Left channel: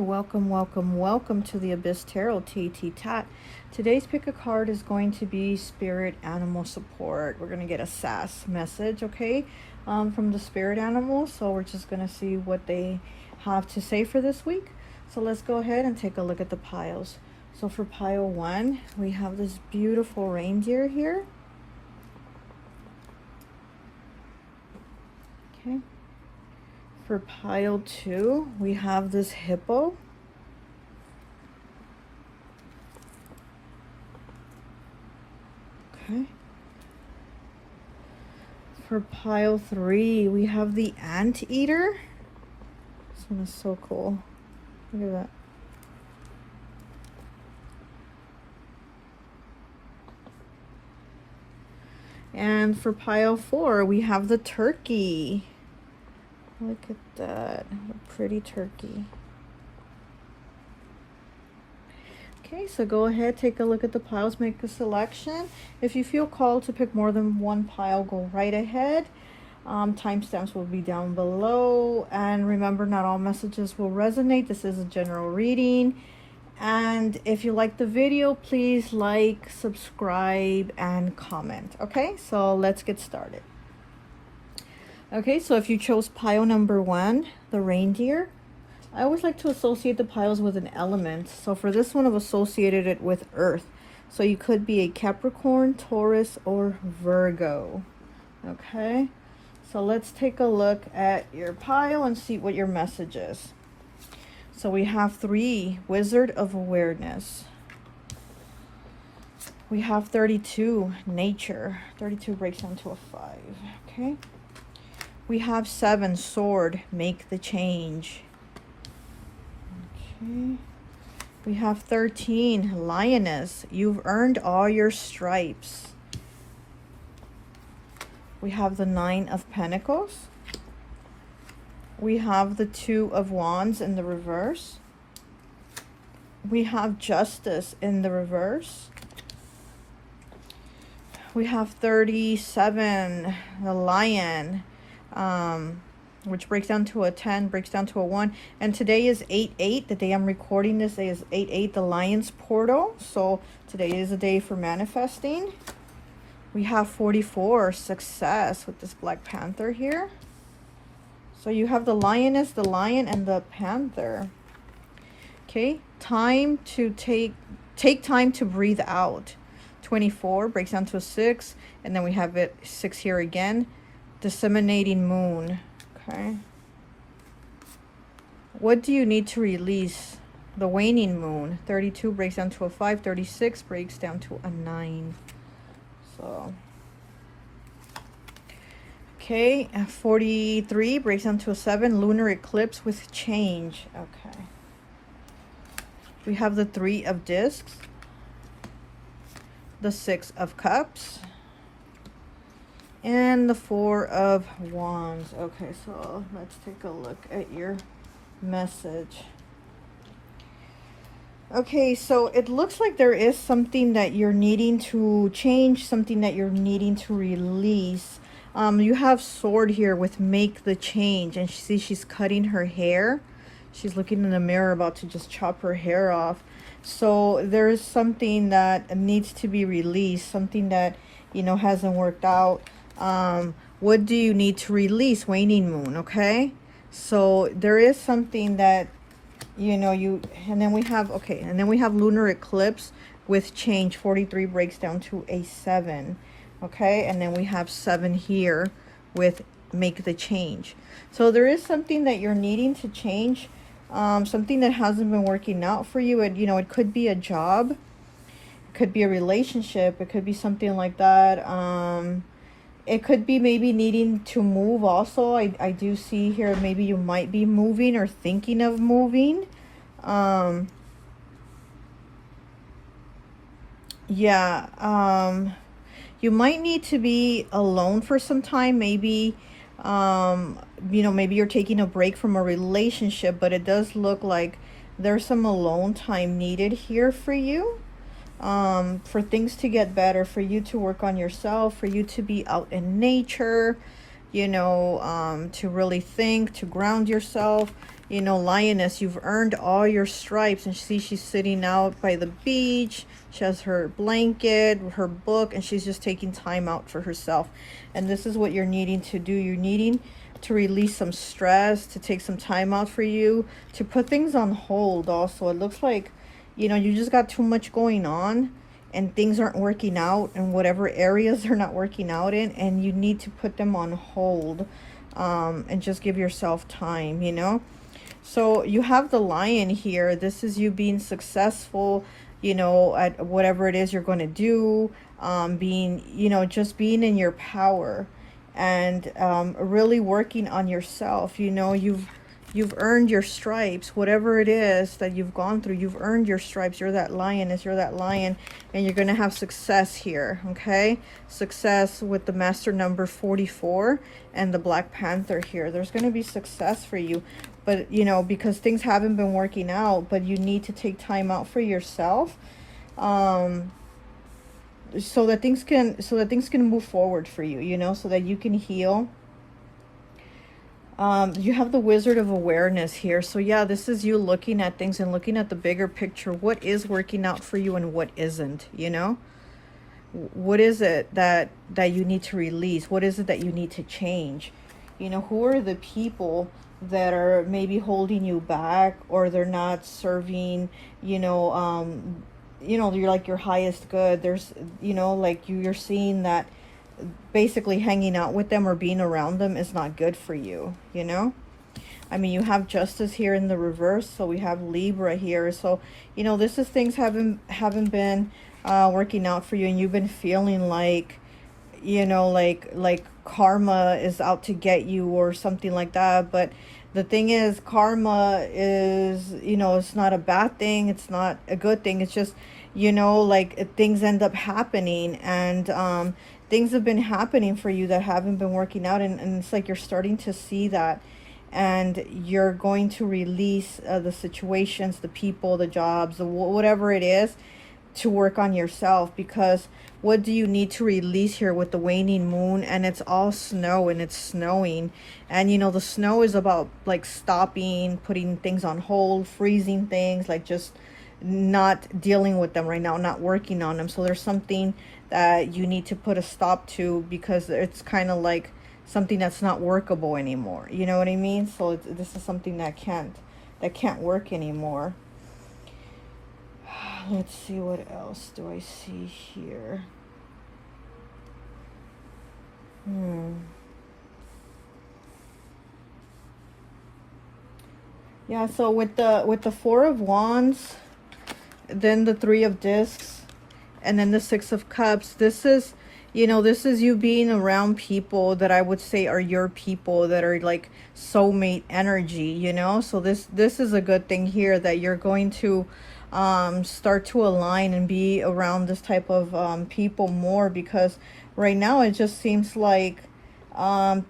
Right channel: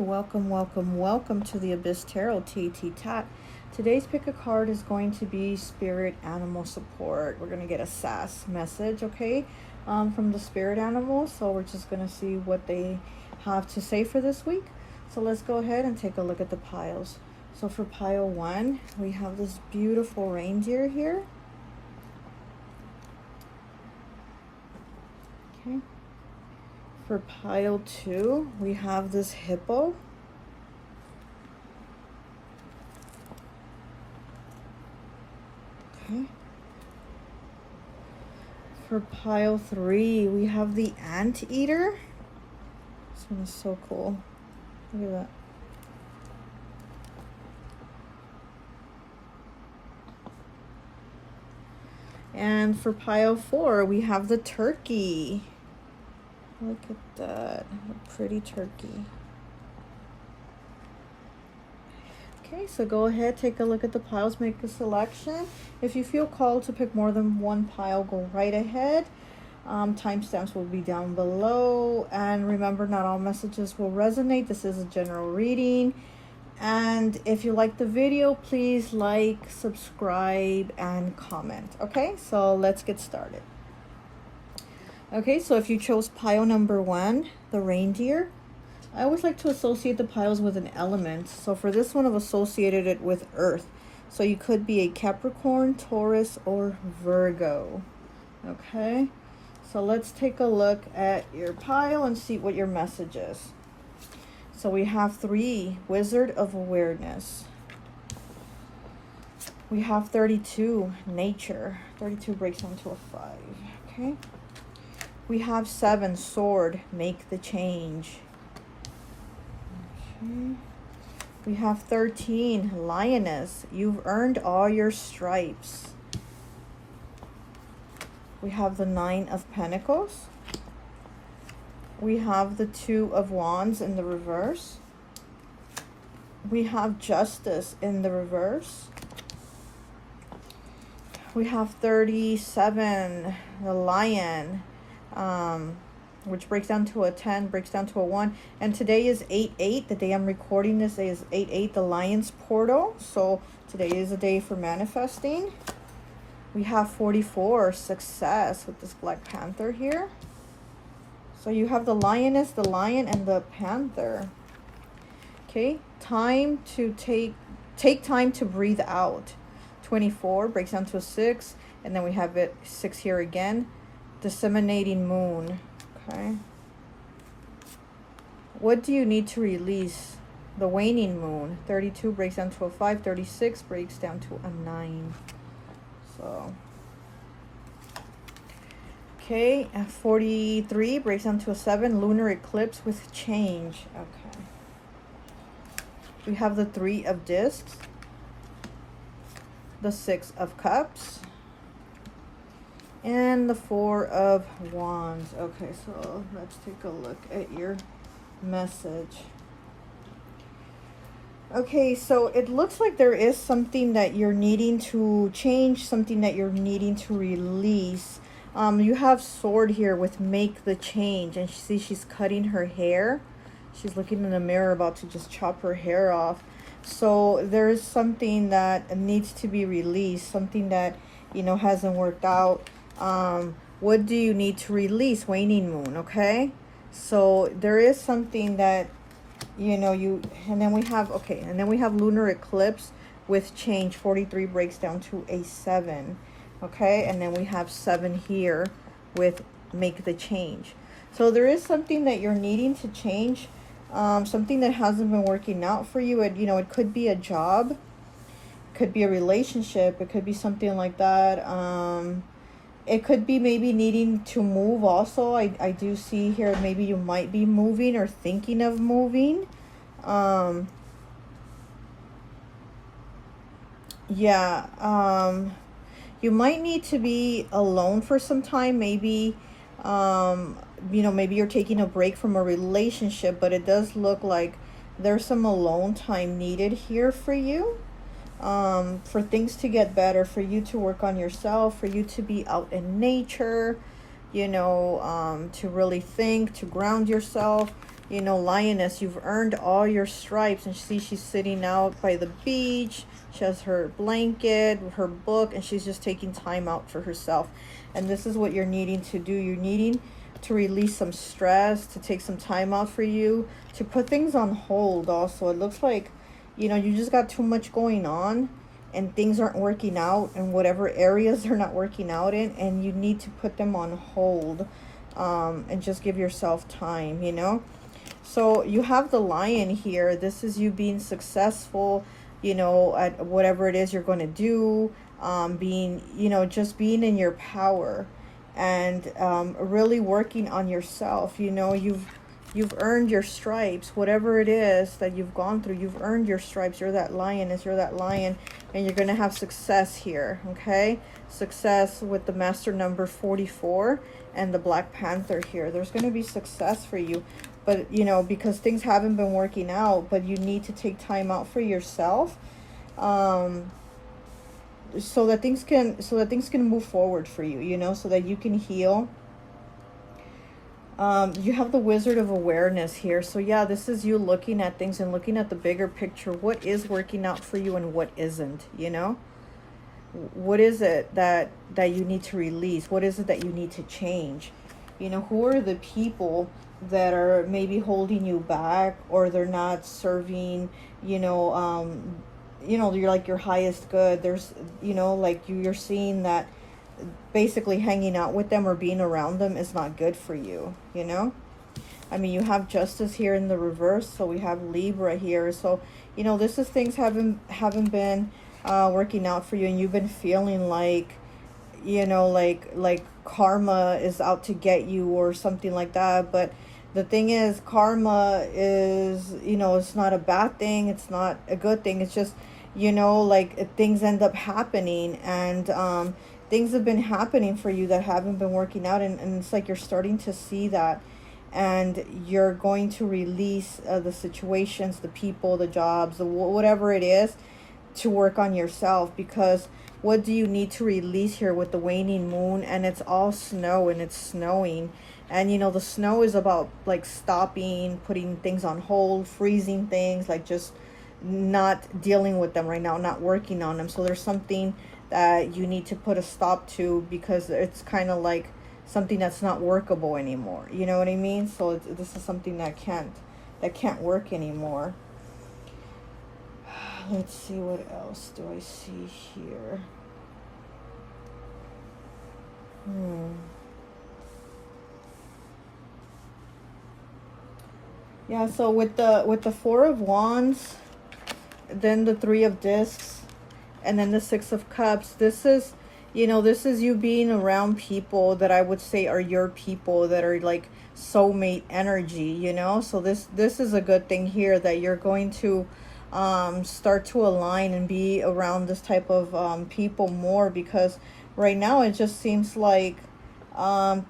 welcome to the Abyss Tarot T.A.T. Today's pick a card is going to be Spirit Animal Support. We're going to get a S.A.S message, okay, from the spirit animals. So we're just going to see what they have to say for this week. So let's go ahead and take a look at the piles. So for pile 1, we have this beautiful reindeer here. Okay. For pile 2, we have this hippo. Okay. For pile 3, we have the anteater. This one is so cool. Look at that. And for pile 4, we have the turkey. Look at that, a pretty turkey. Okay, so go ahead, take a look at the piles, make a selection. If you feel called to pick more than one pile, go right ahead. Timestamps will be down below. And remember, not all messages will resonate. This is a general reading. And if you like the video, please like, subscribe, and comment. Okay, so let's get started. Okay, so if you chose pile number 1, the reindeer, I always like to associate the piles with an element. So for this one, I've associated it with Earth. So you could be a Capricorn, Taurus, or Virgo. Okay, so let's take a look at your pile and see what your message is. So we have 3, Wizard of Awareness. We have 32, Nature. 32 breaks down to a 5. Okay. We have 7, Sword, Make the Change. Okay. We have 13, Lioness, You've Earned All Your Stripes. We have the 9 of Pentacles. We have the 2 of Wands in the reverse. We have Justice in the reverse. We have 37, the Lion, which breaks down to a 10, breaks down to a 1. And today is 8/8. The day I'm recording this day is 8/8, the Lion's portal. So today is a day for manifesting. We have 44, Success, with this Black Panther here. So you have the Lioness, the Lion, and the Panther. Okay, time to take time to breathe out. 24 breaks down to a 6, and then we have it 6 here again. Disseminating Moon. Okay. What do you need to release? The Waning Moon. 32 breaks down to a 5. 36 breaks down to a 9. So, okay. 43 breaks down to a 7. Lunar Eclipse with Change. Okay. We have the 3 of Discs. The 6 of Cups. And the 4 of Wands. Okay, so let's take a look at your message. Okay, so it looks like there is something that you're needing to change, something that you're needing to release. You have Sword here with Make the Change, and see she's cutting her hair. She's looking in the mirror about to just chop her hair off. So there is something that needs to be released, something that, you know, hasn't worked out. What do you need to release? Waning Moon. Okay, so there is something that, you know, and then we have, okay, and then we have Lunar Eclipse with Change. 43 breaks down to a 7. Okay, and then we have 7 here with Make the Change. So there is something that you're needing to change, something that hasn't been working out for you. And, you know, it could be a job, it could be a relationship, it could be something like that. It could be maybe needing to move also. I do see here maybe you might be moving or thinking of moving. You might need to be alone for some time. Maybe, you know, maybe you're taking a break from a relationship, but it does look like there's some alone time needed here for you. For things to get better, for you to work on yourself, for you to be out in nature, you know, to really think, to ground yourself. You know, lioness, you've earned all your stripes. And see, she's sitting out by the beach. She has her blanket, her book, and she's just taking time out for herself. And this is what you're needing to do. You're needing to release some stress, to take some time out for you, to put things on hold also. It looks like, you know, you just got too much going on and things aren't working out in whatever areas they're not working out in, and you need to put them on hold, and just give yourself time, you know. So you have the lion here. This is you being successful, you know, at whatever it is you're going to do, being, you know, just being in your power, and really working on yourself. You know, you've earned your stripes. Whatever it is that you've gone through, you've earned your stripes. You're that lioness, you're that lion, and you're going to have success here, okay? Success with the master number 44 and the Black Panther here. There's going to be success for you, but, you know, because things haven't been working out, but you need to take time out for yourself, so that things can move forward for you, you know, so that you can heal. You have the Wizard of Awareness here. So yeah, this is you looking at things and looking at the bigger picture. What is working out for you and what isn't, you know? What is it that you need to release? What is it that you need to change? You know, who are the people that are maybe holding you back, or they're not serving, you know, you're like your highest good. There's, you know, like you're seeing that basically hanging out with them or being around them is not good for you, you know. I mean, you have Justice here in the reverse, so we have Libra here. So, you know, this is things haven't been working out for you, and you've been feeling like, you know, like karma is out to get you or something like that. But the thing is, karma is, you know, it's not a bad thing, it's not a good thing. It's just, you know, like things end up happening, and things have been happening for you that haven't been working out, and it's like you're starting to see that, and you're going to release the situations, the people, the jobs, whatever it is, to work on yourself. Because what do you need to release here with the waning moon? And it's all snow, and it's snowing, and you know, the snow is about like stopping, putting things on hold, freezing things, like just not dealing with them right now, not working on them. So there's something that you need to put a stop to, because it's kind of like something that's not workable anymore, you know what I mean? So this is something that can't work anymore. Let's see, what else do I see here? Yeah, so with the Four of Wands, then the Three of Discs, and then the Six of Cups, this is, you know, this is you being around people that I would say are your people, that are like soulmate energy, you know. So this is a good thing here, that you're going to start to align and be around this type of people more, because right now it just seems like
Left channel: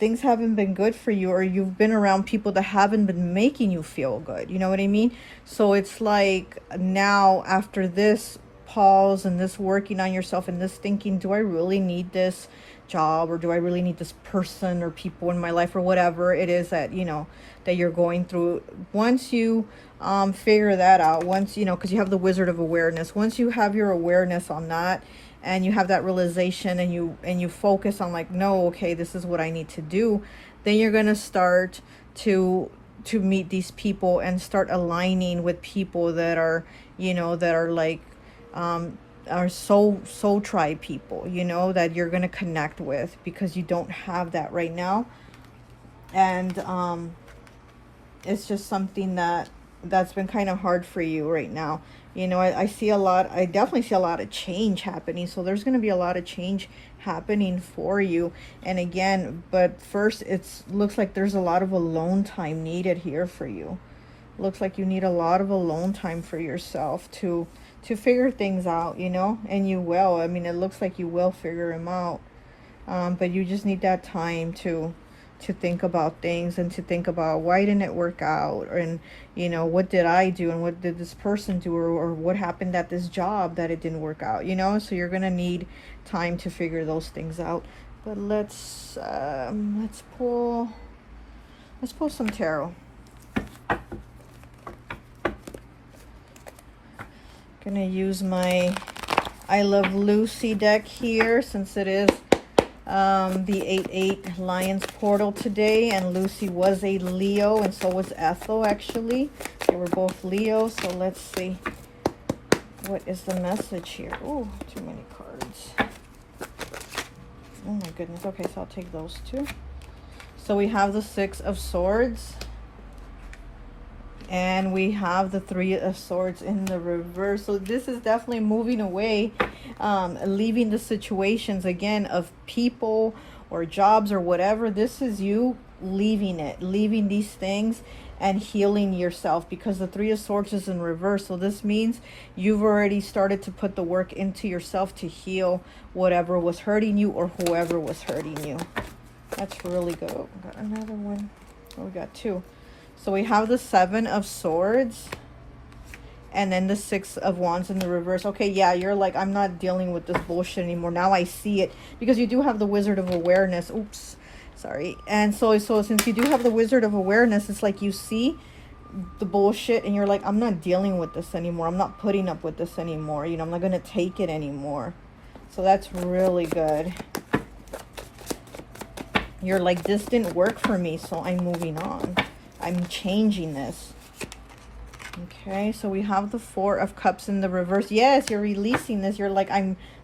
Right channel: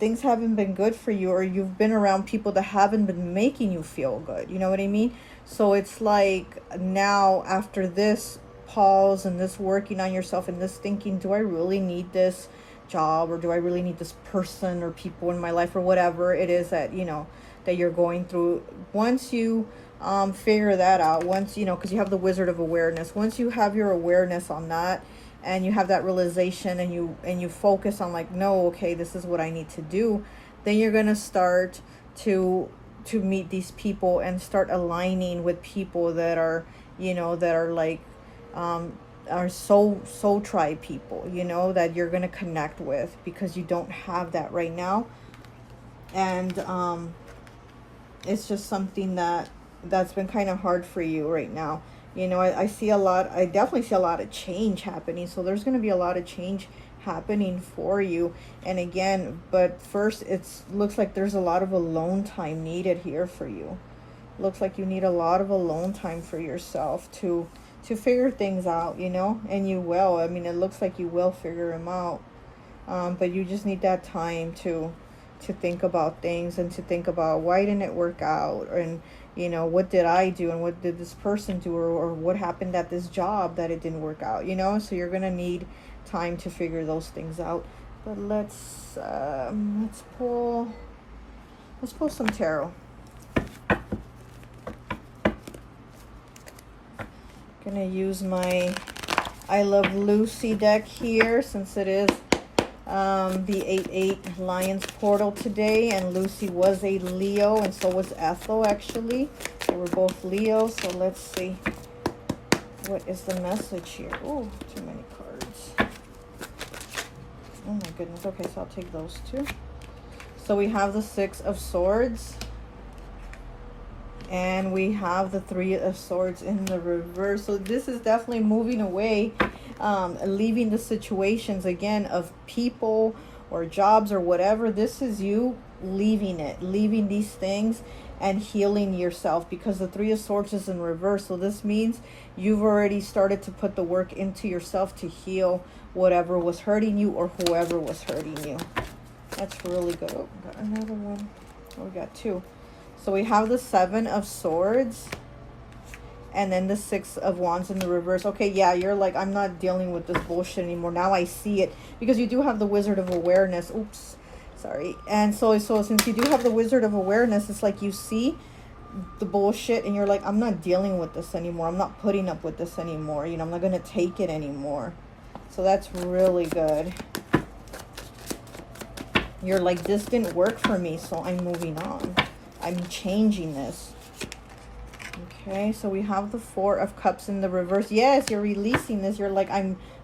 things haven't been good for you, or you've been around people that haven't been making you feel good, you know what I mean? So it's like now, after this pause and this working on yourself and this thinking, do I really need this job, or do I really need this person or people in my life, or whatever it is that, you know, that you're going through. Once you figure that out, once, you know, because you have the Wizard of Awareness, once you have your awareness on that, and you have that realization, and you focus on like, no, okay, this is what I need to do, then you're gonna start to meet these people and start aligning with people that are, you know, that are like are soul tribe people, you know, that you're gonna connect with, because you don't have that right now. And it's just something that's been kind of hard for you right now. You know, I definitely see a lot of change happening. So there's going to be a lot of change happening for you. And again, but first, looks like there's a lot of alone time needed here for you. Looks like you need a lot of alone time for yourself to figure things out, you know, and you will. I mean, it looks like you will figure them out. But you just need that time to think about things, and to think about, why didn't it work out, and, you know, what did I do, and what did this person do, or what happened at this job that it didn't work out, you know. So you're gonna need time to figure those things out. But let's pull some tarot. Gonna use my I Love Lucy deck here, since it is the 8/8 Lions portal today, and Lucy was a Leo, and so was Ethel. Actually, they were both Leos. So let's see, what is the message here? Oh, too many cards. Oh my goodness. Okay, so I'll take those two. So we have the 6 of Swords, and we have the 3 of Swords in the reverse. So this is definitely moving away, leaving the situations again of people or jobs or whatever. This is you leaving it, leaving these things and healing yourself, because the 3 of Swords is in reverse. So this means you've already started to put the work into yourself to heal whatever was hurting you or whoever was hurting you. That's really good. Oh, we got another one. Oh, we got 2. So we have the 7 of Swords and then the 6 of Wands in the reverse. Okay, yeah, you're like, I'm not dealing with this bullshit anymore. Now I see it, because you do have the Wizard of Awareness. Oops, sorry. And so since you do have the Wizard of Awareness, it's like you see the bullshit and you're like, I'm not dealing with this anymore. I'm not putting up with this anymore. You know, I'm not going to take it anymore. So that's really good. You're like, this didn't work for me, so I'm moving on. I'm changing this. Okay, so we have the 4 of Cups in the reverse. Yes, you're releasing this. You're like,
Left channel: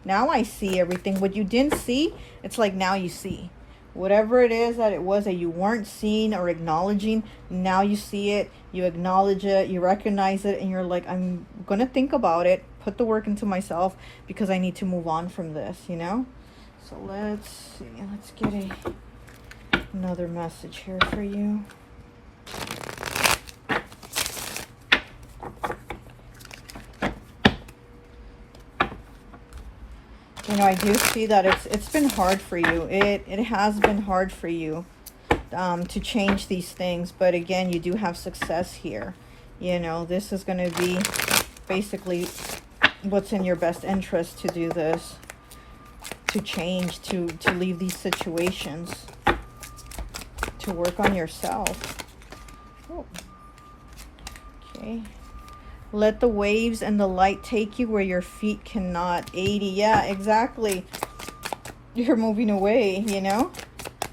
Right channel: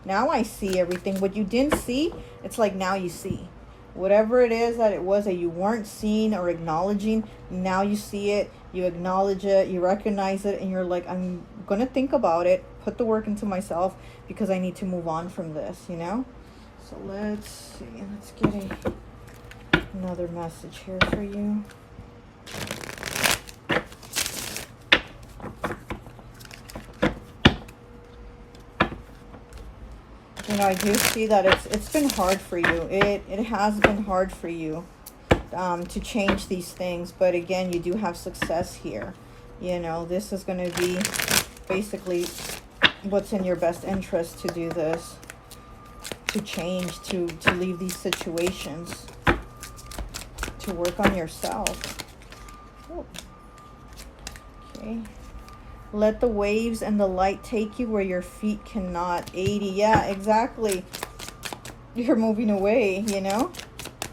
now I see everything. What you didn't see, it's like now you see. Whatever it is that it was that you weren't seeing or acknowledging, now you see it, you acknowledge it, you recognize it, and you're like, I'm going to think about it, put the work into myself, because I need to move on from this, you know? So let's see. Let's get another message here for you. You know, I do see that it's been hard for you. It has been hard for you to change these things, but again, you do have success here. You know, this is going to be basically what's in your best interest to do this, to change, to leave these situations, to work on yourself. Okay. Let the waves and the light take you where your feet cannot. 80. Yeah, exactly. You're moving away, you know?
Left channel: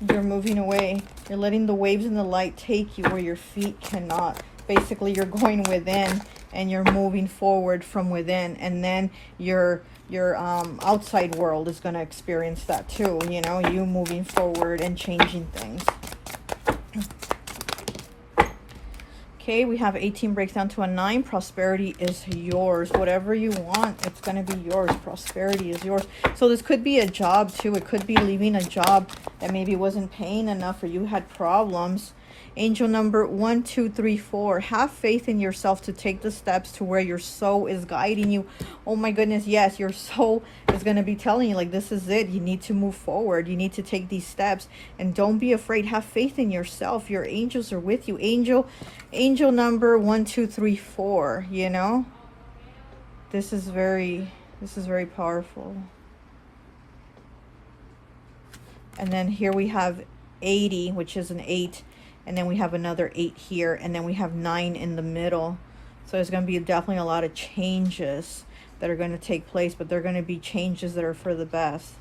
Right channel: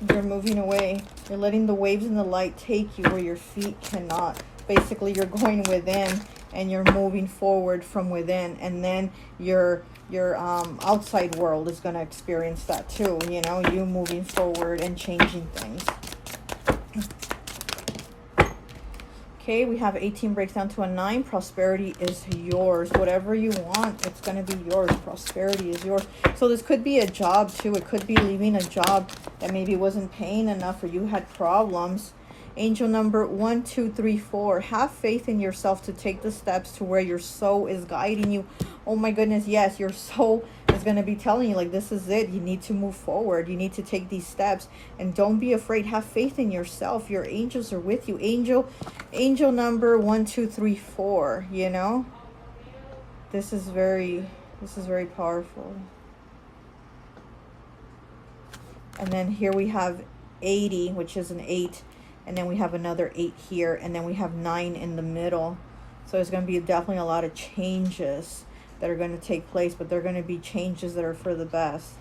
You're moving away. You're letting the waves and the light take you where your feet cannot. Basically, you're going within and you're moving forward from within. And then your outside world is going to experience that too. You know, you moving forward and changing things. Okay, we have 18 breaks down to a 9. Prosperity is yours. Whatever you want, it's going to be yours. Prosperity is yours. So this could be a job too. It could be leaving a job that maybe wasn't paying enough or you had problems. Angel number 1, 2, 3, 4. Have faith in yourself to take the steps to where your soul is guiding you. Oh my goodness, yes, your soul is going to be telling you, like, this is it. You need to move forward. You need to take these steps. And don't be afraid. Have faith in yourself. Your angels are with you. Angel number 1, 2, 3, 4. You know? This is very powerful. And then here we have 80, which is an 8. And then we have another 8 here, and then we have 9 in the middle. So there's going to be definitely a lot of changes that are going to take place, but they're going to be changes that are for the best,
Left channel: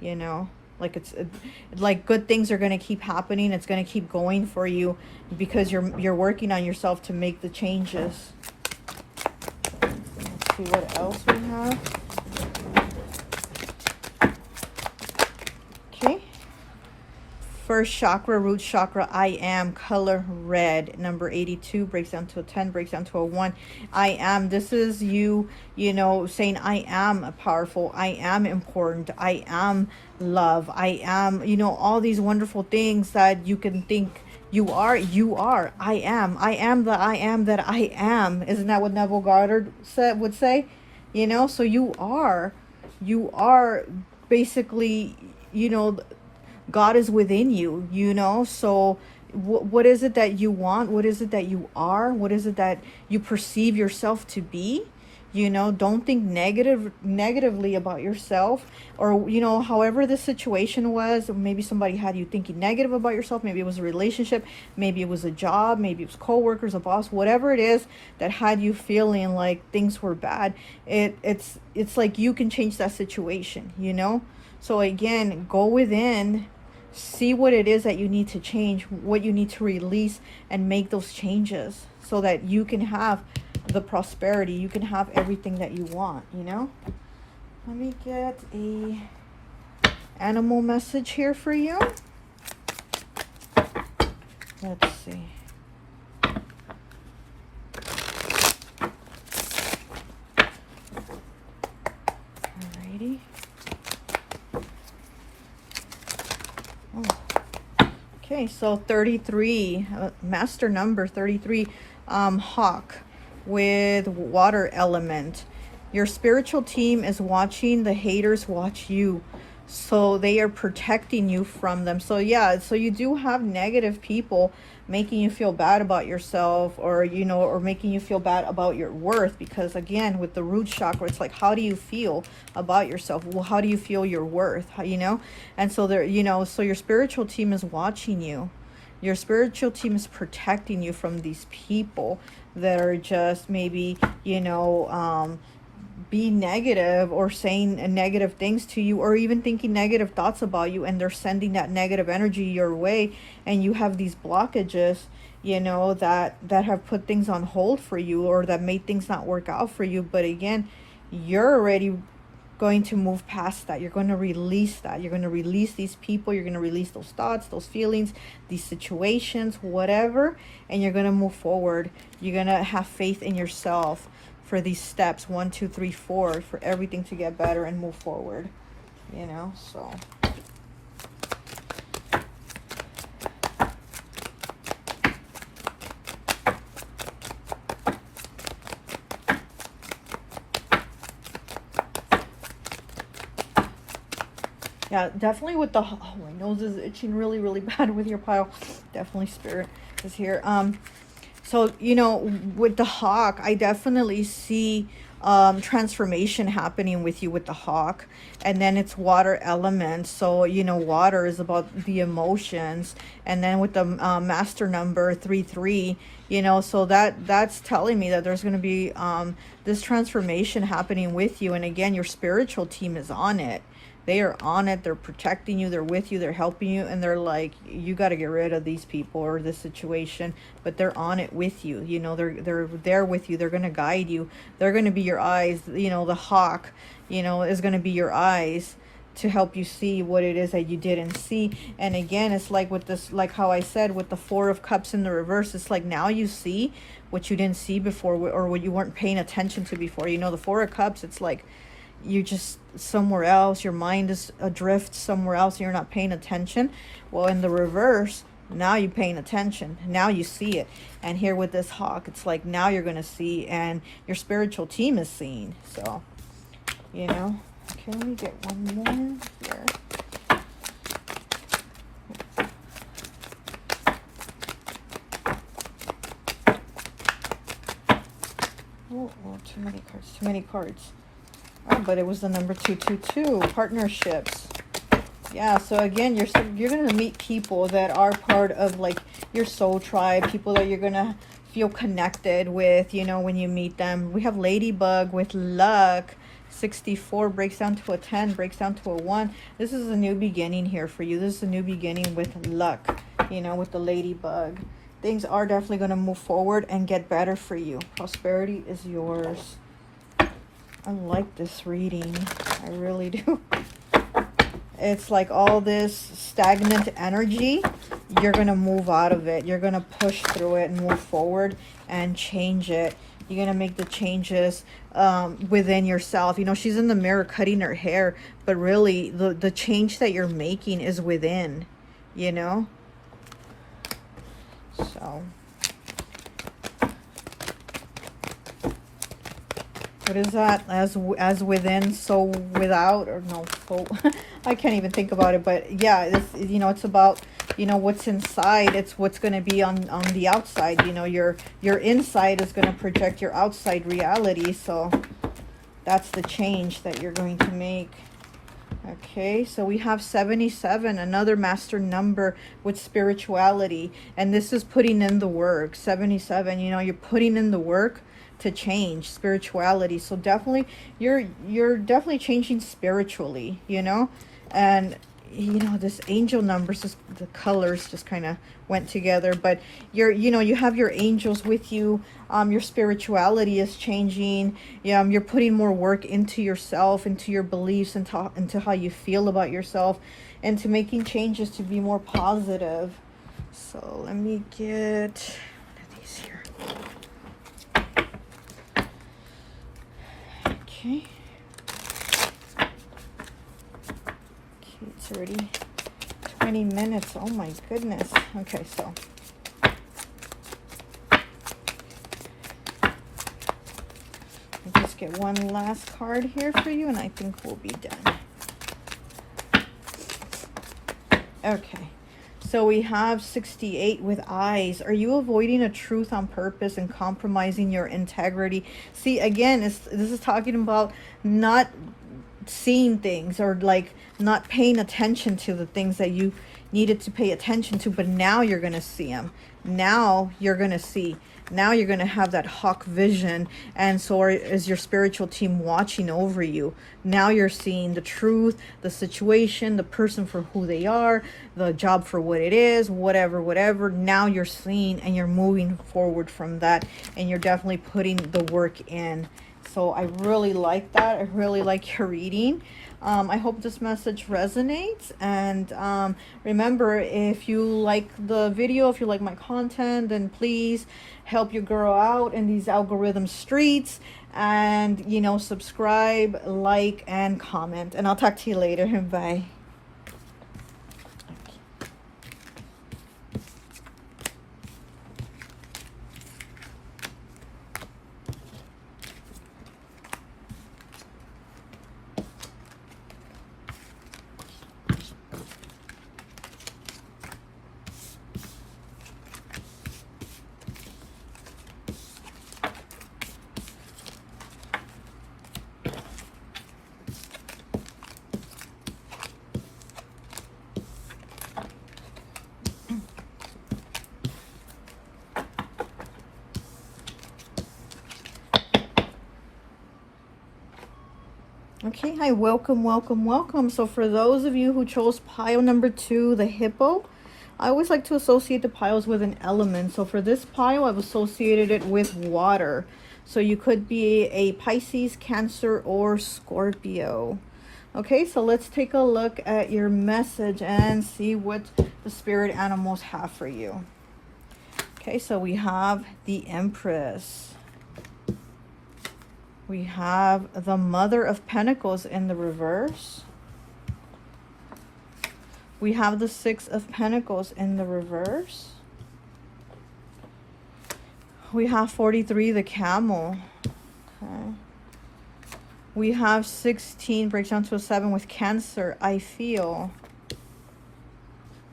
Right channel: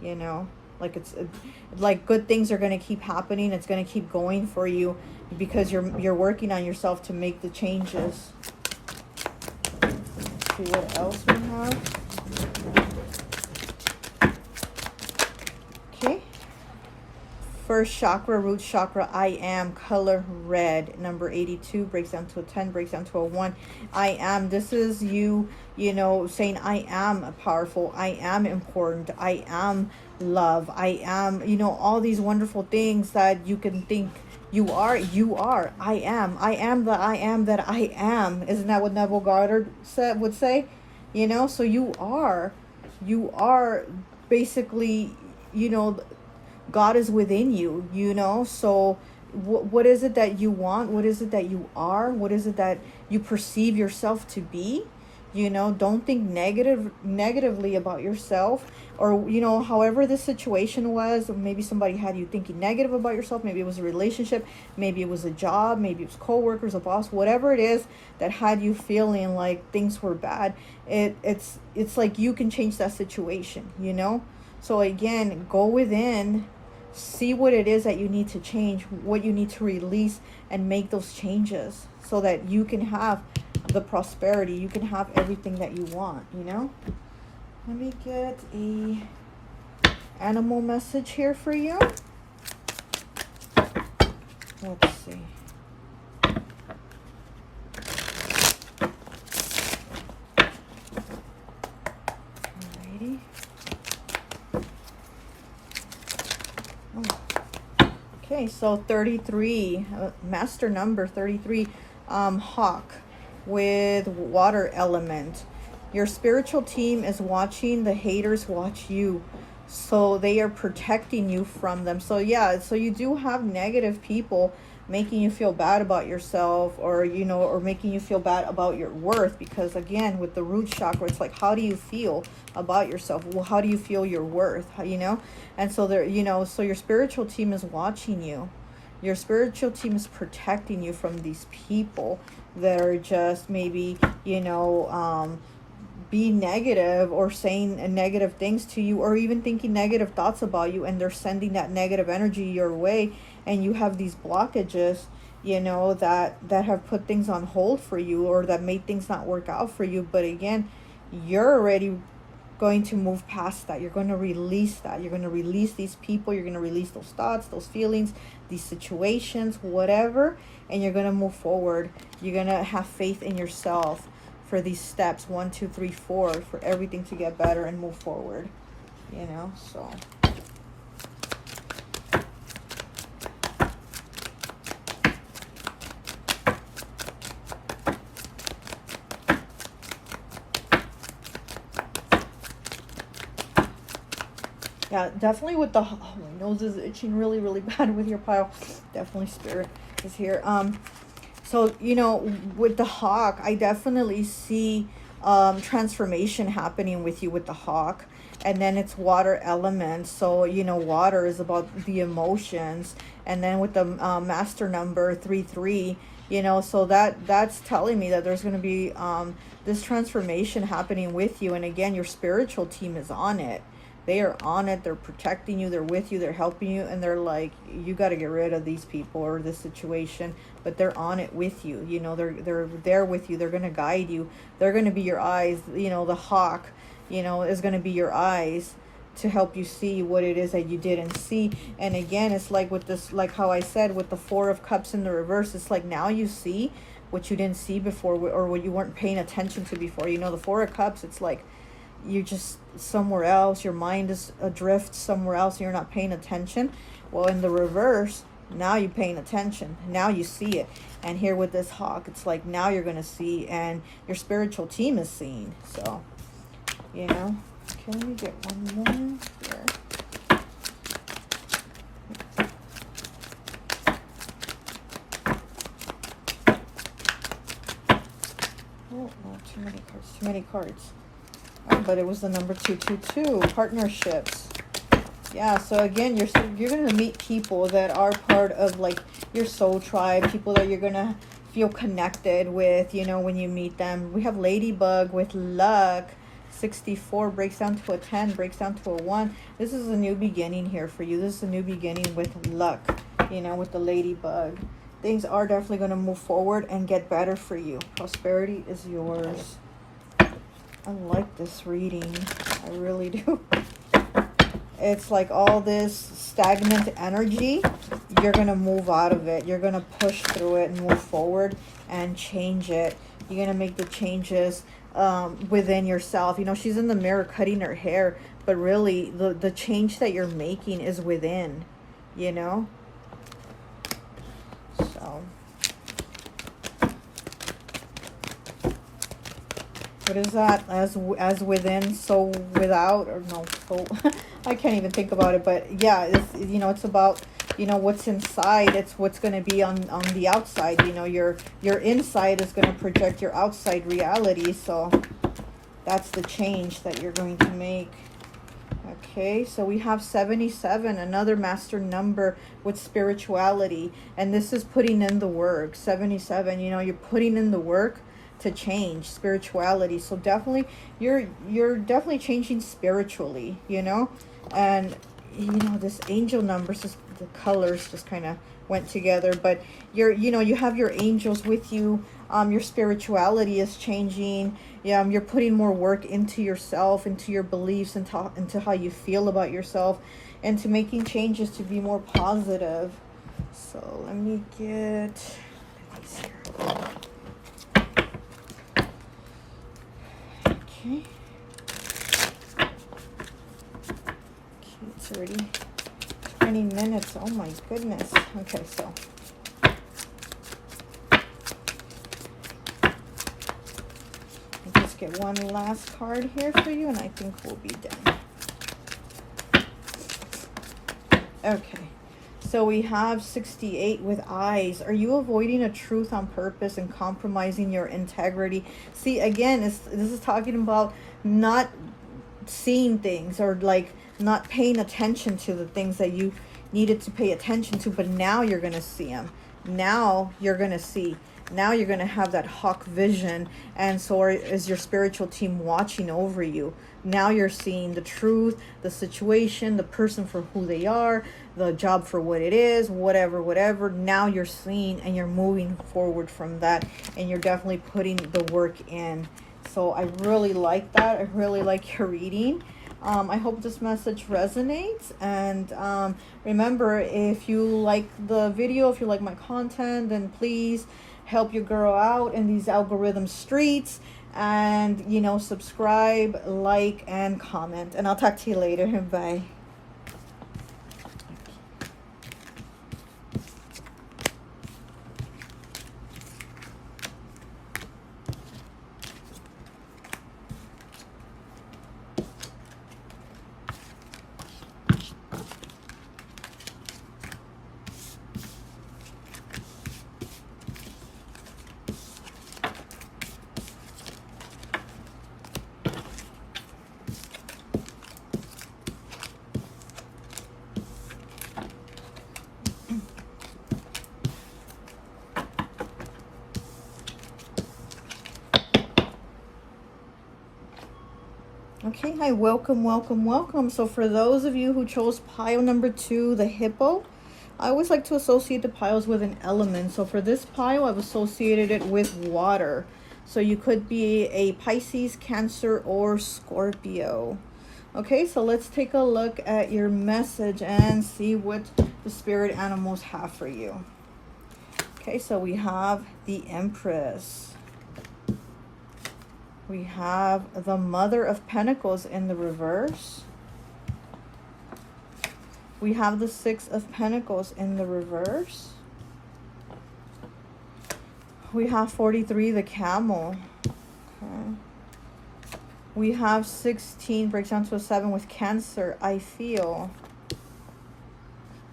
you know? Like like good things are going to keep happening. It's going to keep going for you because you're working on yourself to make the changes. Let's see what else we have. First chakra, root chakra, I am, color red. Number 82 breaks down to a 10, breaks down to a 1. I am. This is you, you know, saying I am powerful. I am important. I am love. I am, you know, all these wonderful things that you can think you are. You are. I am. I am the I am that I am. Isn't that what Neville Goddard would say? You know, so you are basically, you know, God is within you, you know. So what is it that you want? What is it that you are? What is it that you perceive yourself to be? You know, don't think negatively about yourself, or you know, however the situation was. Maybe somebody had you thinking negative about yourself. Maybe it was a relationship, maybe it was a job, maybe it was co-workers, a boss, whatever it is that had you feeling like things were bad. It's like you can change that situation, you know. So again, go within, see what it is that you need to change, what you need to release, and make those changes so that you can have the prosperity, you can have everything that you want, you know. Let me get a animal message here for you. Let's see. Alrighty. Okay, so 33, master number 33, hawk with water element. Your spiritual team is watching. The haters watch you, so they are protecting you from them. So yeah, so you do have negative people making you feel bad about yourself, or you know, or making you feel bad about your worth, because again, with the root chakra, it's like, how do you feel about yourself? Well, how do you feel your worth? You know. And so there, you know, so your spiritual team is watching you. Your spiritual team is protecting you from these people that are just maybe, you know, be negative or saying negative things to you, or even thinking negative thoughts about you, and they're sending that negative energy your way, and you have these blockages, you know, that have put things on hold for you, or that made things not work out for you. But again, you're already going to move past that. You're going to release that. You're going to release these people. You're going to release those thoughts, those feelings, these situations, whatever, and you're going to move forward. You're going to have faith in yourself for these steps 1, 2, 3, 4, for everything to get better and move forward, you know. So yeah, definitely with the, oh, my nose is itching really bad with your pile. Definitely spirit is here. So, you know, with the hawk, I definitely see transformation happening with you with the hawk. And then it's water element. So, you know, water is about the emotions. And then with the master number 33, you know, so that's telling me that there's going to be this transformation happening with you. And again, your spiritual team is on it. They are on it. They're protecting you. They're with you. They're helping you. And they're like, you got to get rid of these people or this situation. But they're on it with you. You know, they're there with you. They're going to guide you. They're going to be your eyes. You know, the hawk, you know, is going to be your eyes to help you see what it is that you didn't see. And again, it's like with this, like how I said, with the 4 of Cups in the reverse, it's like now you see what you didn't see before, or what you weren't paying attention to before. You know, the 4 of Cups, it's like you're just somewhere else. Your mind is adrift somewhere else, and you're not paying attention. Well, in the reverse, now you're paying attention. Now you see it. And here with this hawk, it's like now you're going to see, and your spiritual team is seeing. So, you know. Okay, let me get one more here. Oh, too many cards. Too many cards. But it was the number 222, partnerships. Yeah, so again, you're going to meet people that are part of like your soul tribe, people that you're going to feel connected with, you know, when you meet them. We have Ladybug with luck. 64 breaks down to a 10, breaks down to a 1. This is a new beginning here for you. This is a new beginning with luck, you know, with the Ladybug. Things are definitely going to move forward and get better for you. Prosperity is yours. I like this reading. I really do. It's like all this stagnant energy, you're going to move out of it. You're going to push through it and move forward and change it. You're going to make the changes within yourself. You know, she's in the mirror cutting her hair, but really the change that you're making is within, you know? What is that? As within, so without, or no, so I can't even think about it. But yeah, it's, you know, it's about, you know, what's inside. It's what's going to be on the outside. You know, your inside is going to project your outside reality. So That's the change that you're going to make. Okay, so we have 77, another master number with spirituality. And this is putting in the work. 77, you know, you're putting in the work to change spirituality. So definitely, you're definitely changing spiritually, you know. And, you know, this angel numbers, just, the colors just kind of went together. But you know, you have your angels with you. Your spirituality is changing. Yeah, you're putting more work into yourself, into your beliefs, into how you feel about yourself, and to making changes to be more positive. So let me get these here. Okay. It's already 20 minutes. Oh my goodness. Okay, so let's get one last card here for you, and I think we'll be done. Okay, so we have 68 with eyes. Are you avoiding a truth on purpose and compromising your integrity? See, again, this is talking about not seeing things, or like not paying attention to the things that you needed to pay attention to, but now you're going to see them. Now you're going to see. Now you're going to have that hawk vision, and so is your spiritual team watching over you. Now you're seeing the truth, the situation, the person for who they are, the job for what it is, whatever. Now you're seeing, and you're moving forward from that, and you're definitely putting the work in. So I really like that. I really like your reading. I hope this message resonates, and remember, if you like the video, if you like my content, then please help your girl out in these algorithm streets, and you know, subscribe, like, and comment, and I'll talk to you later. Bye. Okay, hi, welcome. So for those of you who chose pile number 2, the hippo, I always like to associate the piles with an element. So for this pile, I've associated it with water. So you could be a Pisces, Cancer, or Scorpio. Okay, so let's take a look at your message and see what the spirit animals have for you. Okay, so we have the Empress. We have the Mother of Pentacles in the reverse. We have the Six of Pentacles in the reverse. We have 43, the Camel. Okay. We have 16, breaks down to a 7 with Cancer, I feel.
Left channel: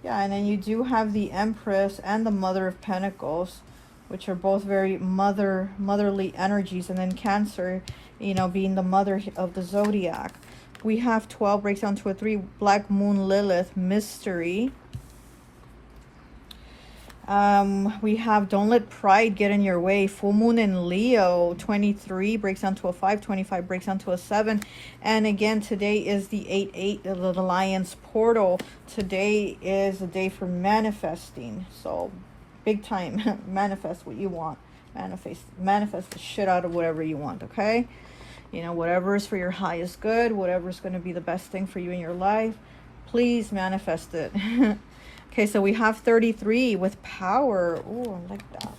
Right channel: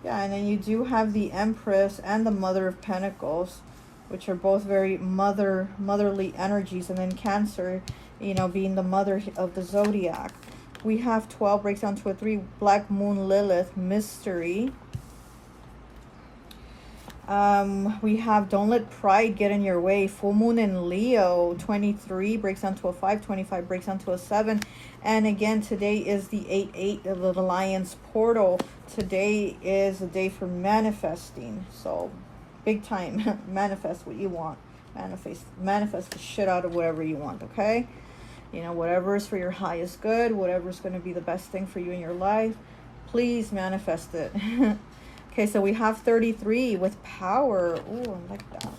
Yeah, and then you do have the Empress and the Mother of Pentacles, which are both very motherly energies, and then Cancer, you know, being the mother of the zodiac. We have 12, breaks down to a 3, Black Moon, Lilith, mystery. We have don't let pride get in your way, Full Moon in Leo. 23 breaks down to a 5, 25 breaks down to a 7, and again today is the 8-8 of the Lion's portal. Today is a day for manifesting, so big time. Manifest what you want. Manifest the shit out of whatever you want, okay? You know, whatever is for your highest good, whatever is going to be the best thing for you in your life, please manifest it. Okay, so we have 33 with power. Oh, I like that.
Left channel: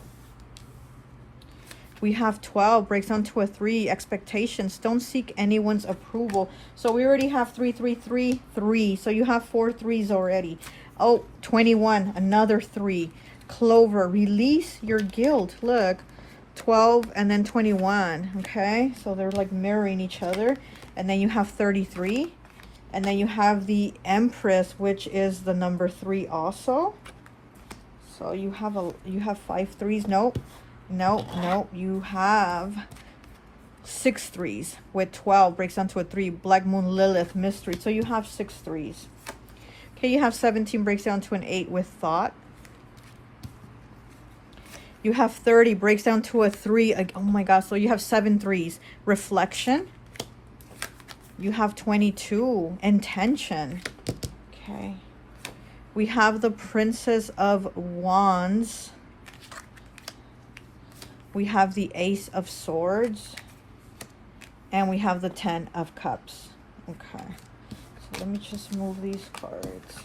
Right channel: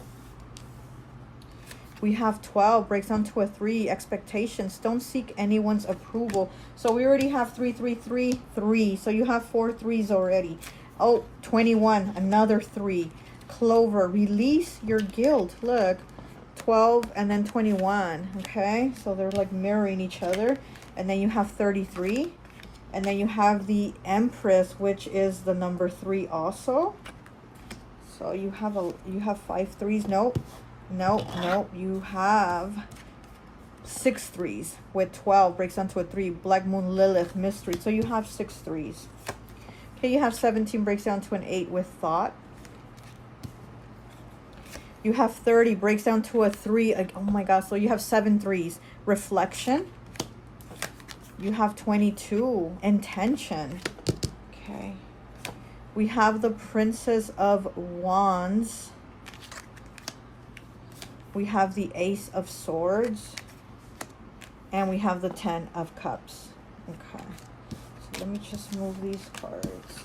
We have 12, breaks down to a 3, expectations. Don't seek anyone's approval. So we already have 3, 3, 3, 3. So you have 4 3s already. Oh, 21, another 3. Clover, release your guilt. Look, 12 and then 21. Okay, so they're like mirroring each other. And then you have 33. And then you have the Empress, which is the number 3 also. So you have 5 3s. Nope. You have 6 threes with 12 breaks down to a 3. Black Moon, Lilith, Mystery. So you have 6 threes. Okay, you have 17 breaks down to an 8 with Thought. You have 30 breaks down to a 3. Like, oh my gosh, so you have 7 threes. Reflection. You have 22. Intention. Okay. We have the Princess of Wands. We have the Ace of Swords. And we have the 10 of Cups. Okay. So let me just move these cards.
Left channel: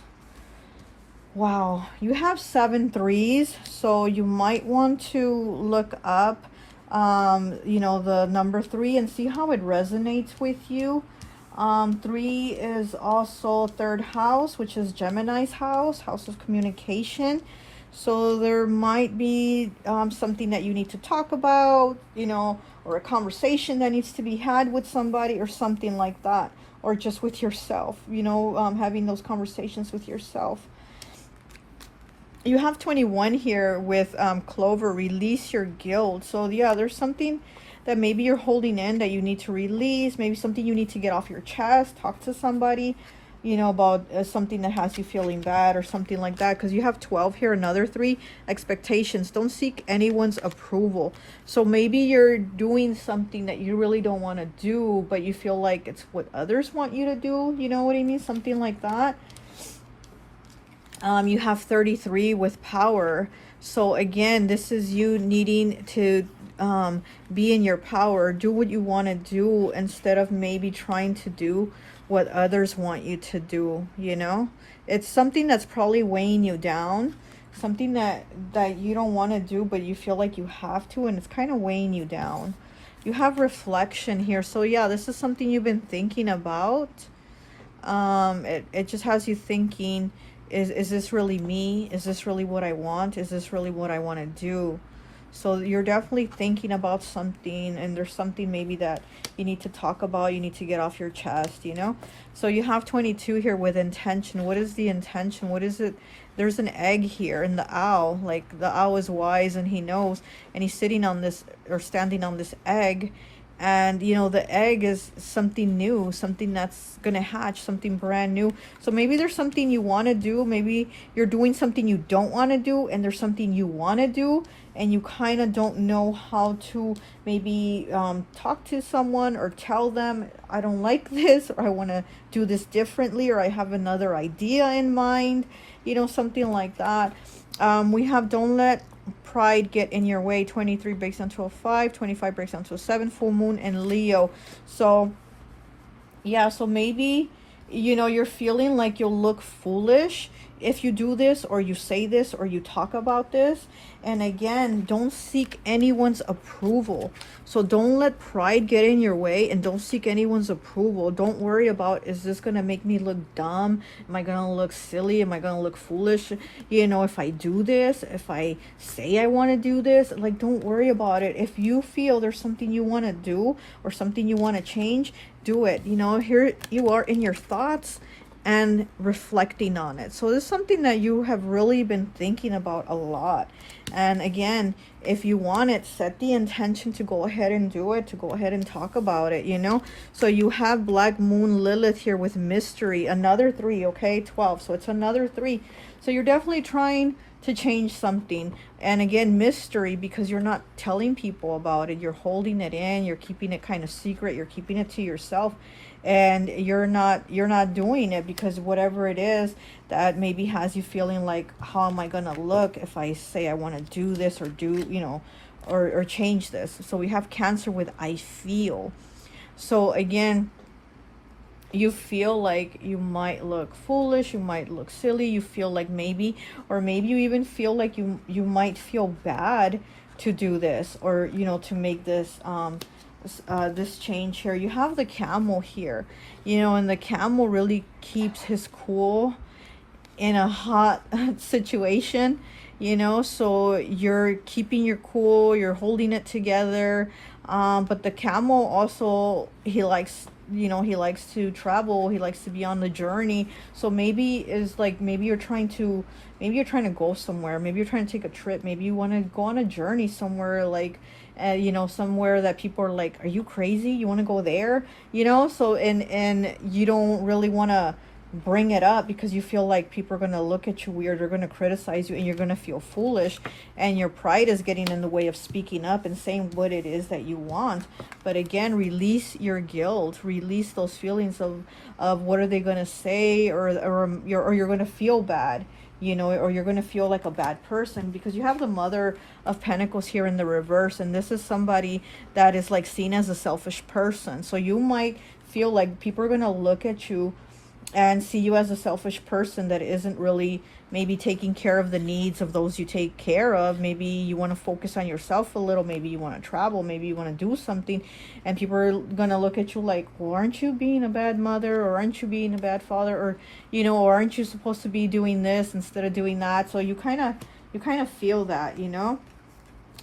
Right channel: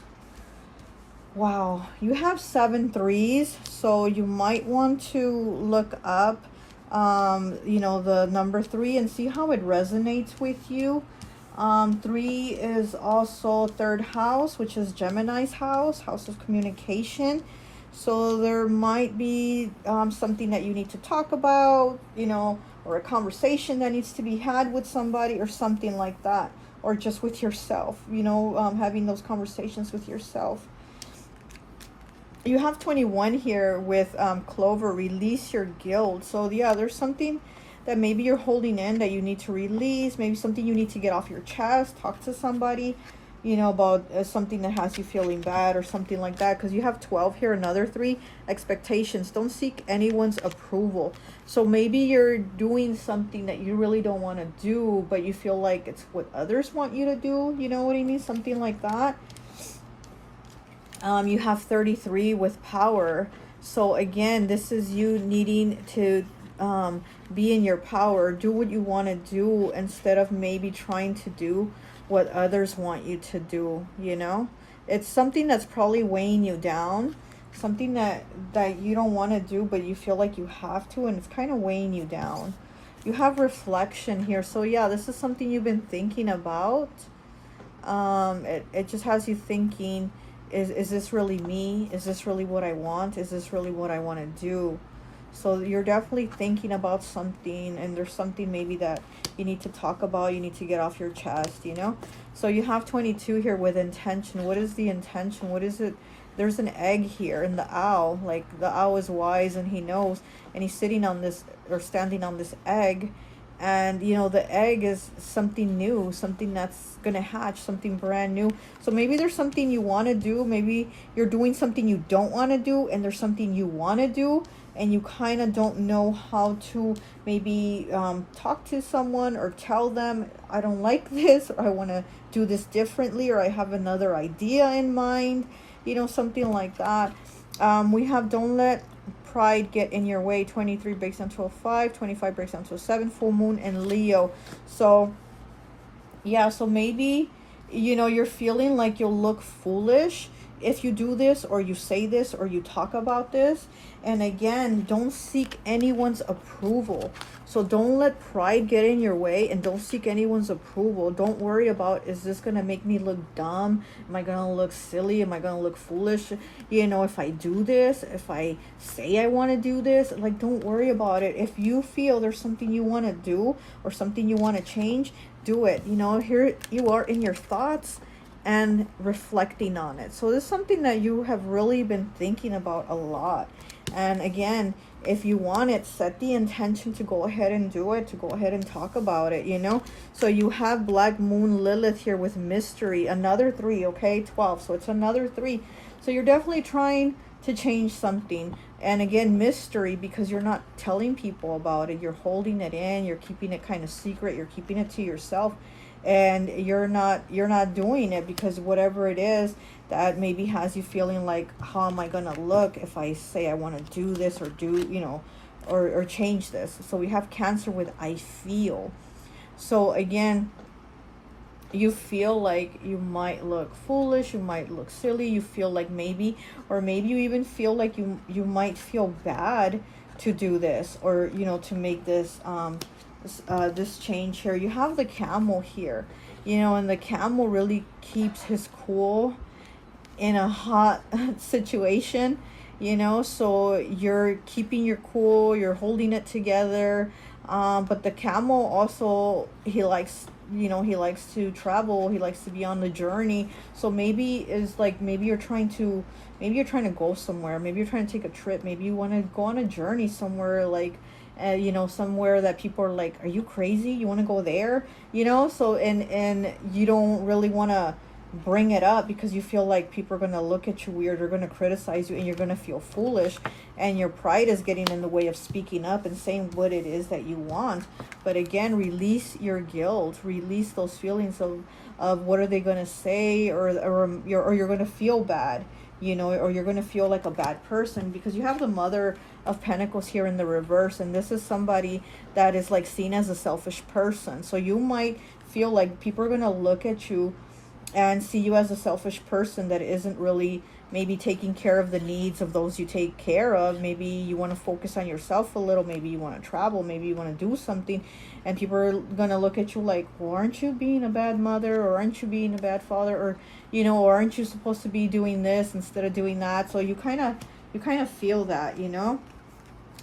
Wow. You have 7 threes. So you might want to look up, you know, the number 3 and see how it resonates with you. 3 is also 3rd house, which is Gemini's house, house of communication. So there might be something that you need to talk about, you know, or a conversation that needs to be had with somebody or something like that, or just with yourself, you know, having those conversations with yourself. You have 21 here with Clover, release your guilt. So yeah, there's something that maybe you're holding in that you need to release, maybe something you need to get off your chest, talk to somebody, you know, about something that has you feeling bad or something like that. Because you have 12 here, another 3, expectations. Don't seek anyone's approval. So maybe you're doing something that you really don't want to do, but you feel like it's what others want you to do. You know what I mean? Something like that. You have 33 with power. So again, this is you needing to be in your power, do what you want to do instead of maybe trying to do what others want you to do. You know, it's something that's probably weighing you down, something that you don't want to do but you feel like you have to, and it's kind of weighing you down. You have reflection here. So yeah, this is something you've been thinking about. It just has you thinking, is this really me? Is this really what I want? Is this really what I want to do? So you're definitely thinking about something, and there's something maybe that you need to talk about, you need to get off your chest, you know? So you have 22 here with intention. What is the intention? What is it? There's an egg here, and the owl, like the owl is wise and he knows, and he's sitting on this, or standing on this egg, and you know, the egg is something new, something that's gonna hatch, something brand new. So maybe there's something you want to do, maybe you're doing something you don't want to do, and there's something you want to do, and you kind of don't know how to maybe talk to someone or tell them, I don't like this, or I want to do this differently, or I have another idea in mind, you know, something like that. We have don't let pride get in your way. 23 breaks down to a 5, 25 breaks down to a 7, full moon, and Leo. So yeah, so maybe, you know, you're feeling like you'll look foolish if you do this, or you say this, or you talk about this. And again, don't seek anyone's approval. So don't let pride get in your way, and don't seek anyone's approval. Don't worry about, is this going to make me look dumb? Am I going to look silly? Am I going to look foolish? You know, if I do this, if I say I want to do this, like, don't worry about it. If you feel there's something you want to do or something you want to change, do it. You know, here you are in your thoughts and reflecting on it. So this is something that you have really been thinking about a lot. And again, if you want it, set the intention to go ahead and do it, to go ahead and talk about it, you know. So you have Black Moon, Lilith here with mystery, another 3, okay, 12, so it's another 3. So you're definitely trying to change something. And again, mystery, because you're not telling people about it, you're holding it in, you're keeping it kind of secret, you're keeping it to yourself, and you're not doing it because whatever it is that maybe has you feeling like, how am I gonna look if I say I want to do this, or do, you know, or change this. So we have Cancer with I feel. So again, you feel like you might look foolish, you might look silly, you feel like maybe, or maybe you even feel like you might feel bad to do this, or, you know, to make this this change here. You have the camel here, you know, and the camel really keeps his cool in a hot situation, you know. So you're keeping your cool, you're holding it together, but the camel also, he likes, you know, he likes to travel, he likes to be on the journey. So maybe is like, maybe you're trying to go somewhere, maybe you're trying to take a trip, maybe you want to go on a journey somewhere, like you know, somewhere that people are like, are you crazy? You want to go there? You know, so, and you don't really want to bring it up because you feel like people are going to look at you weird, or going to criticize you, and you're going to feel foolish, and your pride is getting in the way of speaking up and saying what it is that you want. But again, release your guilt, release those feelings of what are they going to say, or you're going to feel bad, you know, or you're going to feel like a bad person, because you have the Mother of Pentacles here in the reverse, and this is somebody that is like seen as a selfish person. So you might feel like people are going to look at you and see you as a selfish person that isn't really maybe taking care of the needs of those you take care of. Maybe you want to focus on yourself a little, maybe you want to travel, maybe you want to do something, and people are going to look at you like, well, aren't you being a bad mother, or aren't you being a bad father, or, you know, or aren't you supposed to be doing this instead of doing that? So you kind of feel that, you know.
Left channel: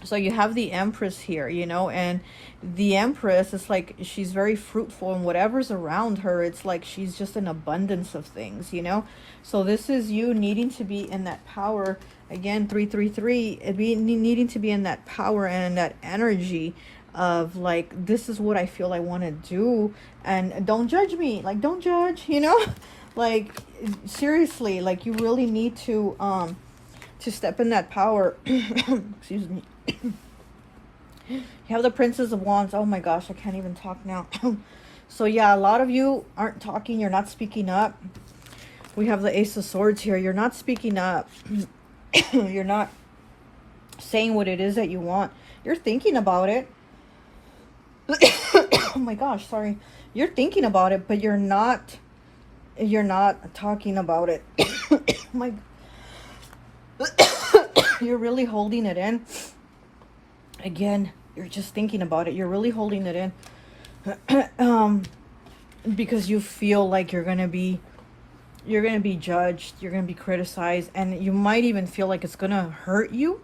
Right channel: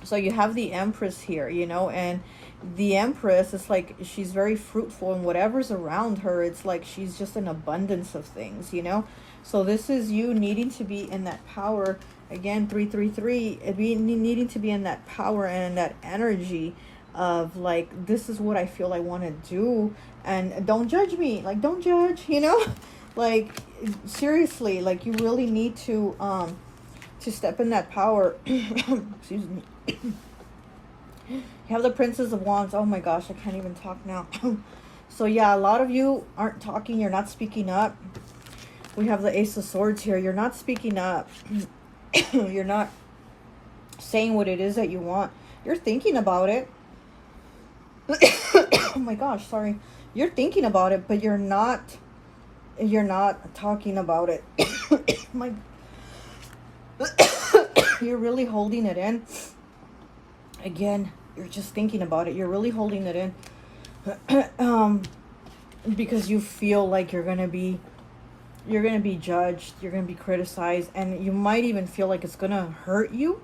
So you have the Empress here, you know, and the Empress is like, she's very fruitful, and whatever's around her, it's like she's just an abundance of things, you know. So this is you needing to be in that power. Again, 333, needing to be in that power and in that energy of like, this is what I feel I want to do, and don't judge me, like, don't judge, you know. Like, seriously, like, you really need to step in that power. Excuse me. You have the Princess of Wands. Oh my gosh, I can't even talk now. So yeah, a lot of you aren't talking, you're not speaking up. We have the Ace of Swords here. You're not speaking up. You're not saying what it is that you want. You're thinking about it. Oh my gosh, sorry. You're thinking about it, but you're not talking about it. My you're really holding it in. Again, you're just thinking about it. You're really holding it in. Because you feel like you're gonna be judged, you're gonna be criticized, and you might even feel like it's gonna hurt you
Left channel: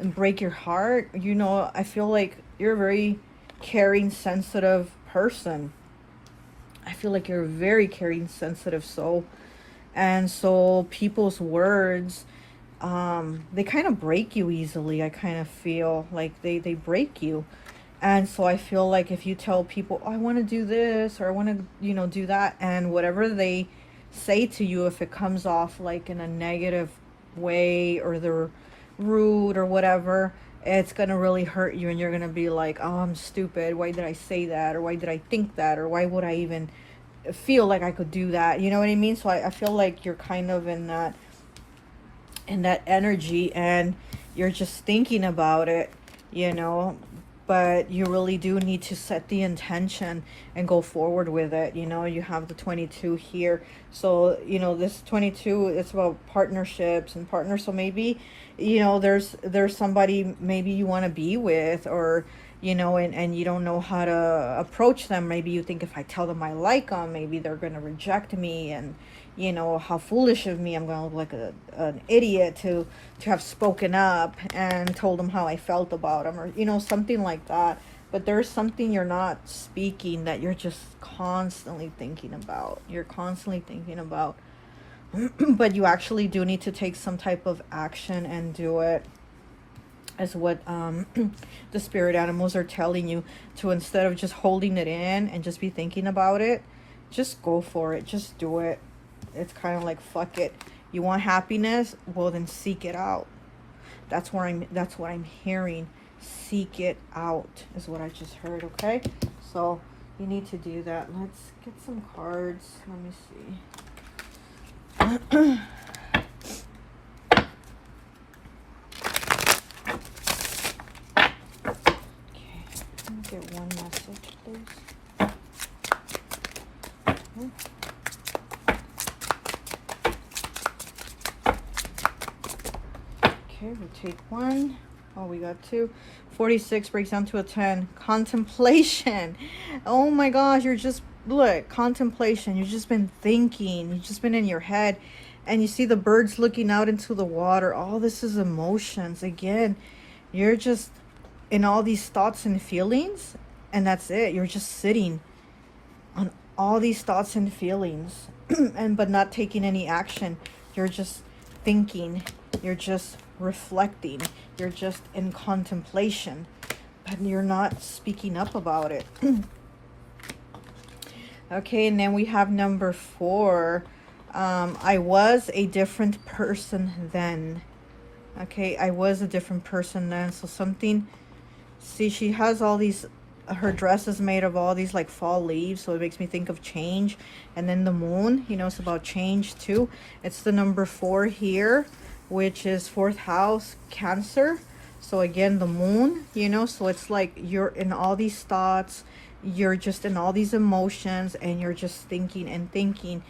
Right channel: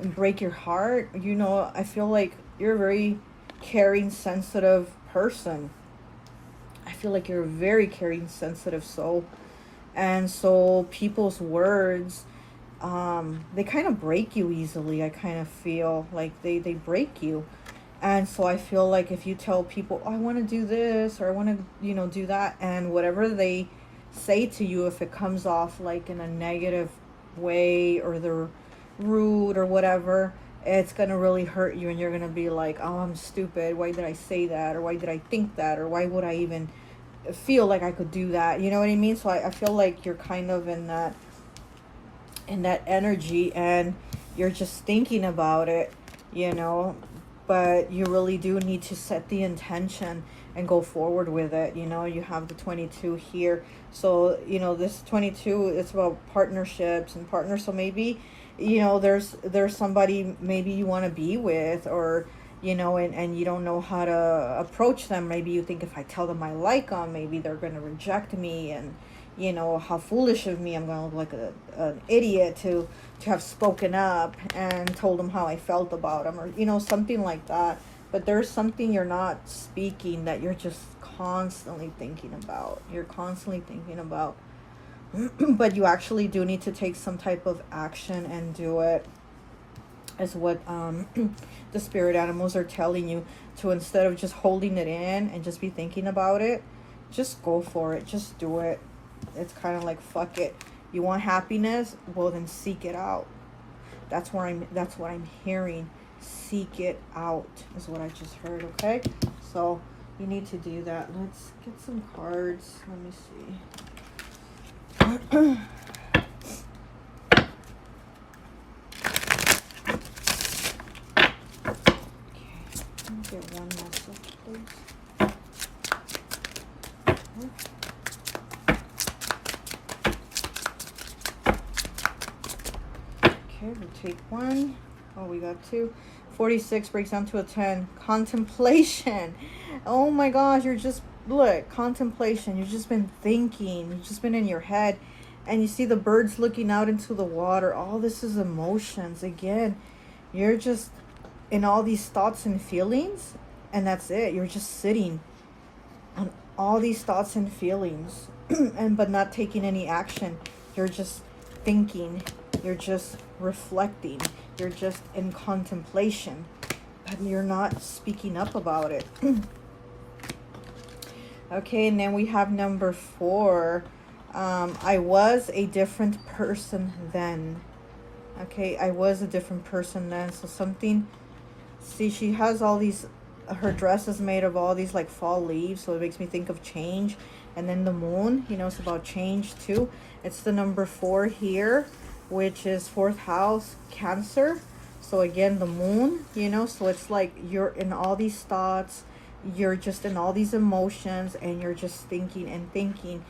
and break your heart. You know, I feel like you're a very caring, sensitive person. I feel like you're a very caring, sensitive soul. And so people's words, they kind of break you easily. I kind of feel like they break you. And so I feel like if you tell people, oh, I want to do this, or I want to, you know, do that, and whatever they say to you, if it comes off like in a negative way, or they're rude or whatever, it's going to really hurt you, and you're going to be like, oh, I'm stupid. Why did I say that? Or why did I think that? Or why would I even feel like I could do that? You know what I mean? So I feel like you're kind of in that energy, and you're just thinking about it, you know. But you really do need to set the intention and go forward with it. You know, you have the 22 here. So, you know, this 22, it's about partnerships and partners. So maybe, you know, there's somebody maybe you want to be with, or, you know, and you don't know how to approach them. Maybe you think, if I tell them I like them, maybe they're going to reject me, and, you know, how foolish of me, I'm going to look like an idiot to have spoken up and told them how I felt about them, or, you know, something like that. But there's something you're not speaking that you're just constantly thinking about. You're constantly thinking about. But you actually do need to take some type of action and do it, is what the spirit animals are telling you, to, instead of just holding it in and just be thinking about it, just go for it. Just do it. It's kind of like, fuck it. You want happiness? Well, then seek it out. That's what I'm hearing. Seek it out is what I just heard. Okay, so you need to do that. Let's get some cards. Let me see. Take one. Oh, we got two. 46 breaks down to a 10. Contemplation. Oh my gosh, you're just, look, contemplation. You've just been thinking. You've just been in your head. And you see the birds looking out into the water. All this is emotions. Again, you're just in all these thoughts and feelings. And that's it. You're just sitting on all these thoughts and feelings. But not taking any action. You're just thinking. You're just reflecting. You're just in contemplation. you're not speaking up about it. Okay, and then we have number 4. I was a different person then. Okay, I was a different person then. So something, see, she has all these, her dress is made of all these like fall leaves, so it makes me think of change. And then the moon, you know, it's about change too. It's the number 4 here, which is 4th house, Cancer. So again, the moon, you know, so it's like you're in all these thoughts, you're just in all these emotions, and you're just thinking and thinking.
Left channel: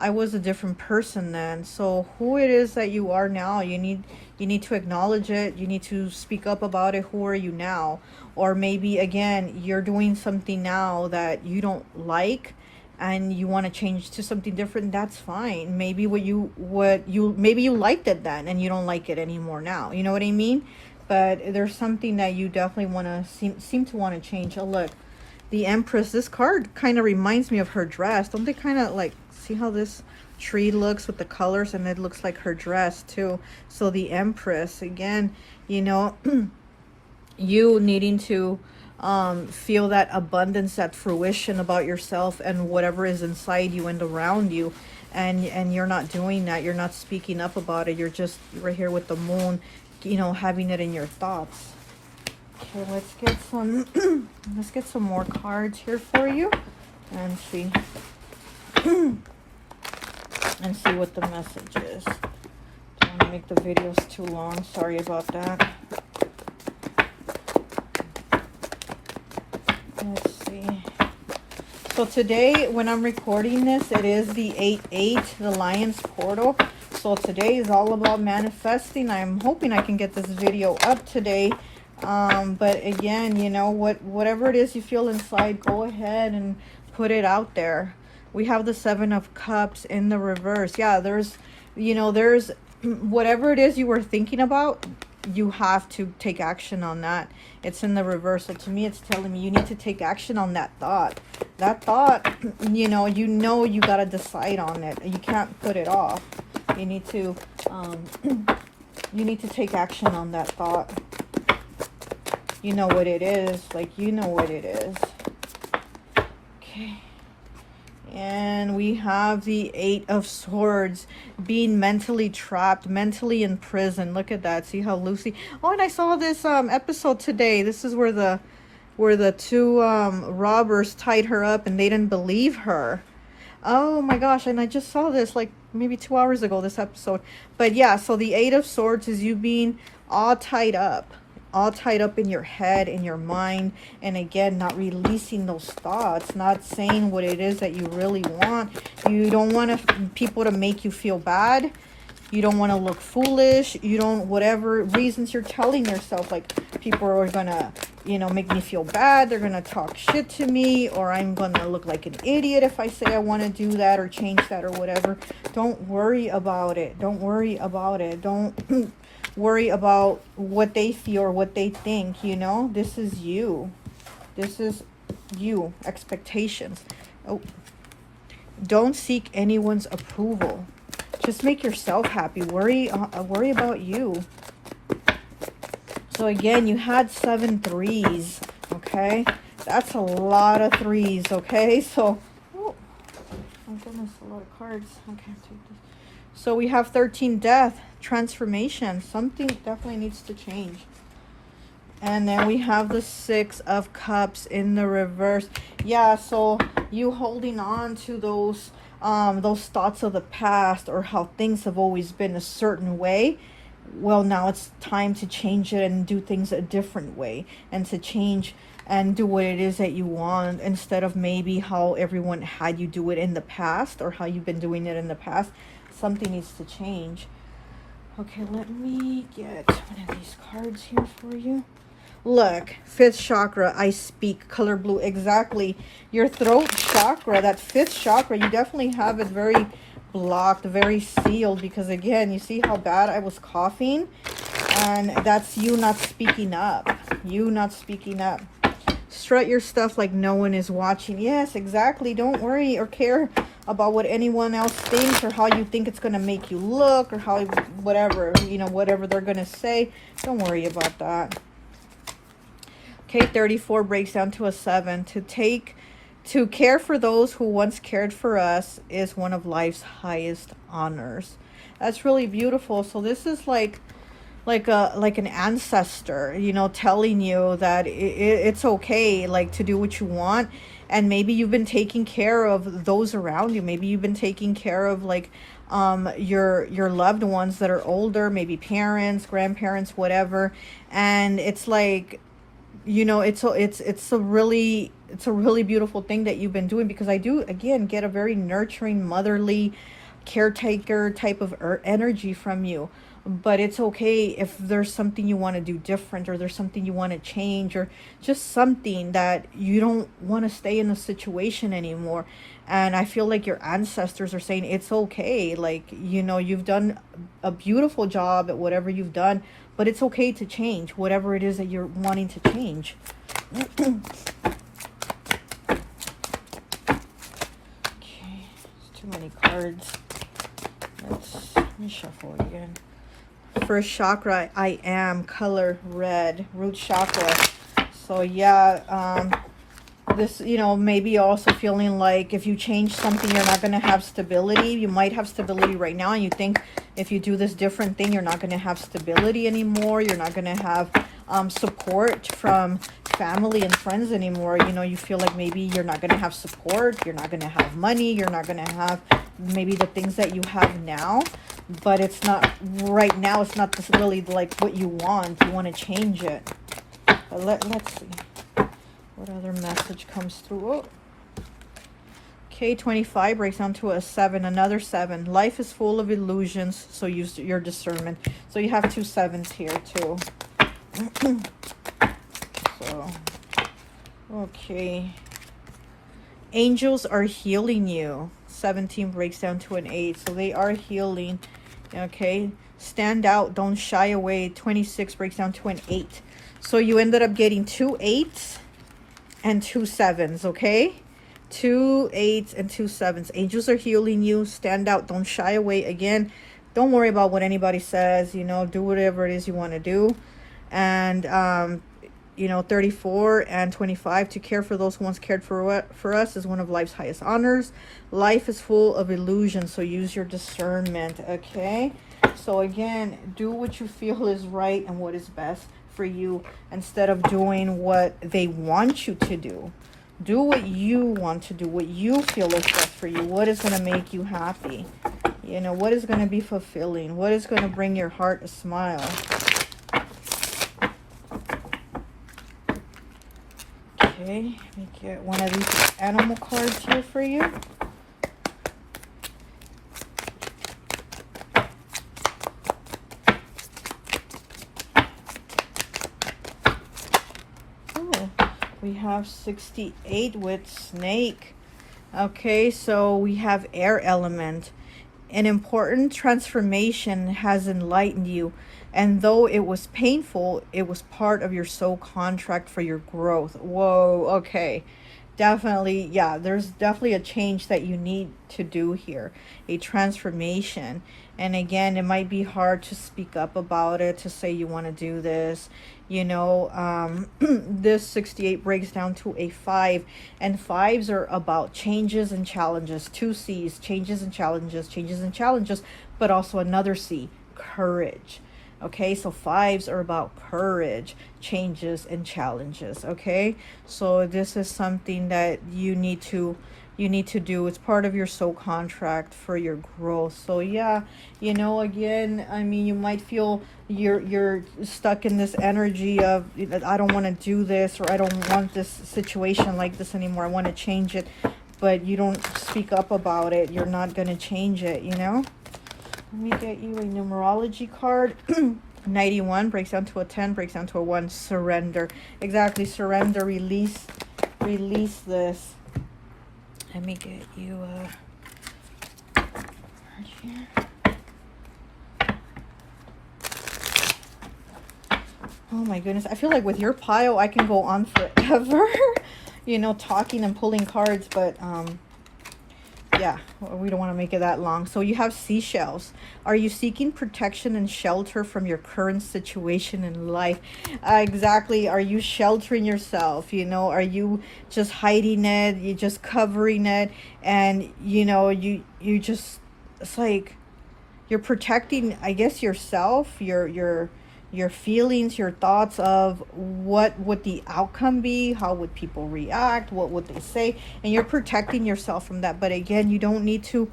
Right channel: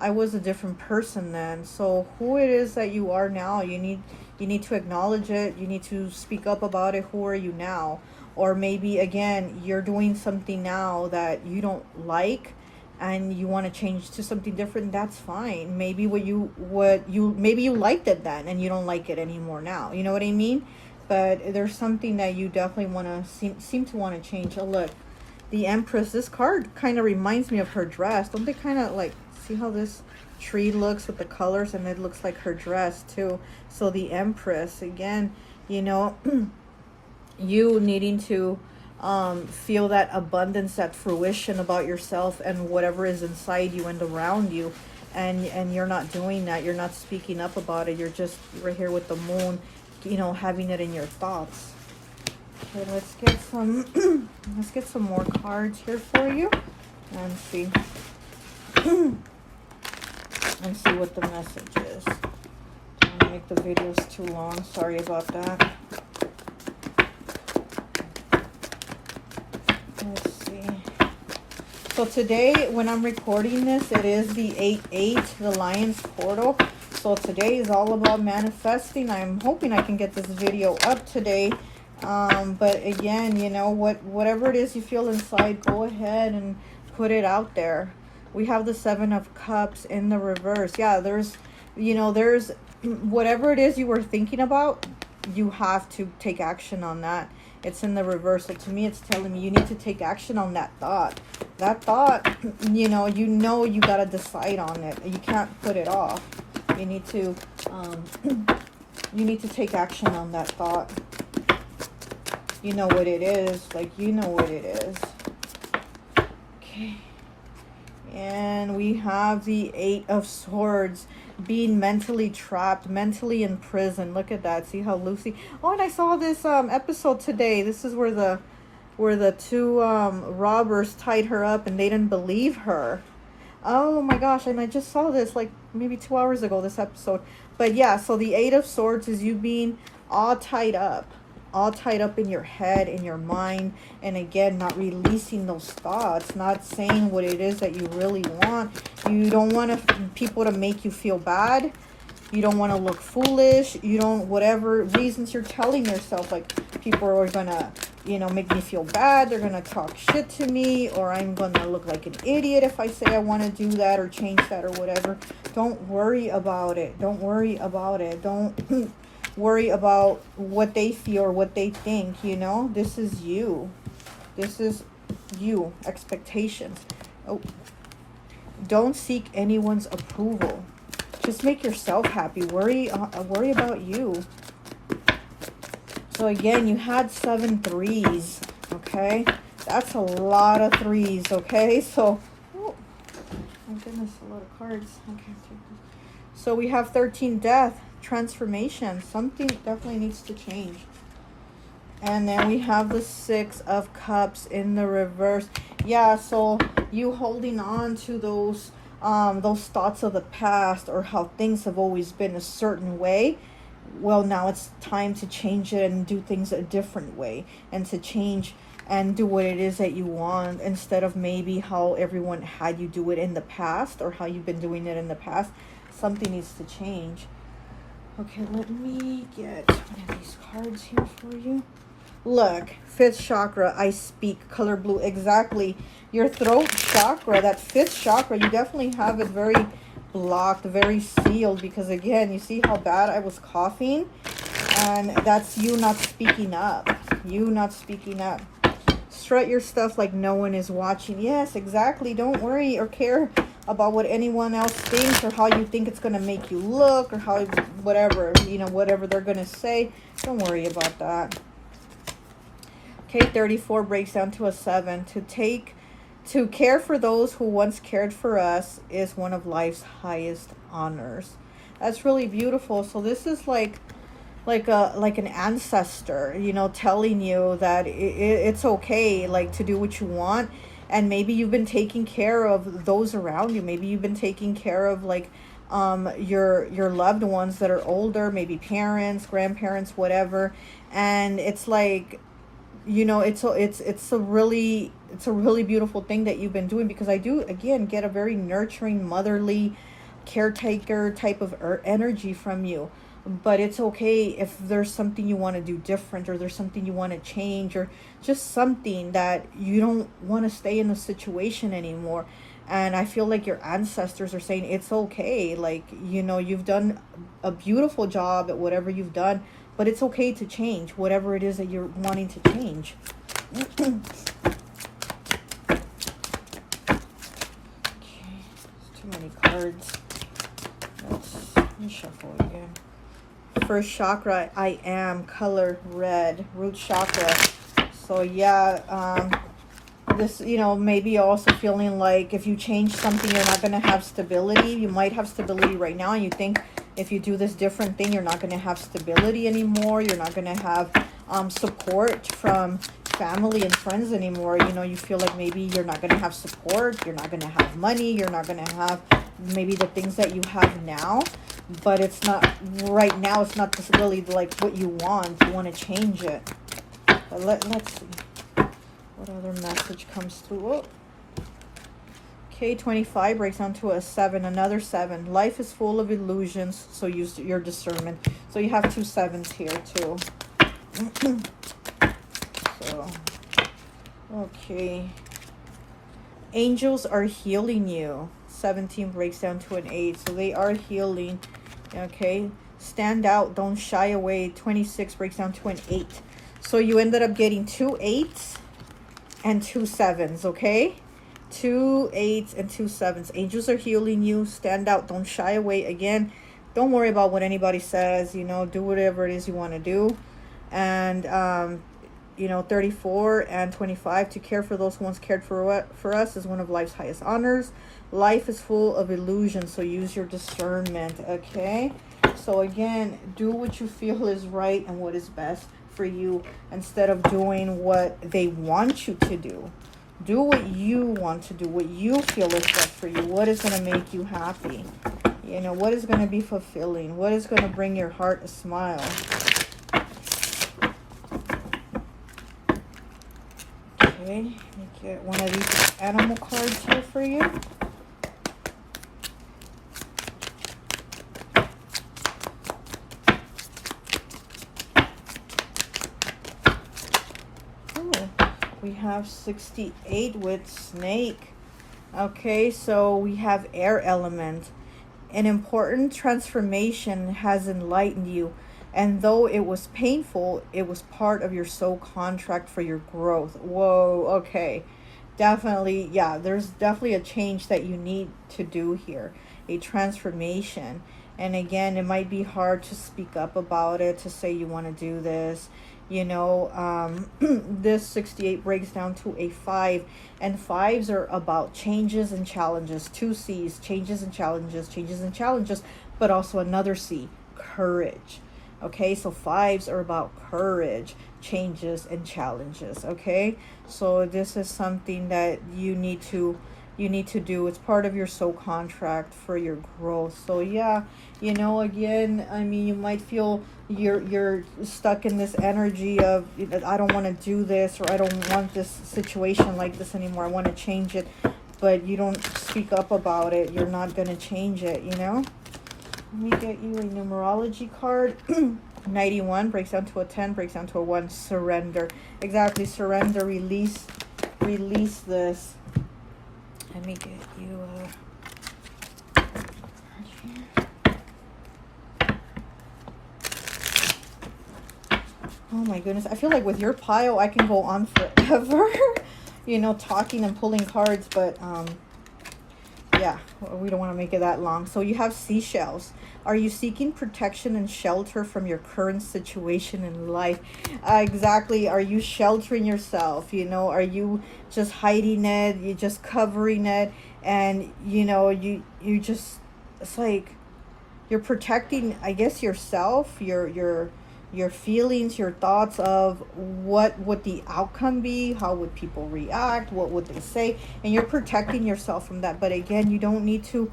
I was a different person then. So who it is that you are now, you need to acknowledge it. You need to speak up about it. Who are you now? Or maybe again, you're doing something now that you don't like and you want to change to something different. That's fine. Maybe maybe you liked it then and you don't like it anymore now. You know what I mean? But there's something that you definitely want to seem to want to change. Oh, look, the Empress. This card kind of reminds me of her dress. Don't they kind of like, see how this tree looks with the colors, and it looks like her dress too. So the Empress, again, you know, you needing to feel that abundance, that fruition about yourself and whatever is inside you and around you, and you're not doing that. You're not speaking up about it. You're just right here with the moon, you know, having it in your thoughts. Okay, let's get some let's get some more cards here for you and see and see what the message is. I'm gonna make the videos too long. Sorry about that. Let's see. So today, when I'm recording this, it is the 8/8, the Lion's Portal. So today is all about manifesting. I'm hoping I can get this video up today. But again, you know, whatever it is you feel inside, go ahead and put it out there. We have the 7 of Cups in the reverse. Yeah, there's whatever it is you were thinking about, you have to take action on that. It's in the reverse. So to me, it's telling me you need to take action on that thought. That thought, you got to decide on it. You can't put it off. You need to take action on that thought. You know what it is. Like, you know what it is. Okay. And we have the 8 of Swords, being mentally trapped, mentally in prison. Look at that. See how Lucy... Oh, and I saw this episode today. This is where the 2 robbers tied her up and they didn't believe her. Oh my gosh, and I just saw this like maybe 2 hours ago, this episode. But yeah, so the 8 of Swords is you being all tied up in your head, in your mind, and again, not releasing those thoughts, not saying what it is that you really want. You don't want people to make you feel bad. You don't want to look foolish. You don't, whatever reasons you're telling yourself, like, people are gonna, you know, make me feel bad. They're gonna talk shit to me, or I'm gonna look like an idiot if I say I want to do that or change that or whatever. Don't worry about it. Don't worry about it. Don't worry about what they feel or what they think. You know, this is you. This is you. Expectations. Oh, don't seek anyone's approval. Just make yourself happy. Worry about you. So again, you had 7 threes. Okay, that's a lot of threes. Okay, so oh my goodness, a lot of cards. Okay, so we have 13 death, transformation. Something definitely needs to change. And then we have the 6 of Cups in the reverse. Yeah, so you holding on to those thoughts of the past, or how things have always been a certain way. Well, now it's time to change it and do things a different way, and to change and do what it is that you want, instead of maybe how everyone had you do it in the past, or how you've been doing it in the past. Something needs to change. Okay, let me get one of these cards here for you. Look, 5th chakra, I speak, color blue, exactly. Your throat chakra, that 5th chakra, you definitely have it very blocked, very sealed, because again, you see how bad I was coughing? And that's you not speaking up. You not speaking up. Strut your stuff like no one is watching. Yes, exactly. Don't worry or care about what anyone else thinks, or how you think it's going to make you look, or how, whatever, you know, whatever they're going to say. Don't worry about that. Okay, 34 breaks down to a 7. To care for those who once cared for us is one of life's highest honors. That's really beautiful. So this is like an ancestor, you know, telling you that it's okay, like, to do what you want. And maybe you've been taking care of those around you. Maybe you've been taking care of, like, your loved ones that are older, maybe parents, grandparents, whatever. And it's like, you know, it's a really beautiful thing that you've been doing, because I do, again, get a very nurturing, motherly, caretaker type of energy from you. But it's okay if there's something you want to do different, or there's something you want to change, or just something that you don't want to stay in the situation anymore. And I feel like your ancestors are saying it's okay. Like, you know, you've done a beautiful job at whatever you've done, but it's okay to change whatever it is that you're wanting to change. Okay, too many cards. Let me shuffle again. First chakra, I am, color red, root chakra. So yeah, this, you know, maybe also feeling like if you change something, you're not going to have stability. You might have stability right now, and you think if you do this different thing, you're not going to have stability anymore. You're not going to have support from family and friends anymore. You know, you feel like maybe you're not going to have support. You're not going to have money. You're not going to have maybe the things that you have now. But it's not, right now, it's not really like what you want. You want to change it. But let's see. What other message comes through? Oh. Okay, 25 breaks down to a 7. Another 7. Life is full of illusions, so use your discernment. So you have 2 7s here, too. So, okay. Angels are healing you. 17 breaks down to an 8. So they are healing. Okay. Stand out. Don't shy away. 26 breaks down to an 8. So you ended up getting 2 8s and 2 7s. Okay. 2 8s and 2 7s. Angels are healing you. Stand out. Don't shy away. Again, don't worry about what anybody says. You know, do whatever it is you want to do. And you know, 34 and 25, to care for those who once cared for us is one of life's highest honors. Life is full of illusions, so use your discernment. Okay, so again, do what you feel is right and what is best for you, instead of doing what they want you to do. Do what you want to do, what you feel is best for you, what is going to make you happy, you know, what is going to be fulfilling, what is going to bring your heart a smile. Okay, let me get one of these animal cards here for you. We have 68 with snake. Okay, so we have air element. An important transformation has enlightened you, and though it was painful, it was part of your soul contract for your growth. Whoa, okay. Definitely, yeah, there's definitely a change that you need to do here, a transformation. And again, it might be hard to speak up about it, to say you want to do this. You know, this 68 breaks down to a 5, and 5s are about changes and challenges. 2 C's, changes and challenges, but also another C, courage. Okay, so 5s are about courage, changes and challenges. Okay, so this is something that you need to do. It's part of your soul contract for your growth. So yeah, you know, again, I mean, you might feel you're stuck in this energy of, I don't want to do this, or I don't want this situation like this anymore, I want to change it, but you don't speak up about it. You're not going to change it, you know. Let me get you a numerology card. 91 breaks down to a 10, breaks down to a 1. Surrender. Exactly, surrender, release this. Let me get you a... Oh my goodness, I feel like with your pile I can go on forever. You know, talking and pulling cards, but yeah, yeah, we don't want to make it that long. So you have seashells. Are you seeking protection and shelter from your current situation in life? Exactly. Are you sheltering yourself? You know, are you just hiding it? You just covering it, and you know, you just, it's like you're protecting, I guess, yourself, your feelings, your thoughts of what would the outcome be, how would people react, what would they say, and you're protecting yourself from that. But again, you don't need to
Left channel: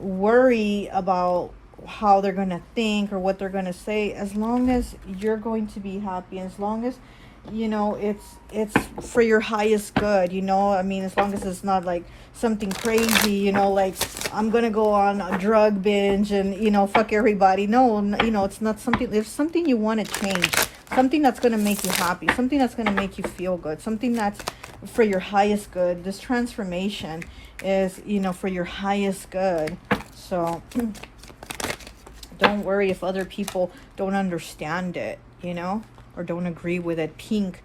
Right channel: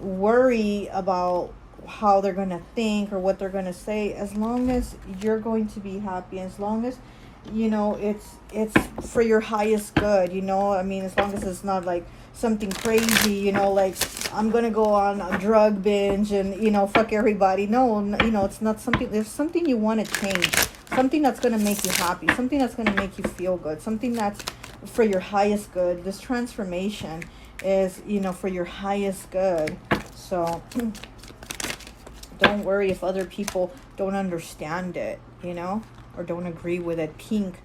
worry about how they're going to think or what they're going to say, as long as you're going to be happy, as long as, you know, it's for your highest good, you know. I mean, as long as it's not like something crazy, you know, like I'm gonna go on a drug binge and, you know, fuck everybody. No, you know, it's not something. There's something you want to change, something that's gonna make you happy, something that's gonna make you feel good, something that's for your highest good. This transformation is, you know, for your highest good. So don't worry if other people don't understand it, you know, or don't agree with it. Pink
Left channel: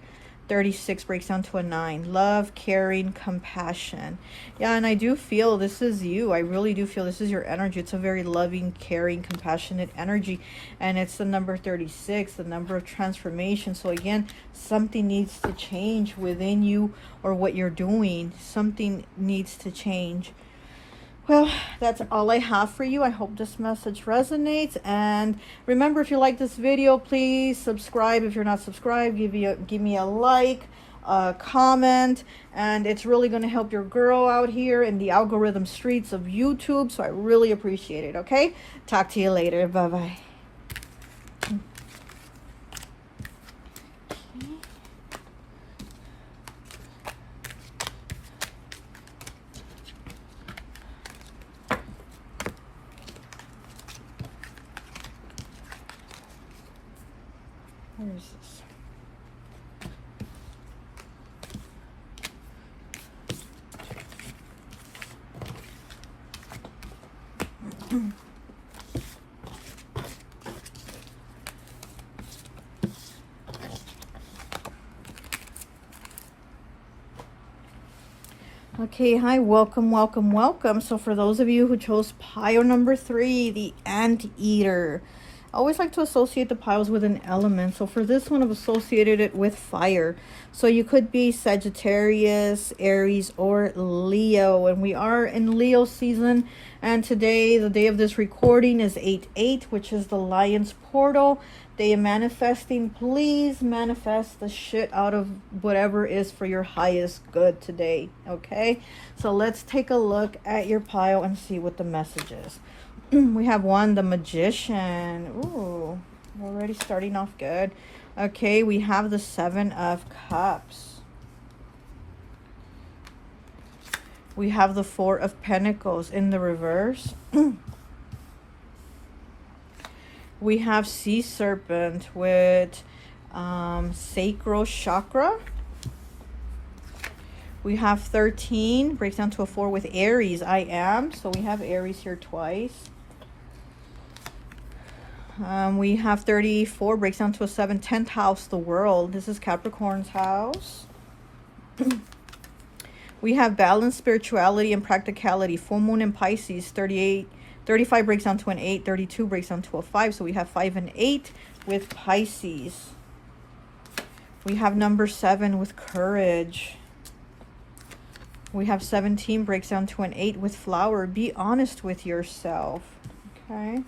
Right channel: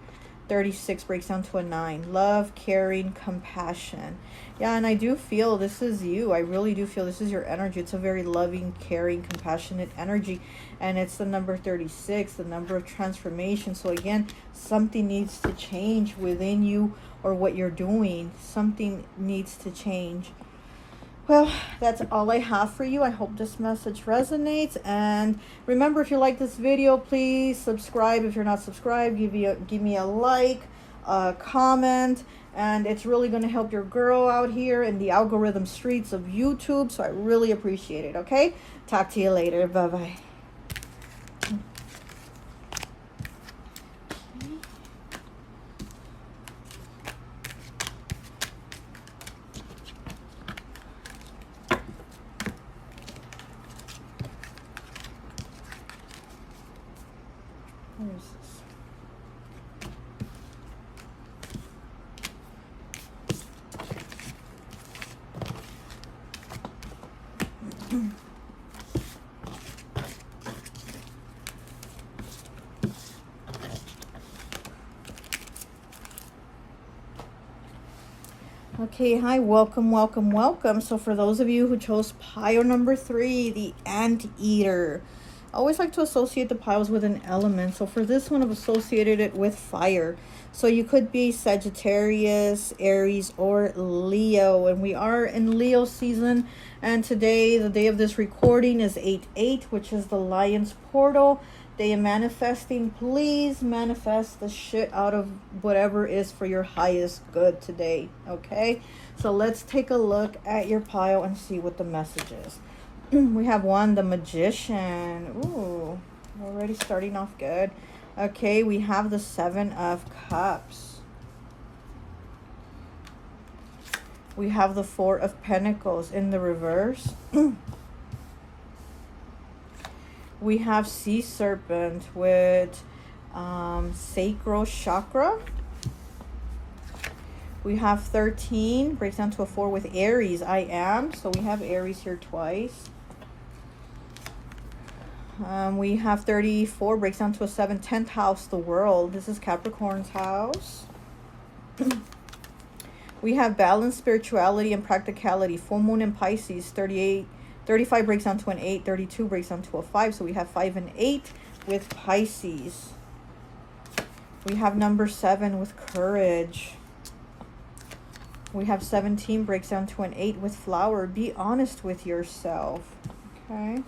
36 breaks down to a 9. Love, caring, compassion. Yeah, and I do feel this is you. I really do feel this is your energy. It's a very loving, caring, compassionate energy. And it's the number 36, the number of transformation. So again, something needs to change within you, or what you're doing. Something needs to change. Well, that's all I have for you. I hope this message resonates. And remember, if you like this video, please subscribe. If you're not subscribed, give me a like, a comment. And it's really going to help your girl out here in the algorithm streets of YouTube. So I really appreciate it, okay? Talk to you later. Bye-bye. Where is this? Okay, hi, welcome, welcome, welcome. So for those of you who chose pile number 3, the anteater, I always like to associate the piles with an element. So for this one, I've associated it with fire. So you could be Sagittarius, Aries, or Leo. And we are in Leo season. And today, the day of this recording, is 8/8, which is the Lion's Portal. Day of manifesting. Please manifest the shit out of whatever is for your highest good today. Okay? So let's take a look at your pile and see what the message is. We have 1, the Magician. Ooh, already starting off good. Okay, we have the 7 of Cups. We have the 4 of Pentacles in the reverse. We have Sea Serpent with Sacral Chakra. We have 13, breaks down to a 4 with Aries, I am. So we have Aries here twice. We have 34, breaks down to a 7, 10th house, the World. This is Capricorn's house. We have balance, spirituality, and practicality. Full moon in Pisces. 35 breaks down to an 8. 32 breaks down to a 5. So we have 5 and 8 with Pisces. We have number 7 with courage. We have 17 breaks down to an 8 with flower. Be honest with yourself. Okay.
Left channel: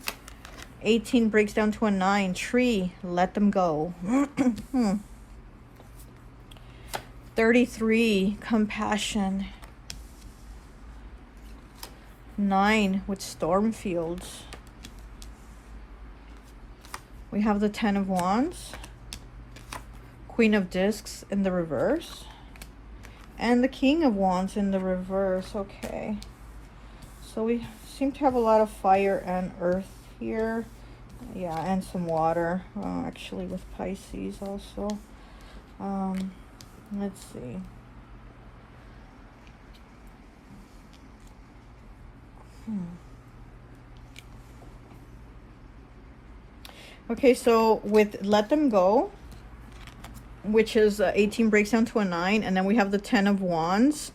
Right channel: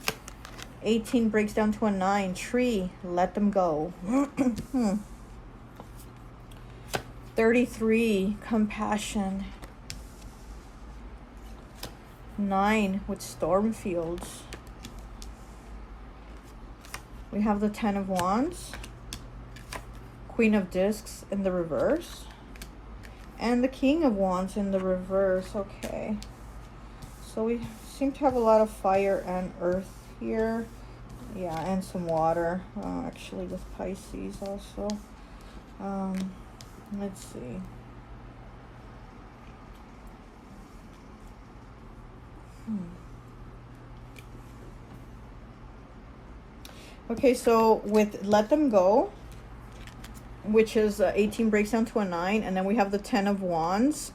18 breaks down to a 9. Tree. Let them go. 33. Compassion. 9 with storm fields. We have the 10 of Wands. Queen of Discs in the reverse. And the King of Wands in the reverse. Okay. So we seem to have a lot of fire and earth here. Yeah, and some water. Actually with Pisces also. Let's see. Okay, so with Let Them Go, which is 18 breaks down to a 9, and then we have the 10 of Wands.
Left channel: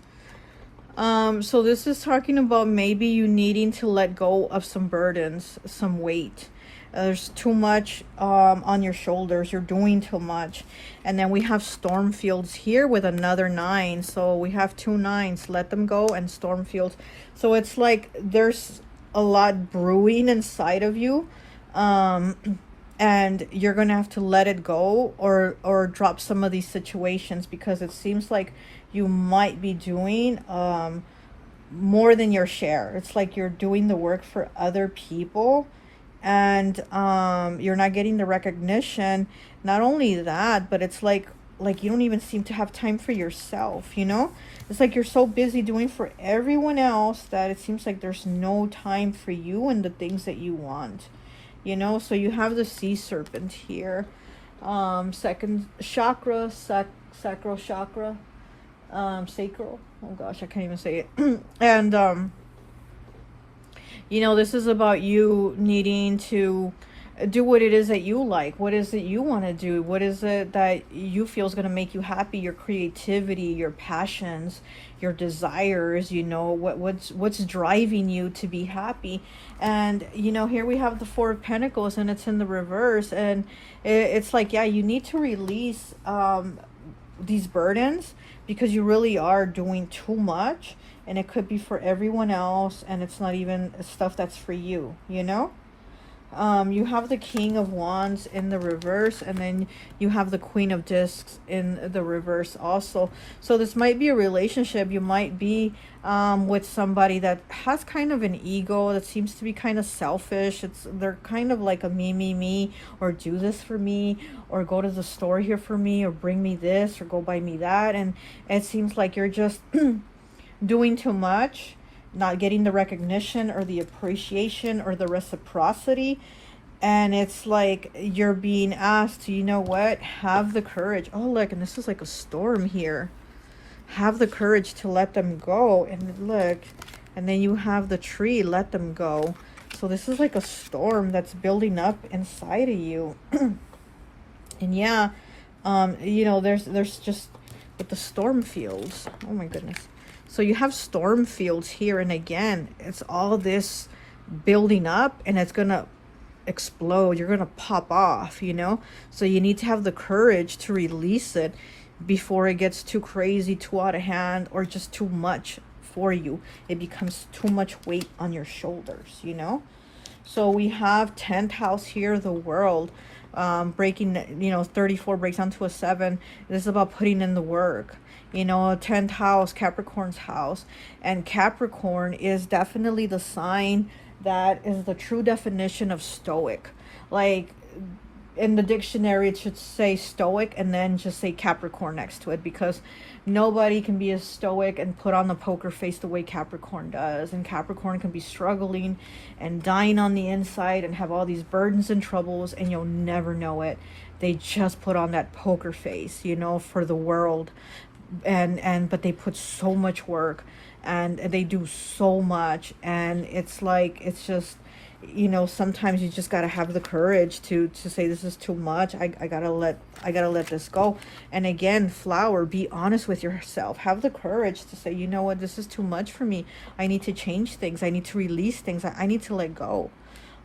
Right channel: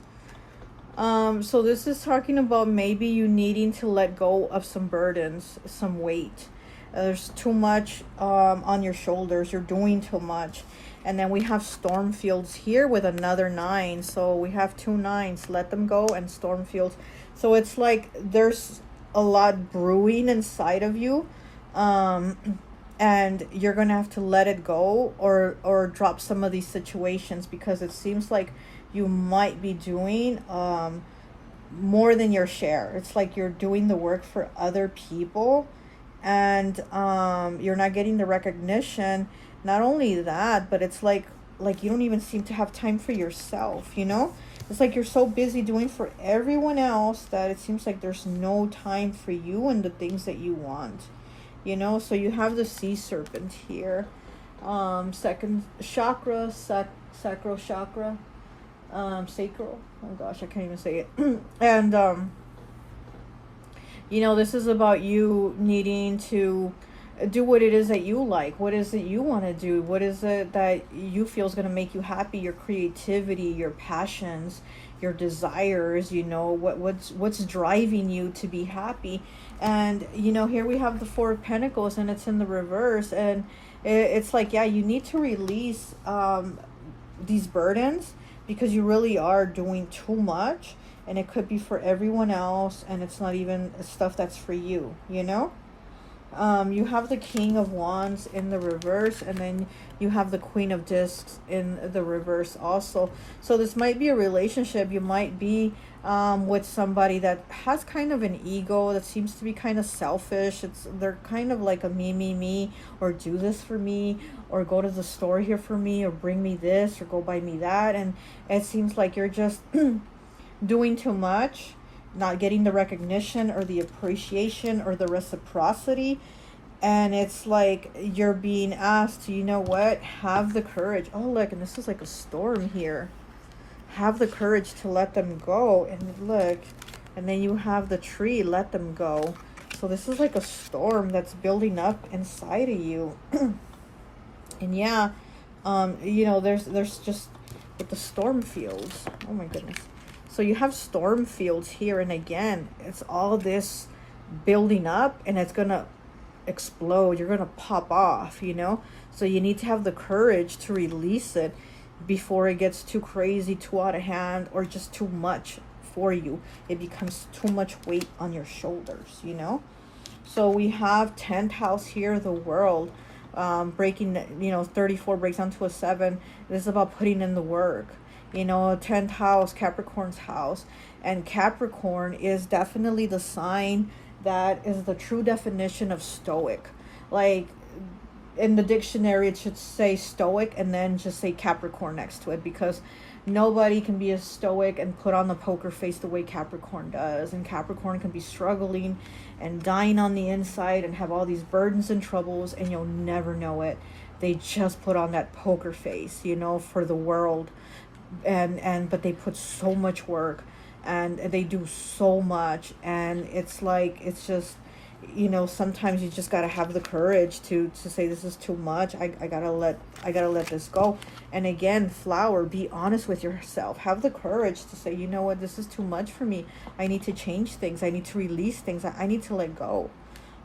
So this is talking about maybe you needing to let go of some burdens, some weight. There's too much on your shoulders. You're doing too much. And then we have storm fields here with another 9. So we have 2 9s. Let them go, and storm fields. So it's like there's a lot brewing inside of you. And you're gonna have to let it go, or drop some of these situations, because it seems like you might be doing more than your share. It's like you're doing the work for other people, and you're not getting the recognition. Not only that, but it's like you don't even seem to have time for yourself, you know? It's like you're so busy doing for everyone else that it seems like there's no time for you and the things that you want, you know? So you have the sea serpent here. Second chakra, sacral chakra, sacral. Oh gosh, I can't even say it. And you know, this is about you needing to do what it is that you like. What is it you want to do? What is it that you feel is going to make you happy? Your creativity, your passions, your desires, you know, what's driving you to be happy. And you know, here we have the 4 of Pentacles, and it's in the reverse, and it's like, yeah, you need to release these burdens, because you really are doing too much, and it could be for everyone else, and it's not even stuff that's for you, you know? You have the King of Wands in the reverse, and then you have the Queen of Discs in the reverse also. So this might be a relationship. You might be with somebody that has kind of an ego, that seems to be kind of selfish. They're kind of like a me, or do this for me, or go to the store here for me, or bring me this, or go buy me that. And it seems like you're just doing too much, not getting the recognition or the appreciation or the reciprocity. And it's like you're being asked to, you know what, have the courage. Oh, look, and this is like a storm here. Have the courage to let them go. And look, and then you have the tree, let them go. So this is like a storm that's building up inside of you. And yeah, you know, there's just with the storm fields. Oh my goodness. So you have storm fields here, and again, it's all this building up, and it's gonna explode. You're gonna pop off, you know? So you need to have the courage to release it before it gets too crazy, too out of hand, or just too much for you. It becomes too much weight on your shoulders, you know? So we have 10th house here, the world. Breaking, you know, 34 breaks down to a 7. This is about putting in the work. You know, 10th house, Capricorn's house. And Capricorn is definitely the sign that is the true definition of stoic. Like, in the dictionary, it should say stoic and then just say Capricorn next to it, because nobody can be as stoic and put on the poker face the way Capricorn does. And Capricorn can be struggling and dying on the inside and have all these burdens and troubles, and you'll never know it. They just put on that poker face, you know, for the world. But they put so much work, and they do so much, and it's like, it's just, you know, sometimes you just gotta have the courage to say, this is too much. I gotta let this go. And again, flower, be honest with yourself. Have the courage to say, you know what, this is too much for me. I need to change things. I need to release things. I need to let go.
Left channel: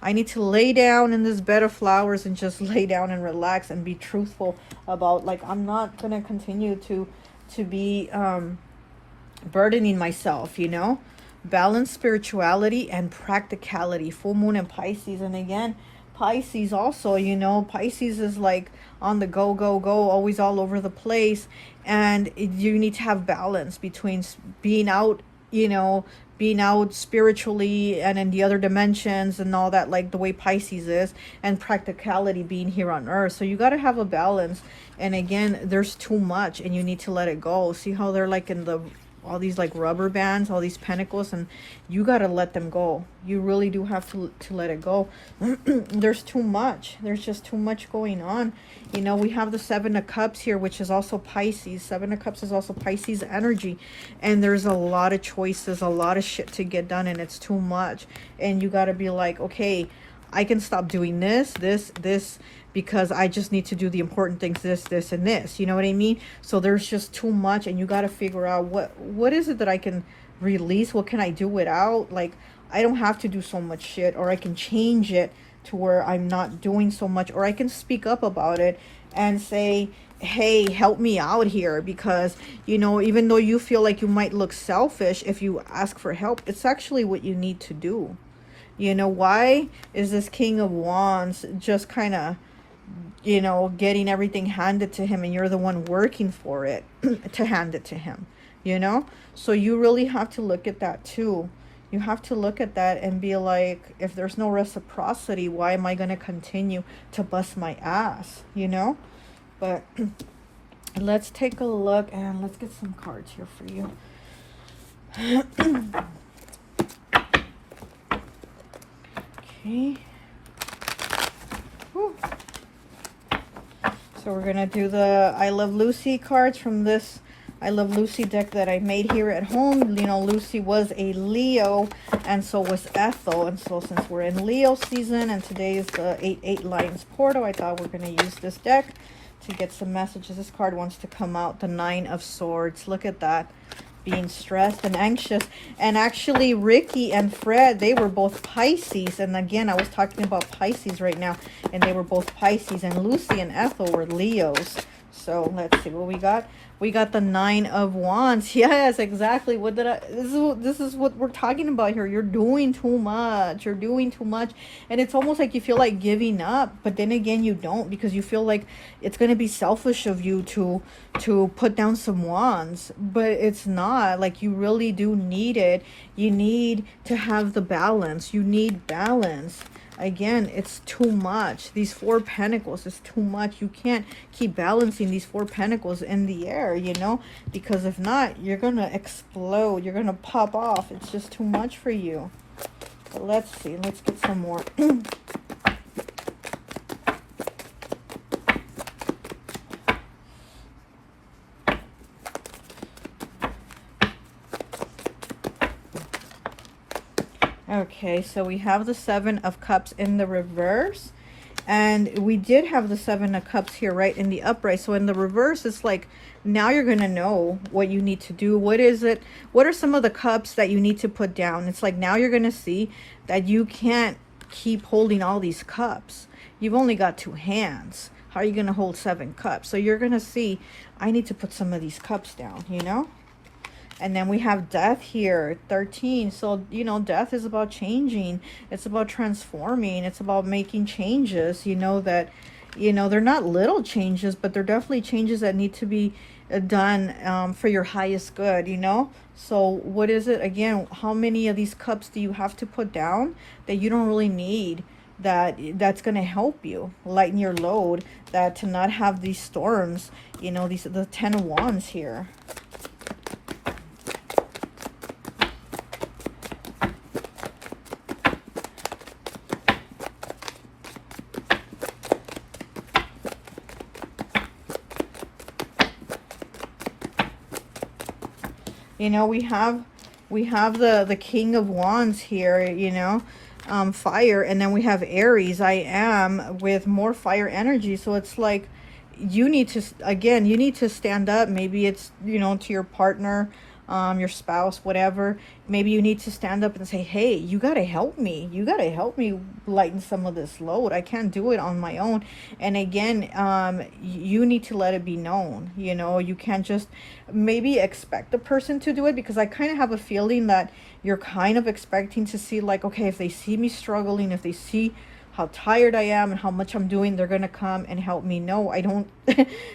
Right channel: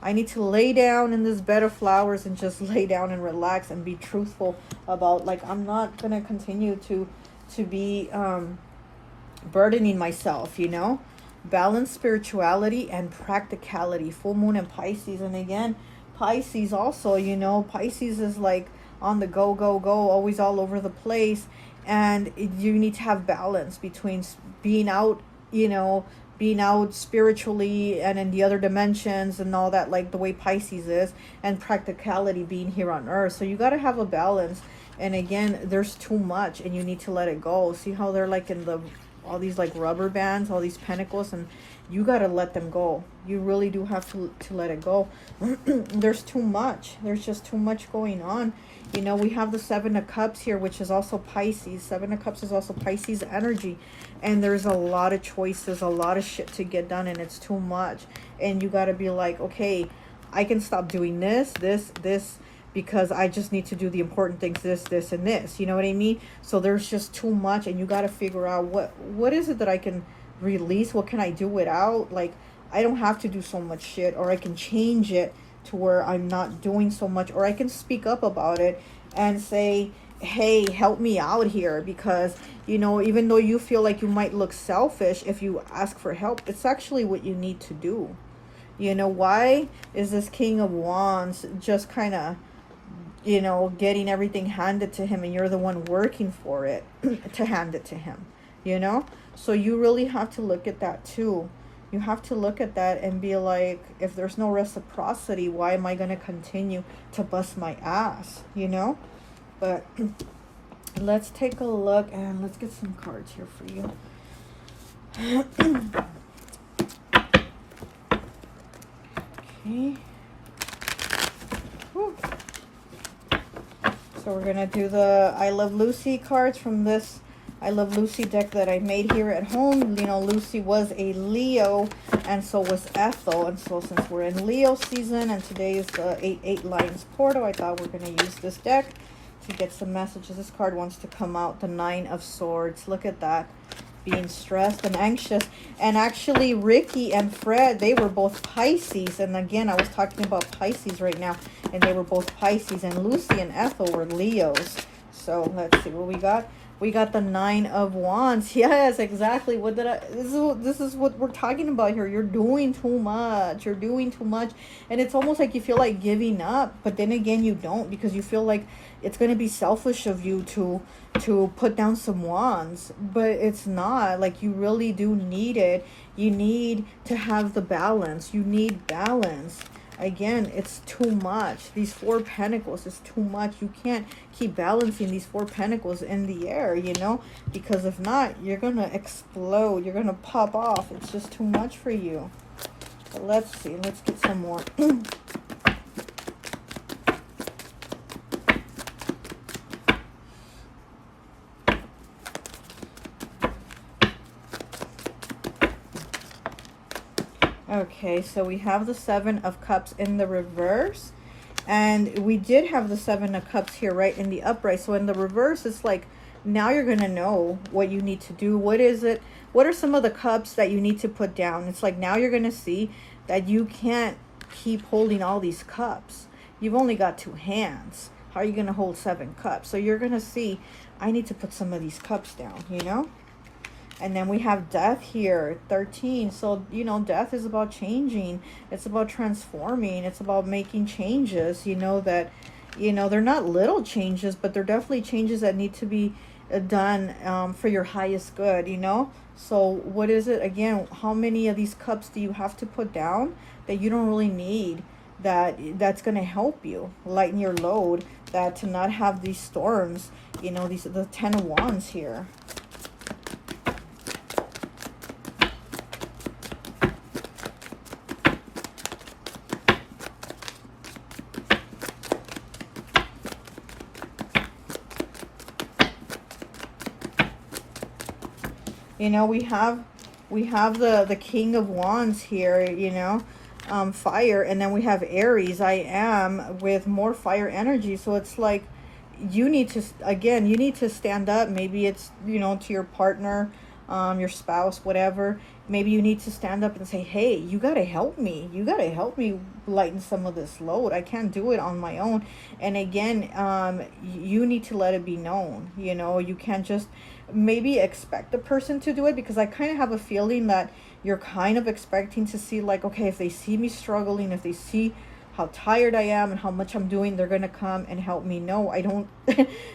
I need to lay down in this bed of flowers and just lay down and relax and be truthful about, like, I'm not gonna continue to be burdening myself, you know? Balance spirituality and practicality. Full moon in Pisces. And again, Pisces also, you know, Pisces is like on the go, always all over the place. And you need to have balance between being out, you know, being out spiritually and in the other dimensions and all that, like the way Pisces is, and practicality, being here on earth. So you got to have a balance. And again, there's too much, and you need to let it go. See how they're like in the all these like rubber bands, all these pentacles, and you got to let them go. You really do have to let it go. There's too much. There's just too much going on. You know, we have the 7 of Cups here, which is also Pisces. 7 of Cups is also Pisces energy. And there's a lot of choices, a lot of shit to get done, and it's too much. And you got to be like, okay, I can stop doing this, because I just need to do the important things, this, and this. You know what I mean? So there's just too much, and you got to figure out what is it that I can release? What can I do without? Like, I don't have to do so much shit, or I can change it to where I'm not doing so much, or I can speak up about it and say, hey, help me out here, because, you know, even though you feel like you might look selfish if you ask for help, it's actually what you need to do. You know, why is this King of Wands just kind of, you know, getting everything handed to him, and you're the one working for it to hand it to him, you know? So you really have to look at that too. You have to look at that and be like, if there's no reciprocity, why am I going to continue to bust my ass, you know? But let's take a look, and let's get some cards here for you. Okay. Whew. So we're gonna do the I Love Lucy cards from this I Love Lucy deck that I made here at home. You know, Lucy was a Leo, and so was Ethel. And so since we're in Leo season, and today is the 8/8 Lions Portal, I thought we're gonna use this deck to get some messages. This card wants to come out, the 9 of Swords. Look at that. Being stressed and anxious. And actually, Ricky and Fred, they were both Pisces. And again, I was talking about Pisces right now, and they were both Pisces. And Lucy and Ethel were Leos. So let's see what we got. We got the 9 of Wands. Yes, exactly. What did I? This is what we're talking about here. You're doing too much. You're doing too much, and it's almost like you feel like giving up, but then again, you don't, because you feel like it's gonna be selfish of you to put down some wands, but it's not. Like, you really do need it. You need to have the balance. You need balance. Again, it's too much. These 4 pentacles is too much. You can't keep balancing these 4 pentacles in the air, you know, because if not, you're gonna explode. You're gonna pop off. It's just too much for you. Let's see. Let's get some more. Okay, so we have the 7 of Cups in the reverse, and we did have the 7 of Cups here right in the upright. So in the reverse, it's like, now you're going to know what you need to do. What is it? What are some of the cups that you need to put down? It's like, now you're going to see that you can't keep holding all these cups. You've only got 2 hands. How are you going to hold 7 cups? So you're going to see, I need to put some of these cups down, you know? And then we have Death here, 13. So, you know, Death is about changing. It's about transforming. It's about making changes, you know, that, you know, they're not little changes, but they're definitely changes that need to be done for your highest good, you know? So what is it? Again, how many of these cups do you have to put down that you don't really need? That's going to help you lighten your load, that to not have these storms, you know, these are the 10 of Wands here. You know, we have the King of Wands here, you know, fire, and then we have Aries. I am with more fire energy. So it's like, you need to, again, you need to stand up. Maybe it's, you know, to your partner, your spouse, whatever. Maybe you need to stand up and say, hey, you got to help me. You got to help me lighten some of this load. I can't do it on my own. And again, you need to let it be known. You know, you can't just maybe expect the person to do it, because I kind of have a feeling that you're kind of expecting to see, like, okay, if they see me struggling, if they see how tired I am and how much I'm doing, they're going to come and help me. No, I don't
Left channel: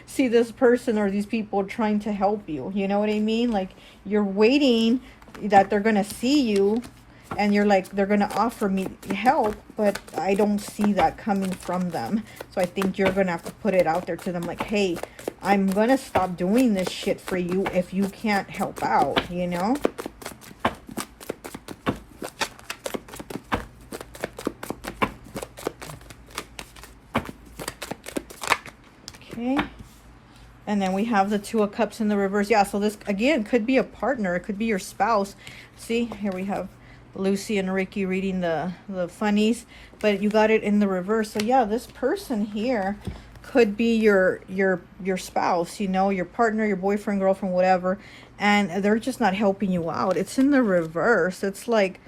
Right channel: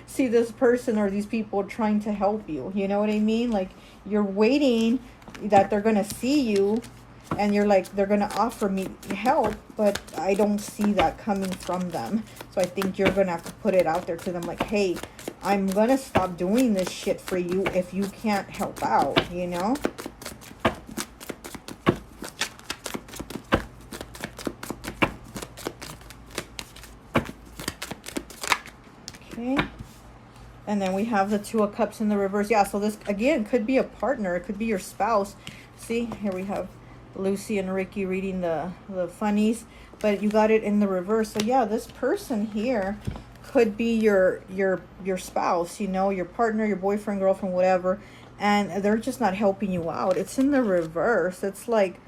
see this person or these people trying to help you. You know what I mean? Like, you're waiting that they're going to see you, and you're like, they're going to offer me help, but I don't see that coming from them. So I think you're going to have to put it out there to them, like, hey, I'm going to stop doing this shit for you if you can't help out, you know? Okay. And then we have the 2 of Cups in the reverse. Yeah, so this, again, could be a partner. It could be your spouse. See, here we have Lucy and Ricky reading the funnies, but you got it in the reverse. So yeah, this person here could be your spouse, you know, your partner, your boyfriend, girlfriend, whatever. and they're just not helping you out. It's in the reverse. It's like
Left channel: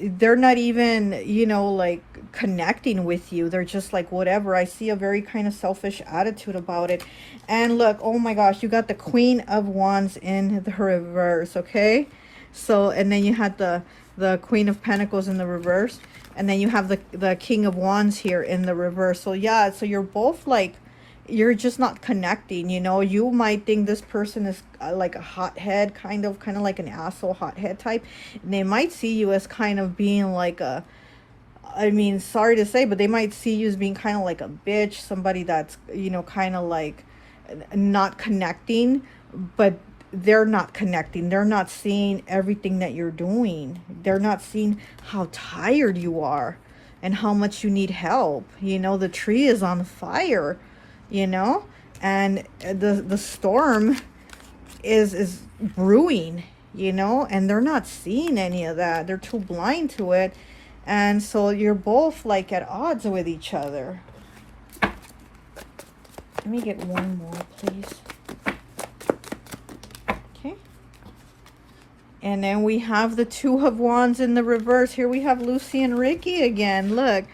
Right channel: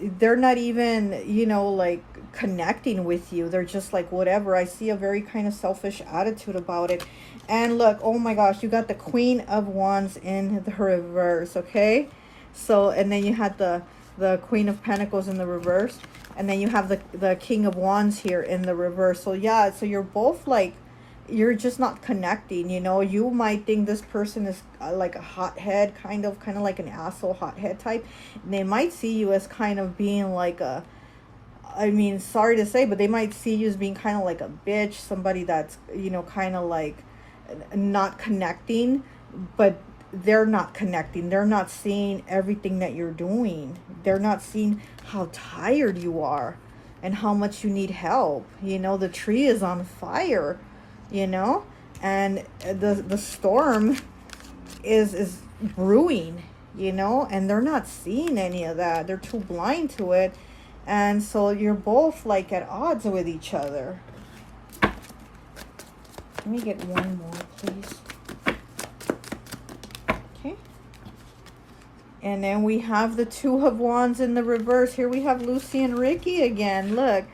they're not even, you know, like connecting with you. They're just like, whatever. I see a very kind of selfish attitude about it. And look, oh my gosh, you got the Queen of Wands in the reverse, okay? So, and then you had the Queen of Pentacles in the reverse, and then you have the King of Wands here in the reverse. So yeah, so you're both like, you're just not connecting, you know. You might think this person is like a hothead, kind of like an asshole hothead type, and they might see you as kind of being like a, I mean, sorry to say, but they might see you as being kind of like a bitch, somebody that's, you know, kind of like not connecting. But they're not connecting. They're not seeing everything that you're doing. They're not seeing how tired you are and how much you need help. You know, the tree is on fire, you know, and the storm is brewing, you know, and they're not seeing any of that. They're too blind to it. And so you're both like at odds with each other. Let me get one more, please. Okay. And then we have the Two of Wands in the reverse. Here we have Lucy and Ricky again. Look.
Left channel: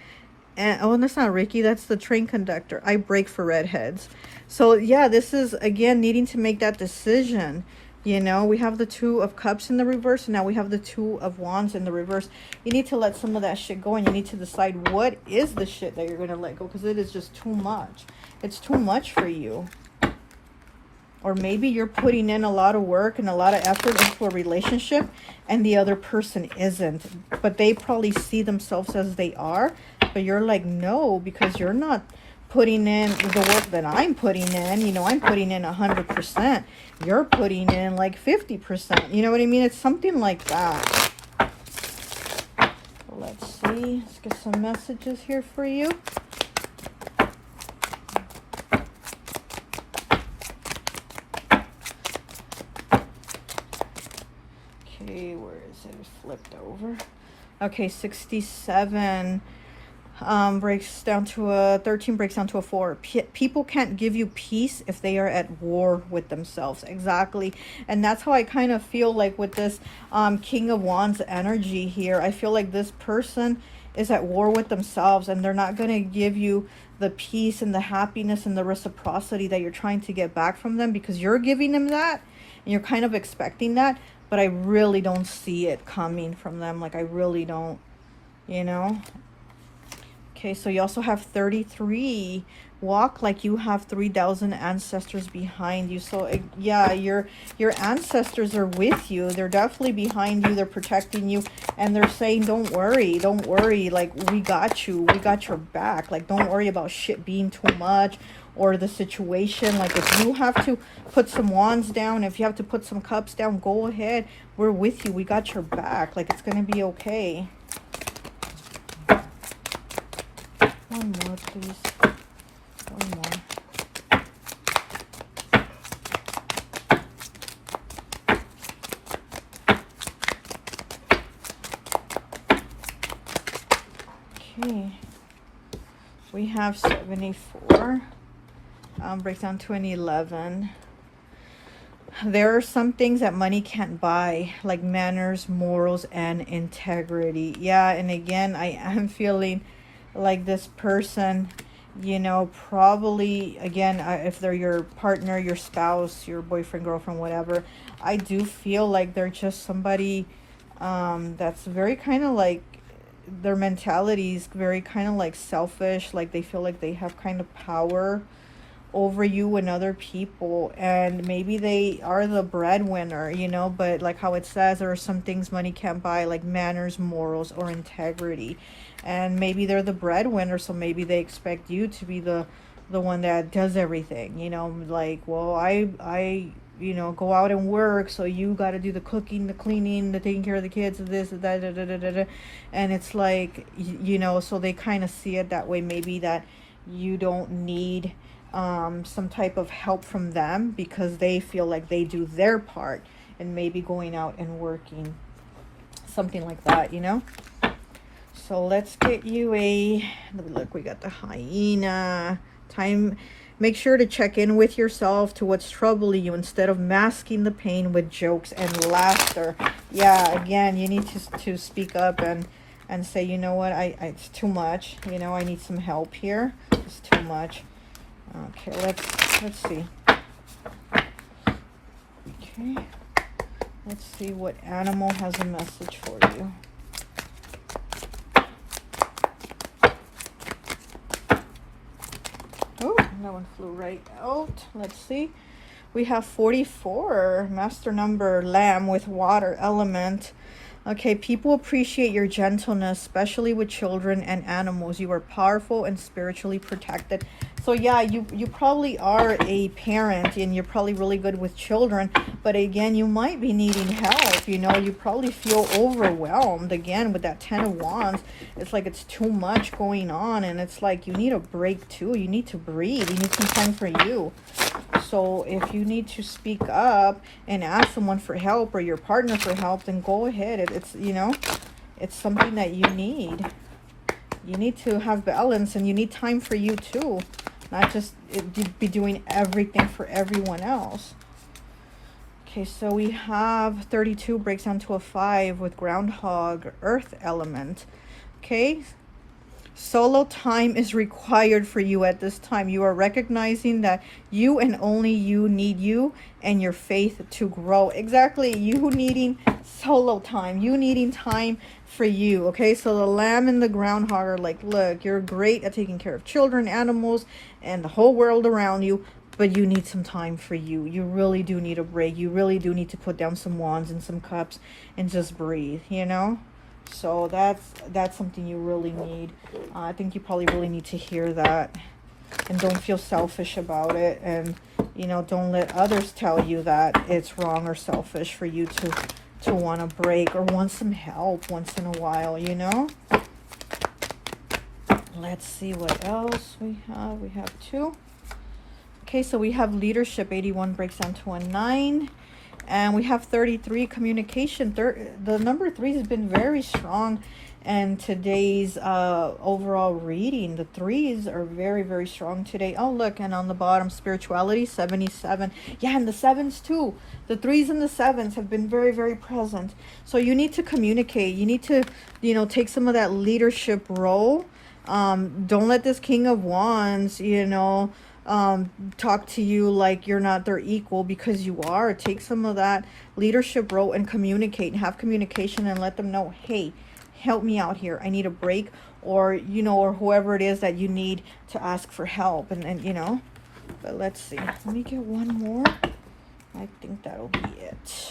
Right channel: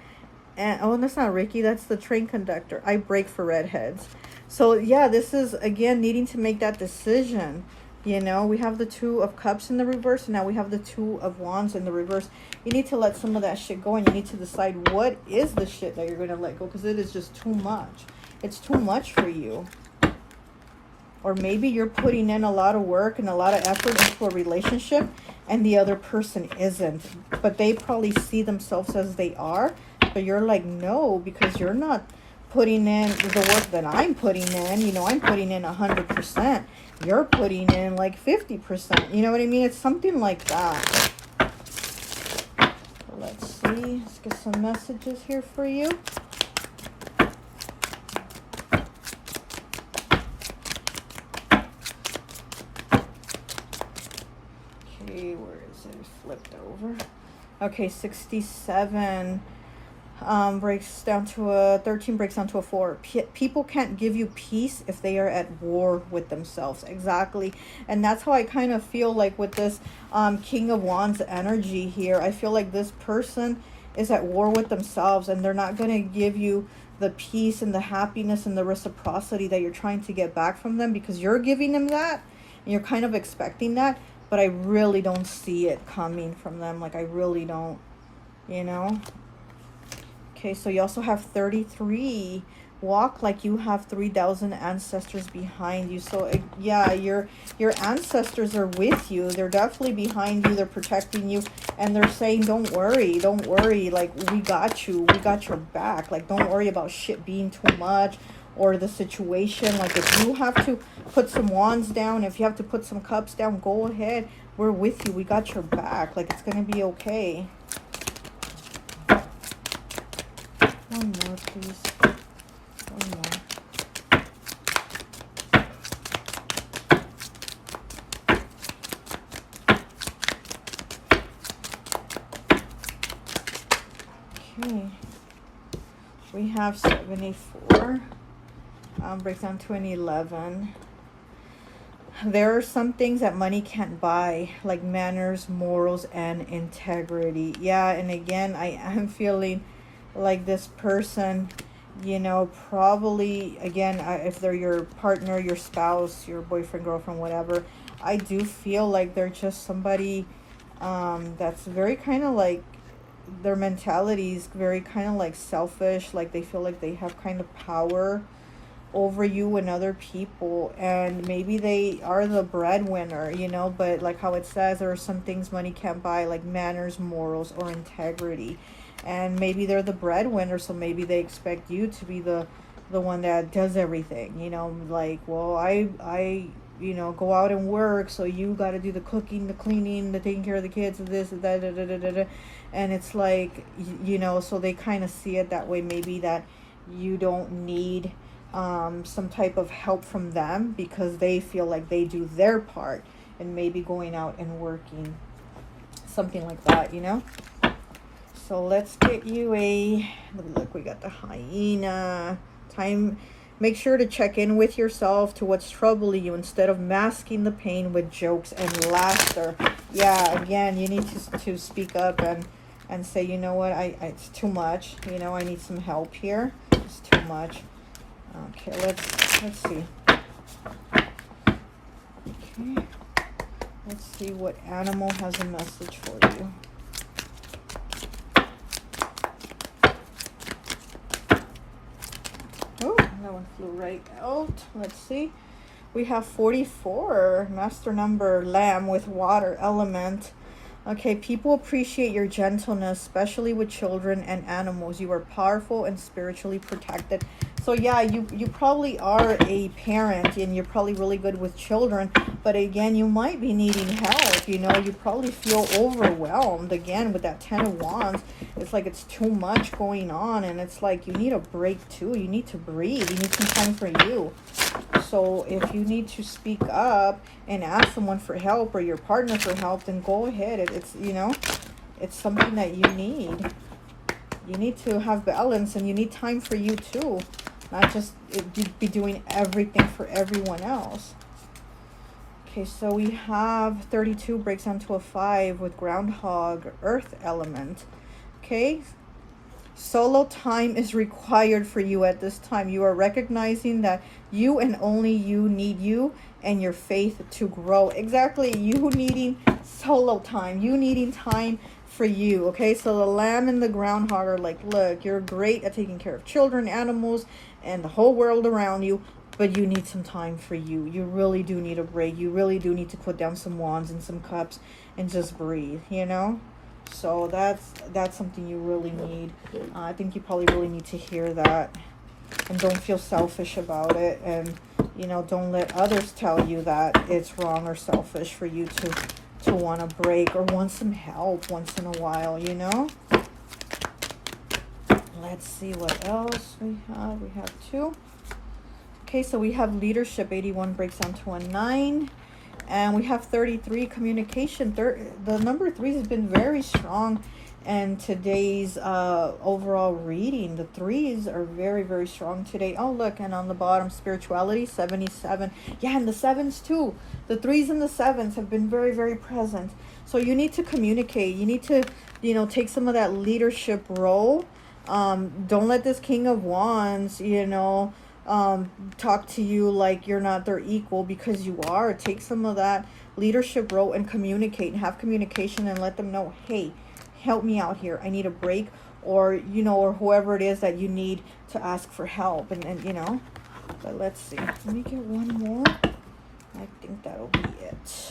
And oh, that's not Ricky, that's the train conductor. I break for redheads. So yeah, this is again needing to make that decision. You know, we have the Two of Cups in the reverse, and now we have the Two of Wands in the reverse. You need to let some of that shit go, and you need to decide what is the shit that you're going to let go, because it is just too much. It's too much for you. Or maybe you're putting in a lot of work and a lot of effort into a relationship, and the other person isn't. But they probably see themselves as they are, but you're like, no, because you're not putting in the work that I'm putting in. You know, I'm putting in 100%. You're putting in like 50%. You know what I mean? It's something like that. Let's see. Let's get some messages here for you. Okay, where is it? Flipped over. Okay, 67. Breaks down to a 13, breaks down to a 4. People can't give you peace if they are at war with themselves. Exactly. And that's how I kind of feel like with this King of Wands energy here. I feel like this person is at war with themselves, and they're not going to give you the peace and the happiness and the reciprocity that you're trying to get back from them, because you're giving them that and you're kind of expecting that. But I really don't see it coming from them. Like, I really don't, you know. Okay, so you also have 33. Walk like you have 3,000 ancestors behind you. So yeah, your ancestors are with you. They're definitely behind you. They're protecting you, and they're saying, don't worry, don't worry. Like, we got you. We got your back. Like, don't worry about shit being too much or the situation. Like, if you have to put some wands down, if you have to put some cups down, go ahead. We're with you. We got your back. Like, it's going to be okay. One more, please. One more. Okay. We have 74. Breaks down to an 11. There are some things that money can't buy, like manners, morals, and integrity. Yeah, and again, I am feeling like this person, you know, probably, again, if they're your partner, your spouse, your boyfriend, girlfriend, whatever, I do feel like they're just somebody that's very kind of like, their mentality is very kind of like selfish, like they feel like they have kind of power over you and other people, and maybe they are the breadwinner, you know, but like how it says, there are some things money can't buy, like manners, morals, or integrity. And maybe they're the breadwinner, so maybe they expect you to be the one that does everything, you know, like, well, I you know, go out and work, so you got to do the cooking, the cleaning, the taking care of the kids, and this and that, da, da, da, da, da. And it's like, you know, so they kind of see it that way, maybe that you don't need some type of help from them, because they feel like they do their part, and maybe going out and working, something like that, you know. So let's get you a, look, we got the hyena. Time Make sure to check in with yourself to what's troubling you instead of masking the pain with jokes and laughter. Yeah, again, you need to speak up and say, you know what, it's too much. You know, I need some help here. It's too much. Okay, let's see. Okay, let's see what animal has a message for you. Oh, that one flew right out. Let's see. We have 44, master number, lamb with water element. Okay, people appreciate your gentleness, especially with children and animals. You are powerful and spiritually protected. So yeah, you probably are a parent and you're probably really good with children, but again, you might be needing help. You know, you probably feel overwhelmed again with that 10 of Wands. It's like it's too much going on, and it's like you need a break too. You need to breathe. You need some time for you. So if you need to speak up and ask someone for help or your partner for help, then go ahead. It's, you know, it's something that you need. You need to have balance, and you need time for you too. Not just be doing everything for everyone else. Okay, so we have 32 breaks down to a 5 with groundhog, earth element. Okay, solo time is required for you at this time. You are recognizing that you and only you need you and your faith to grow. Exactly, you needing solo time, you needing time for you. Okay, so the lamb and the groundhog are like, look, you're great at taking care of children, animals, and the whole world around you, but you need some time for you. You really do need a break. You really do need to put down some wands and some cups and just breathe, you know? So that's something you really need. I think you probably really need to hear that. And don't feel selfish about it. And, you know, don't let others tell you that it's wrong or selfish for you to want a break or want some help once in a while, you know? Let's see what else we have. We have 2. Okay, so we have leadership. 81 breaks down to a 9. And we have 33, communication. The number 3 has been very strong in today's overall reading. The 3s are very, very strong today. Oh, look, and on the bottom, spirituality, 77. Yeah, and the 7s too. The 3s and the 7s have been very, very present. So you need to communicate. You need to, you know, take some of that leadership role. Don't let this King of Wands, you know, talk to you like you're not their equal, because you are. Take some of that leadership role and communicate and have communication and let them know, hey, help me out here. I need a break, or, you know, or whoever it is that you need to ask for help. And you know, but let's see. Let me get one more. I think that'll be it.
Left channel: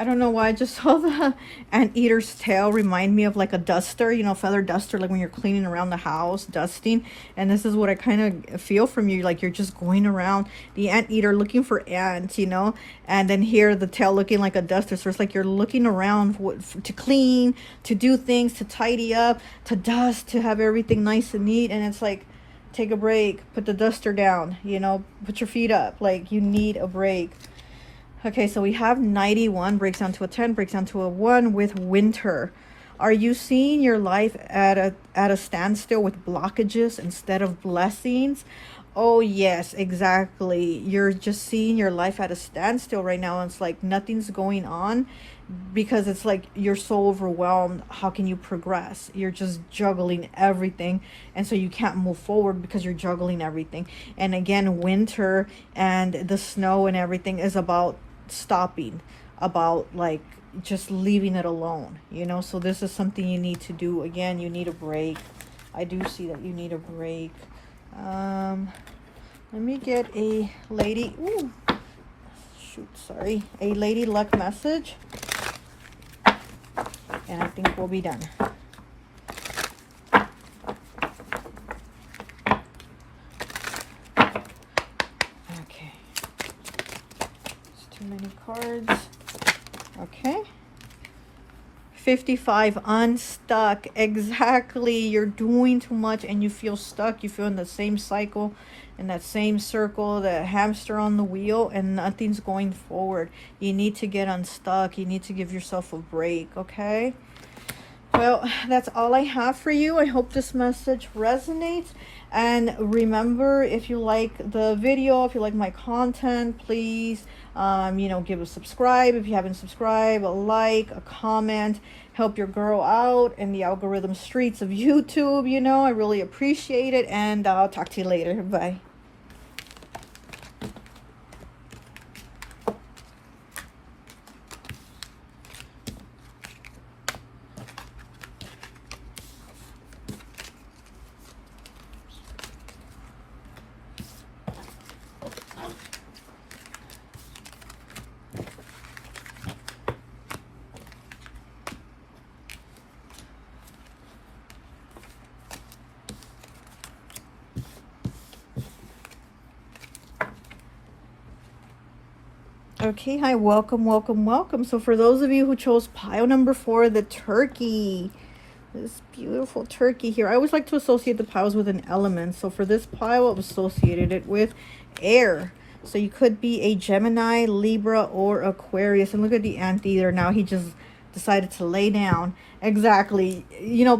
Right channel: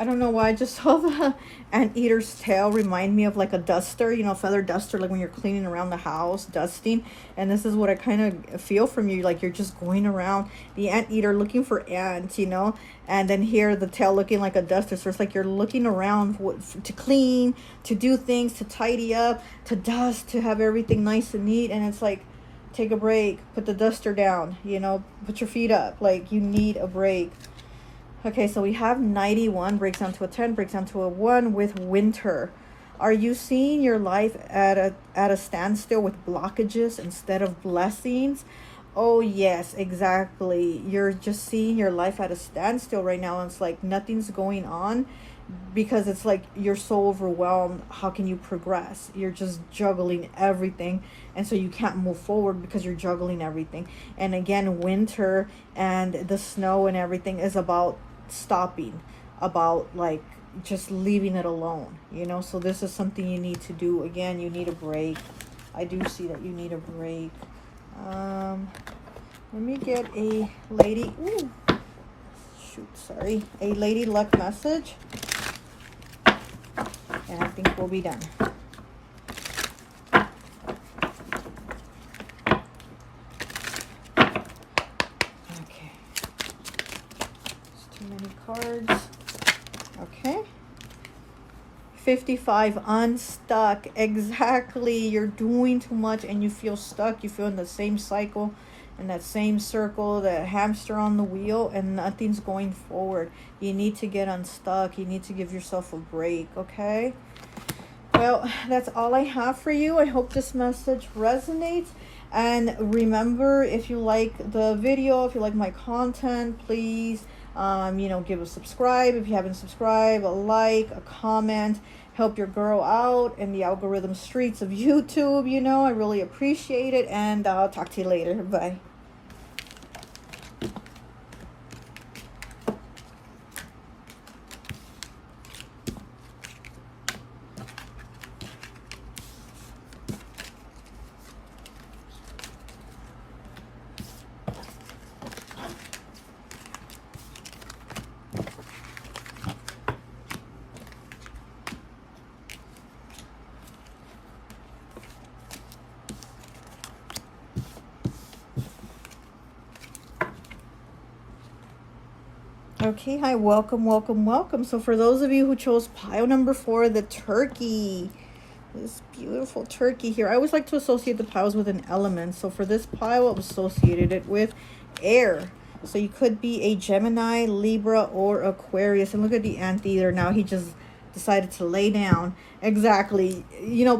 I don't know why I just saw the anteater's tail remind me of like a duster, you know, feather duster, like when you're cleaning around the house, dusting. And this is what I kind of feel from you, like you're just going around the anteater looking for ants, you know, and then here the tail looking like a duster. So it's like you're looking around to clean, to do things, to tidy up, to dust, to have everything nice and neat. And it's like, take a break, put the duster down, you know, put your feet up, like you need a break. Okay, so we have 91 breaks down to a 10, breaks down to a 1 with winter. Are you seeing your life at a standstill with blockages instead of blessings? Oh yes, exactly. You're just seeing your life at a standstill right now. It's like nothing's going on because it's like you're so overwhelmed. How can you progress? You're just juggling everything, and so you can't move forward because you're juggling everything. And again, winter and the snow and everything is about stopping, about like just leaving it alone, you know. So this is something you need to do. Again, you need a break. I do see that you need a break. Let me get a lady, ooh, shoot, sorry, a lady luck message, and I think we'll be done. Okay, it's too many cards. Okay, 55, unstuck. Exactly. You're doing too much and you feel stuck. You feel in the same cycle, in that same circle, that hamster on the wheel, and nothing's going forward. You need to get unstuck. You need to give yourself a break, okay? Well, that's all I have for you. I hope this message resonates. And remember, if you like the video, if you like my content, please, give a subscribe. If you haven't subscribed, a like, a comment. Help your girl out in the algorithm streets of YouTube. I really appreciate it. And I'll talk to you later. Bye. Okay, hi, welcome, welcome, welcome. So for those of you who chose pile number 4, the turkey, this beautiful turkey here, I always like to associate the piles with an element. So for this pile, I've associated it with air. So you could be a Gemini, Libra, or Aquarius. And look at the anteater now. He just decided to lay down. Exactly.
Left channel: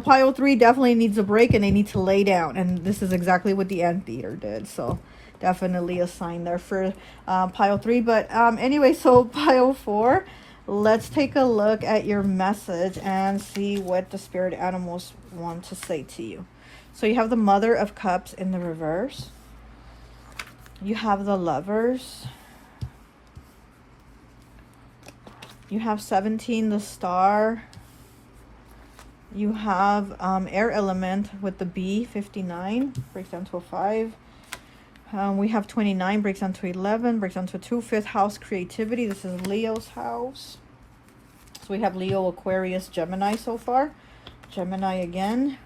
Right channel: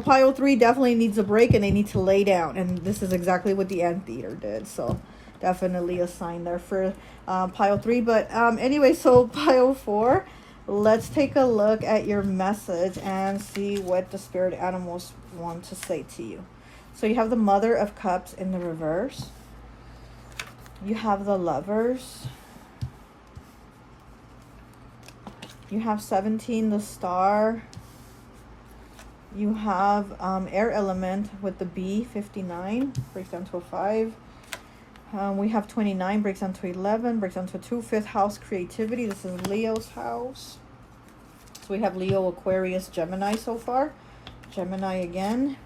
Pile 3 definitely needs a break and they need to lay down. And this is exactly what the anteater did. So definitely a sign there for pile 3. But anyway, so pile 4, let's take a look at your message and see what the spirit animals want to say to you. So you have the Mother of Cups in the reverse. You have the Lovers. You have 17, the Star. You have air element with the B, 59, breaks down to a 5. We have 29, breaks down to 11, breaks down to a 2. 5th house, creativity. This is Leo's house. So we have Leo, Aquarius, Gemini so far. Gemini again.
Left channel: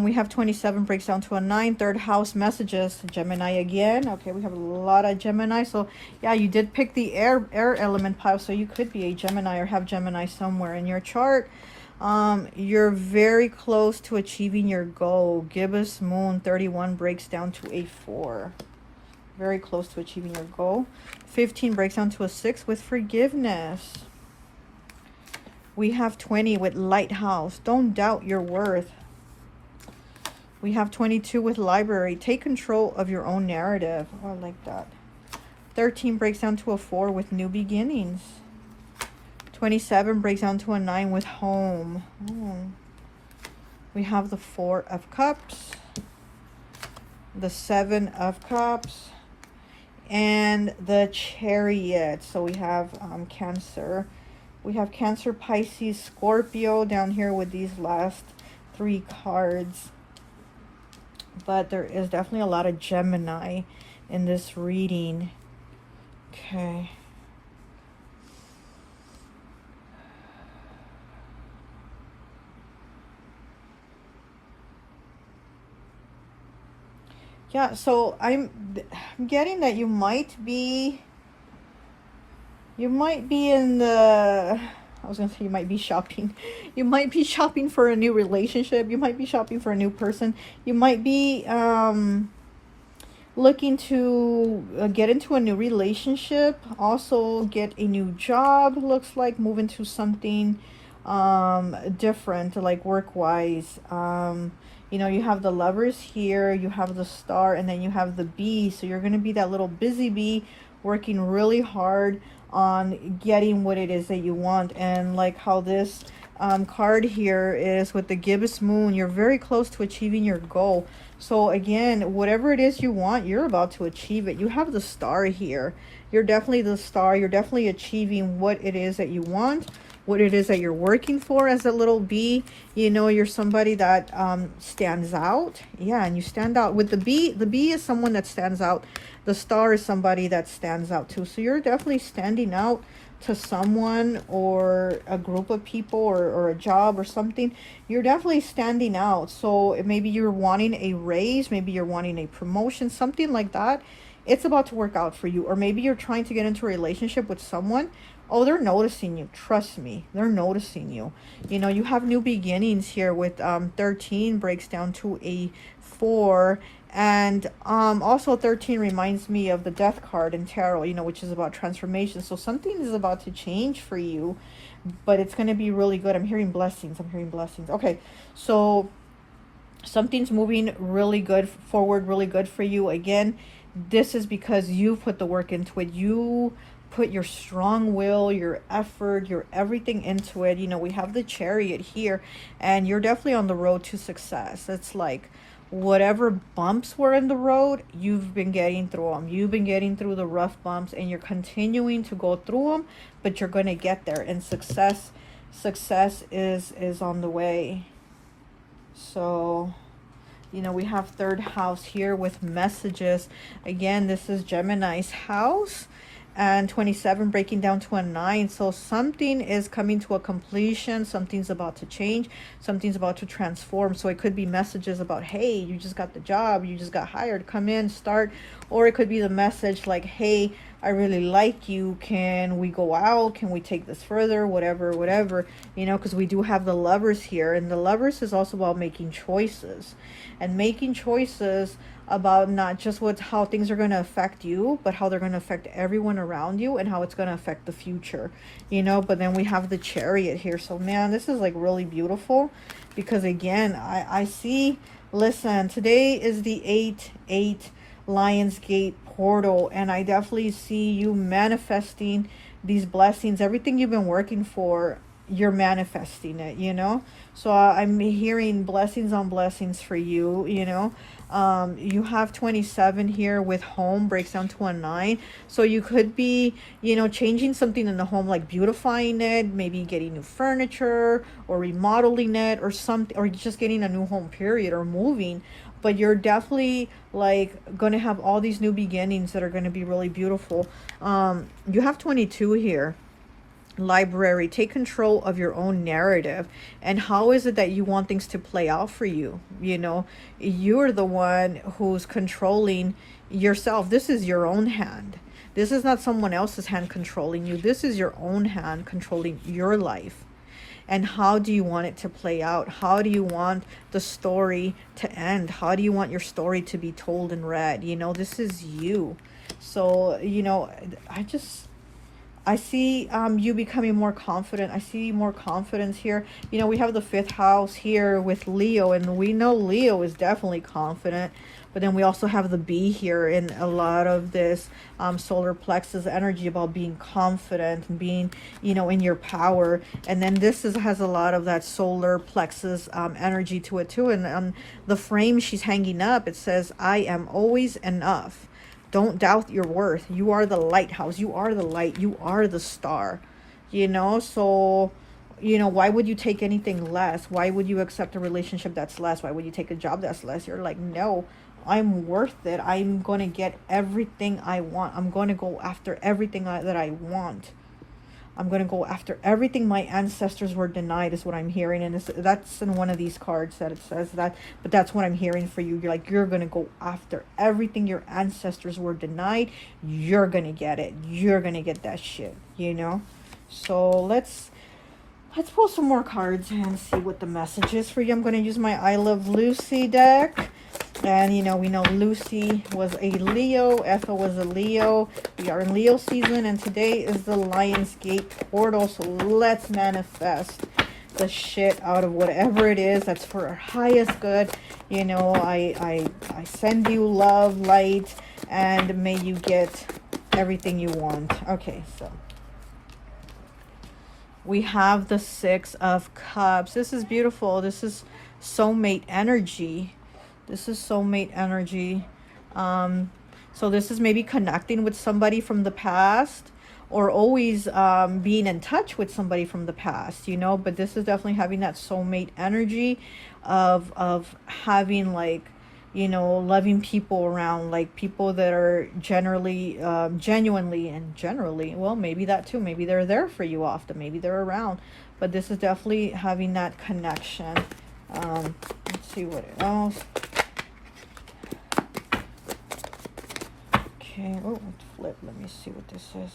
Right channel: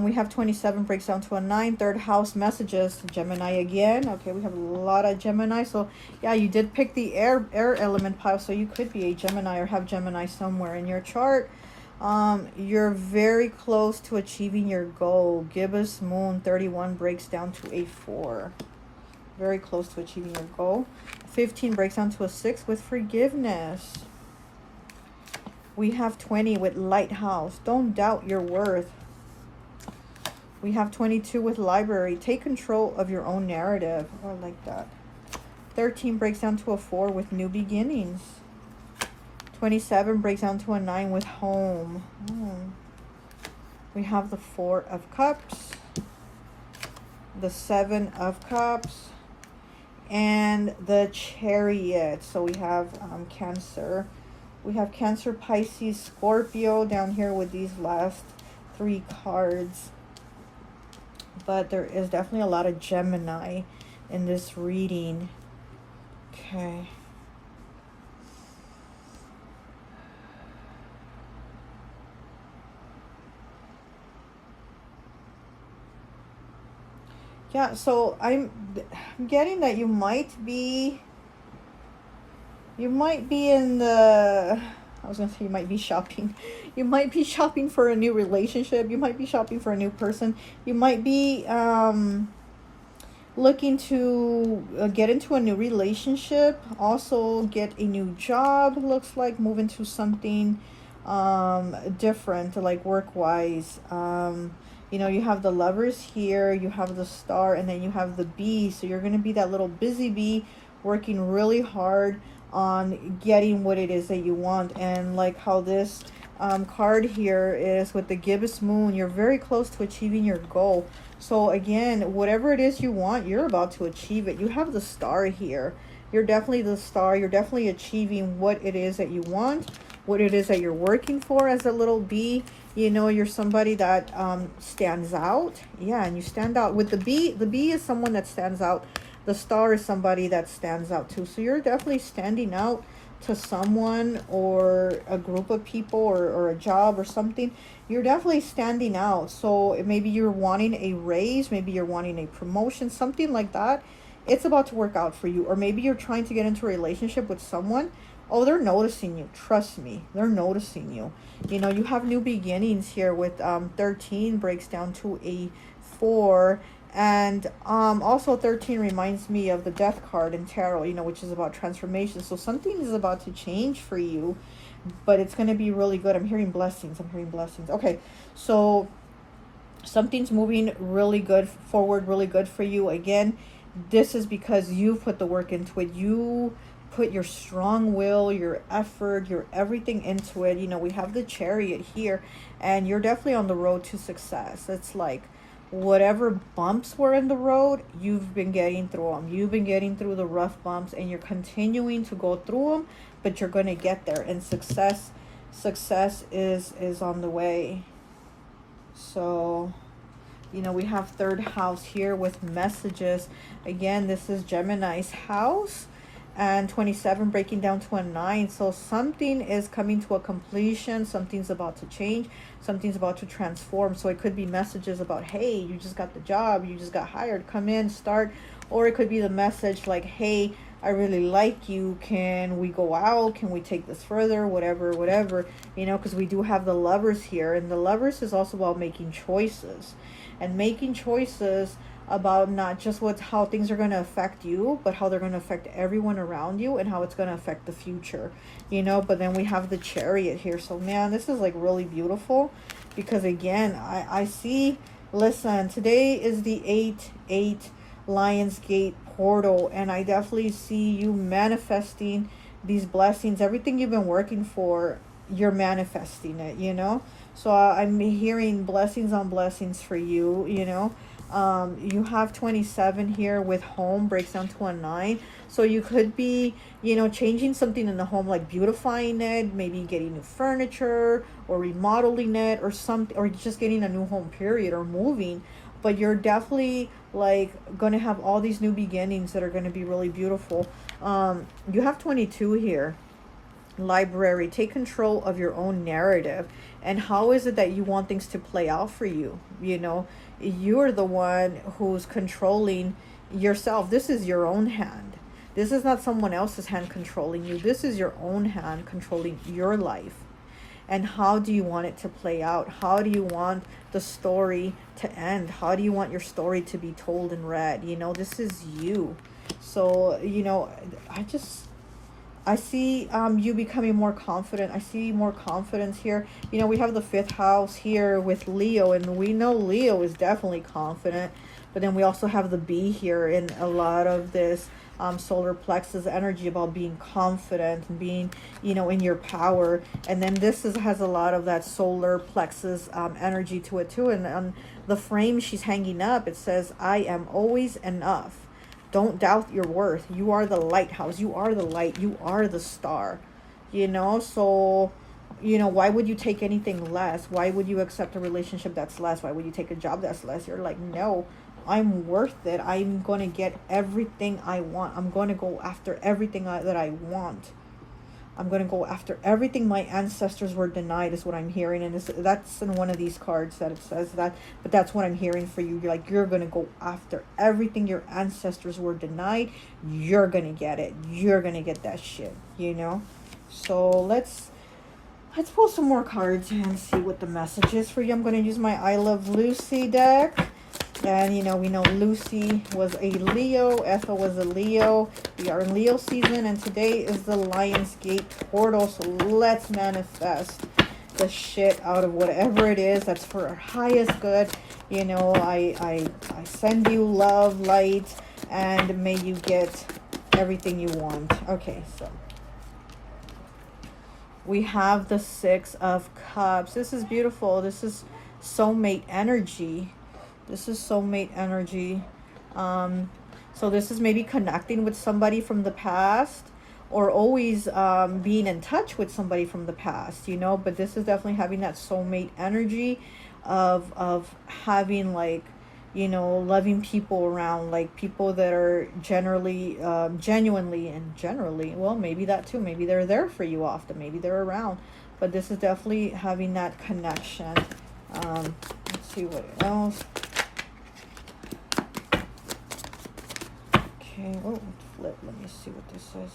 We have 27, breaks down to a 9. 3rd house, messages, Gemini again. Okay, we have a lot of Gemini. So yeah, you did pick the air element pile, so you could be a Gemini or have Gemini somewhere in your chart. You're very close to achieving your goal. Gibbous moon, 31, breaks down to a 4. Very close to achieving your goal. 15 breaks down to a 6 with forgiveness. We have 20 with lighthouse. Don't doubt your worth. We have 22 with library. Take control of your own narrative. Oh, I like that. 13 breaks down to a 4 with new beginnings. 27 breaks down to a 9 with home. We have the 4 of Cups, the 7 of Cups, and the Chariot. So we have Cancer. We have Cancer, Pisces, Scorpio down here with these last 3 cards. But there is definitely a lot of Gemini in this reading. Okay. Yeah, so I'm getting that you might be in the, I was gonna say you might be shopping. You might be shopping for a new relationship. You might be shopping for a new person. You might be looking to get into a new relationship. Also get a new job, looks like. Move into something different, like work-wise. You have the Lovers here, you have the Star, and then you have the Bee. So you're going to be that little busy bee working really hard on getting what it is that you want. And like how this card here is with the gibbous moon, you're very close to achieving your goal. So again, whatever it is you want, you're about to achieve it. You have the Star here. You're definitely the Star. You're definitely achieving what it is that you want, what it is that you're working for as a little bee. You're somebody that stands out. Yeah, and you stand out. With the bee is someone that stands out. The Star is somebody that stands out too. So you're definitely standing out to someone or a group of people or a job or something. You're definitely standing out. So maybe you're wanting a raise, maybe you're wanting a promotion, something like that. It's about to work out for you. Or maybe you're trying to get into a relationship with someone. Oh, they're noticing you. Trust me. They're noticing you. You know, you have new beginnings here with 13 breaks down to a 4. And also 13 reminds me of the death card in tarot, you know, which is about transformation. So something is about to change for you, but it's going to be really good. I'm hearing blessings. I'm hearing blessings. Okay, so something's moving really good forward, really good for you. Again, this is because you put the work into it. You put your strong will, your effort, your everything into it. You know, we have the Chariot here, and you're definitely on the road to success. It's like whatever bumps were in the road, you've been getting through them. You've been getting through the rough bumps, and you're continuing to go through them, but you're going to get there. And success is on the way. So, you know, we have third house here with messages. Again, this is Gemini's house, and 27 breaking down to a 9. So something is coming to a completion. Something's about to change. Something's about to transform. So it could be messages about, hey, you just got the job, you just got hired, come in, start. Or it could be the message like, hey, I really like you, can we go out, can we take this further, whatever, you know, because we do have the Lovers here, and the Lovers is also about making choices, and making choices about not just how things are going to affect you, but how they're going to affect everyone around you, and how it's going to affect the future, you know. But then we have the Chariot here. So man, this is like really beautiful, because again, I see, listen, today is the 8/8 Lionsgate portal, and I definitely see you manifesting these blessings. Everything you've been working for, you're manifesting it, you know. So I'm hearing blessings on blessings for you, you know. You have 27 here with home breaks down to a 9. So you could be, you know, changing something in the home, like beautifying it, maybe getting new furniture or remodeling it or something, or just getting a new home period, or moving. But you're definitely like going to have all these new beginnings that are going to be really beautiful. You have 22 here. Library. Take control of your own narrative. And how is it that you want things to play out for you? You know, you're the one who's controlling yourself. This is your own hand. This is not someone else's hand controlling you. This is your own hand controlling your life. And how do you want it to play out? How do you want the story to end? How do you want your story to be told and read? You know, this is you. So, you know, I see you becoming more confident. I see more confidence here. You know, we have the 5th house here with Leo, and we know Leo is definitely confident. But then we also have the B here in a lot of this solar plexus energy about being confident and being, you know, in your power. And then this has a lot of that solar plexus energy to it too. And the frame she's hanging up, it says, I am always enough. Don't doubt your worth. You are the lighthouse. You are the light. You are the star. You know, so, you know, why would you take anything less? Why would you accept a relationship that's less? Why would you take a job that's less? You're like, no, I'm worth it. I'm going to get everything I want. I'm going to go after everything that I want. I'm going to go after everything my ancestors were denied, is what I'm hearing. And that's in one of these cards that it says that. But that's what I'm hearing for you. You're like, you're going to go after everything your ancestors were denied. You're going to get it. You're going to get that shit, you know. So let's pull some more cards and see what the message is for you. I'm going to use my I Love Lucy deck. And, you know, we know Lucy was a Leo. Ethel was a Leo. We are in Leo season, and today is the Lionsgate portal. So let's manifest the shit out of whatever it is that's for our highest good. You know, I send you love, light, and may you get everything you want. Okay, so we have the 6 of Cups. This is beautiful. This is soulmate energy. This is soulmate energy. So this is maybe connecting with somebody from the past, or always being in touch with somebody from the past, you know. But this is definitely having that soulmate energy of having, like, you know, loving people around, like people that are genuinely, well, maybe that too. Maybe they're there for you often. Maybe they're around. But this is definitely having that connection. Let's see what else. Okay, oh, flip. Let me see what this is.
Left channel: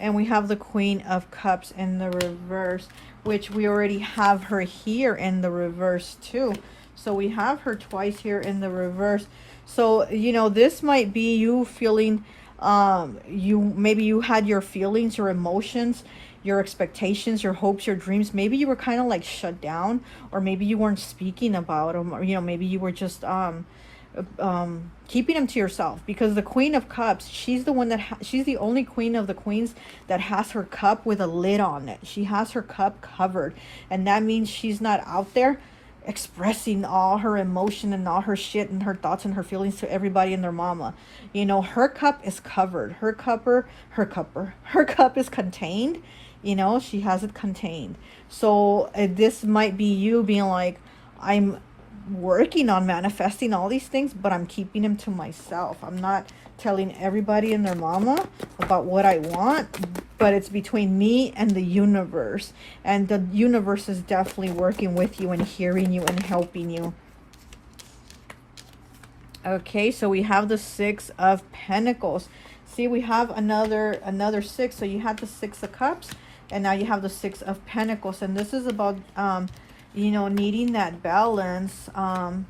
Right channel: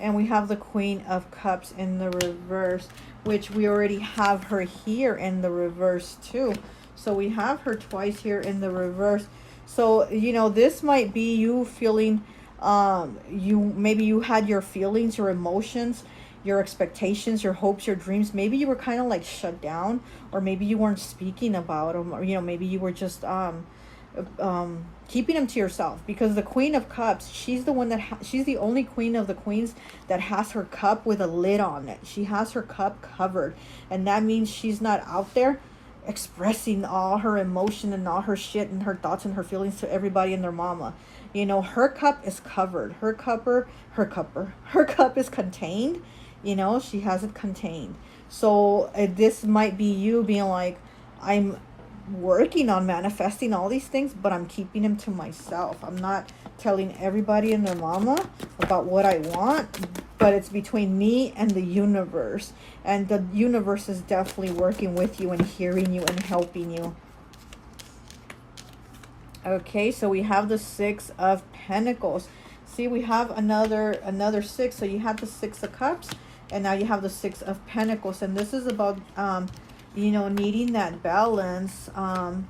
And we have the Queen of Cups in the reverse, which we already have her here in the reverse too. So we have her twice here in the reverse. So, you know, this might be you feeling, maybe you had your feelings, your emotions, your expectations, your hopes, your dreams. Maybe you were kind of like shut down, or maybe you weren't speaking about them, or, you know, maybe you were just, keeping them to yourself, because the Queen of Cups, she's the one that she's the only queen of the queens that has her cup with a lid on it. She has her cup covered, and that means she's not out there expressing all her emotion and all her shit and her thoughts and her feelings to everybody and their mama. You know, her cup is covered. Her cup is contained. You know, she has it contained. So this might be you being like, I'm working on manifesting all these things, but I'm keeping them to myself. I'm not telling everybody and their mama about what I want, but it's between me and the universe. And the universe is definitely working with you and hearing you and helping you. Okay, so we have the Six of Pentacles. See, we have another six. So you have the Six of Cups, and now you have the Six of Pentacles. And this is about you know, needing that balance, and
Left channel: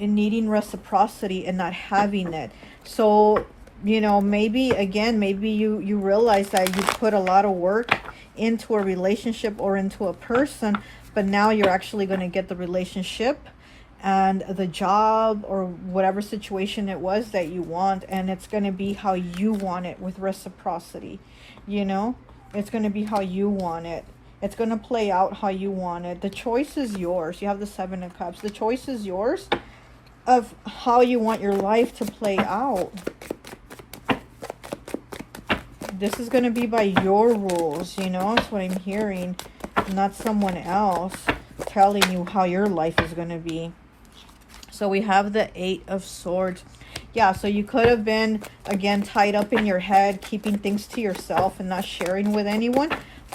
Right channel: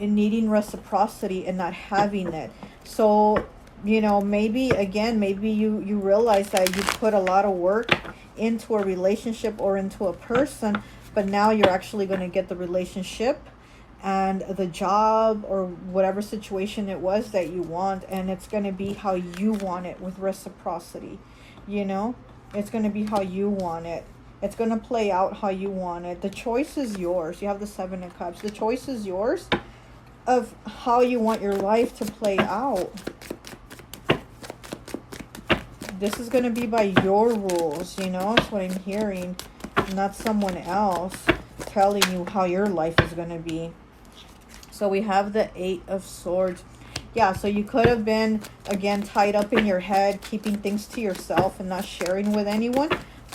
needing reciprocity and not having it. So, you know, maybe again, maybe you realize that you put a lot of work into a relationship or into a person, but now you're actually going to get the relationship and the job or whatever situation it was that you want, and it's going to be how you want it with reciprocity. You know, it's going to be how you want it. It's going to play out how you want it. The choice is yours. You have the Seven of Cups. The choice is yours of how you want your life to play out. This is going to be by your rules, you know, that's what I'm hearing, not someone else telling you how your life is going to be. So we have the Eight of Swords. Yeah, so you could have been, again, tied up in your head, keeping things to yourself and not sharing with anyone.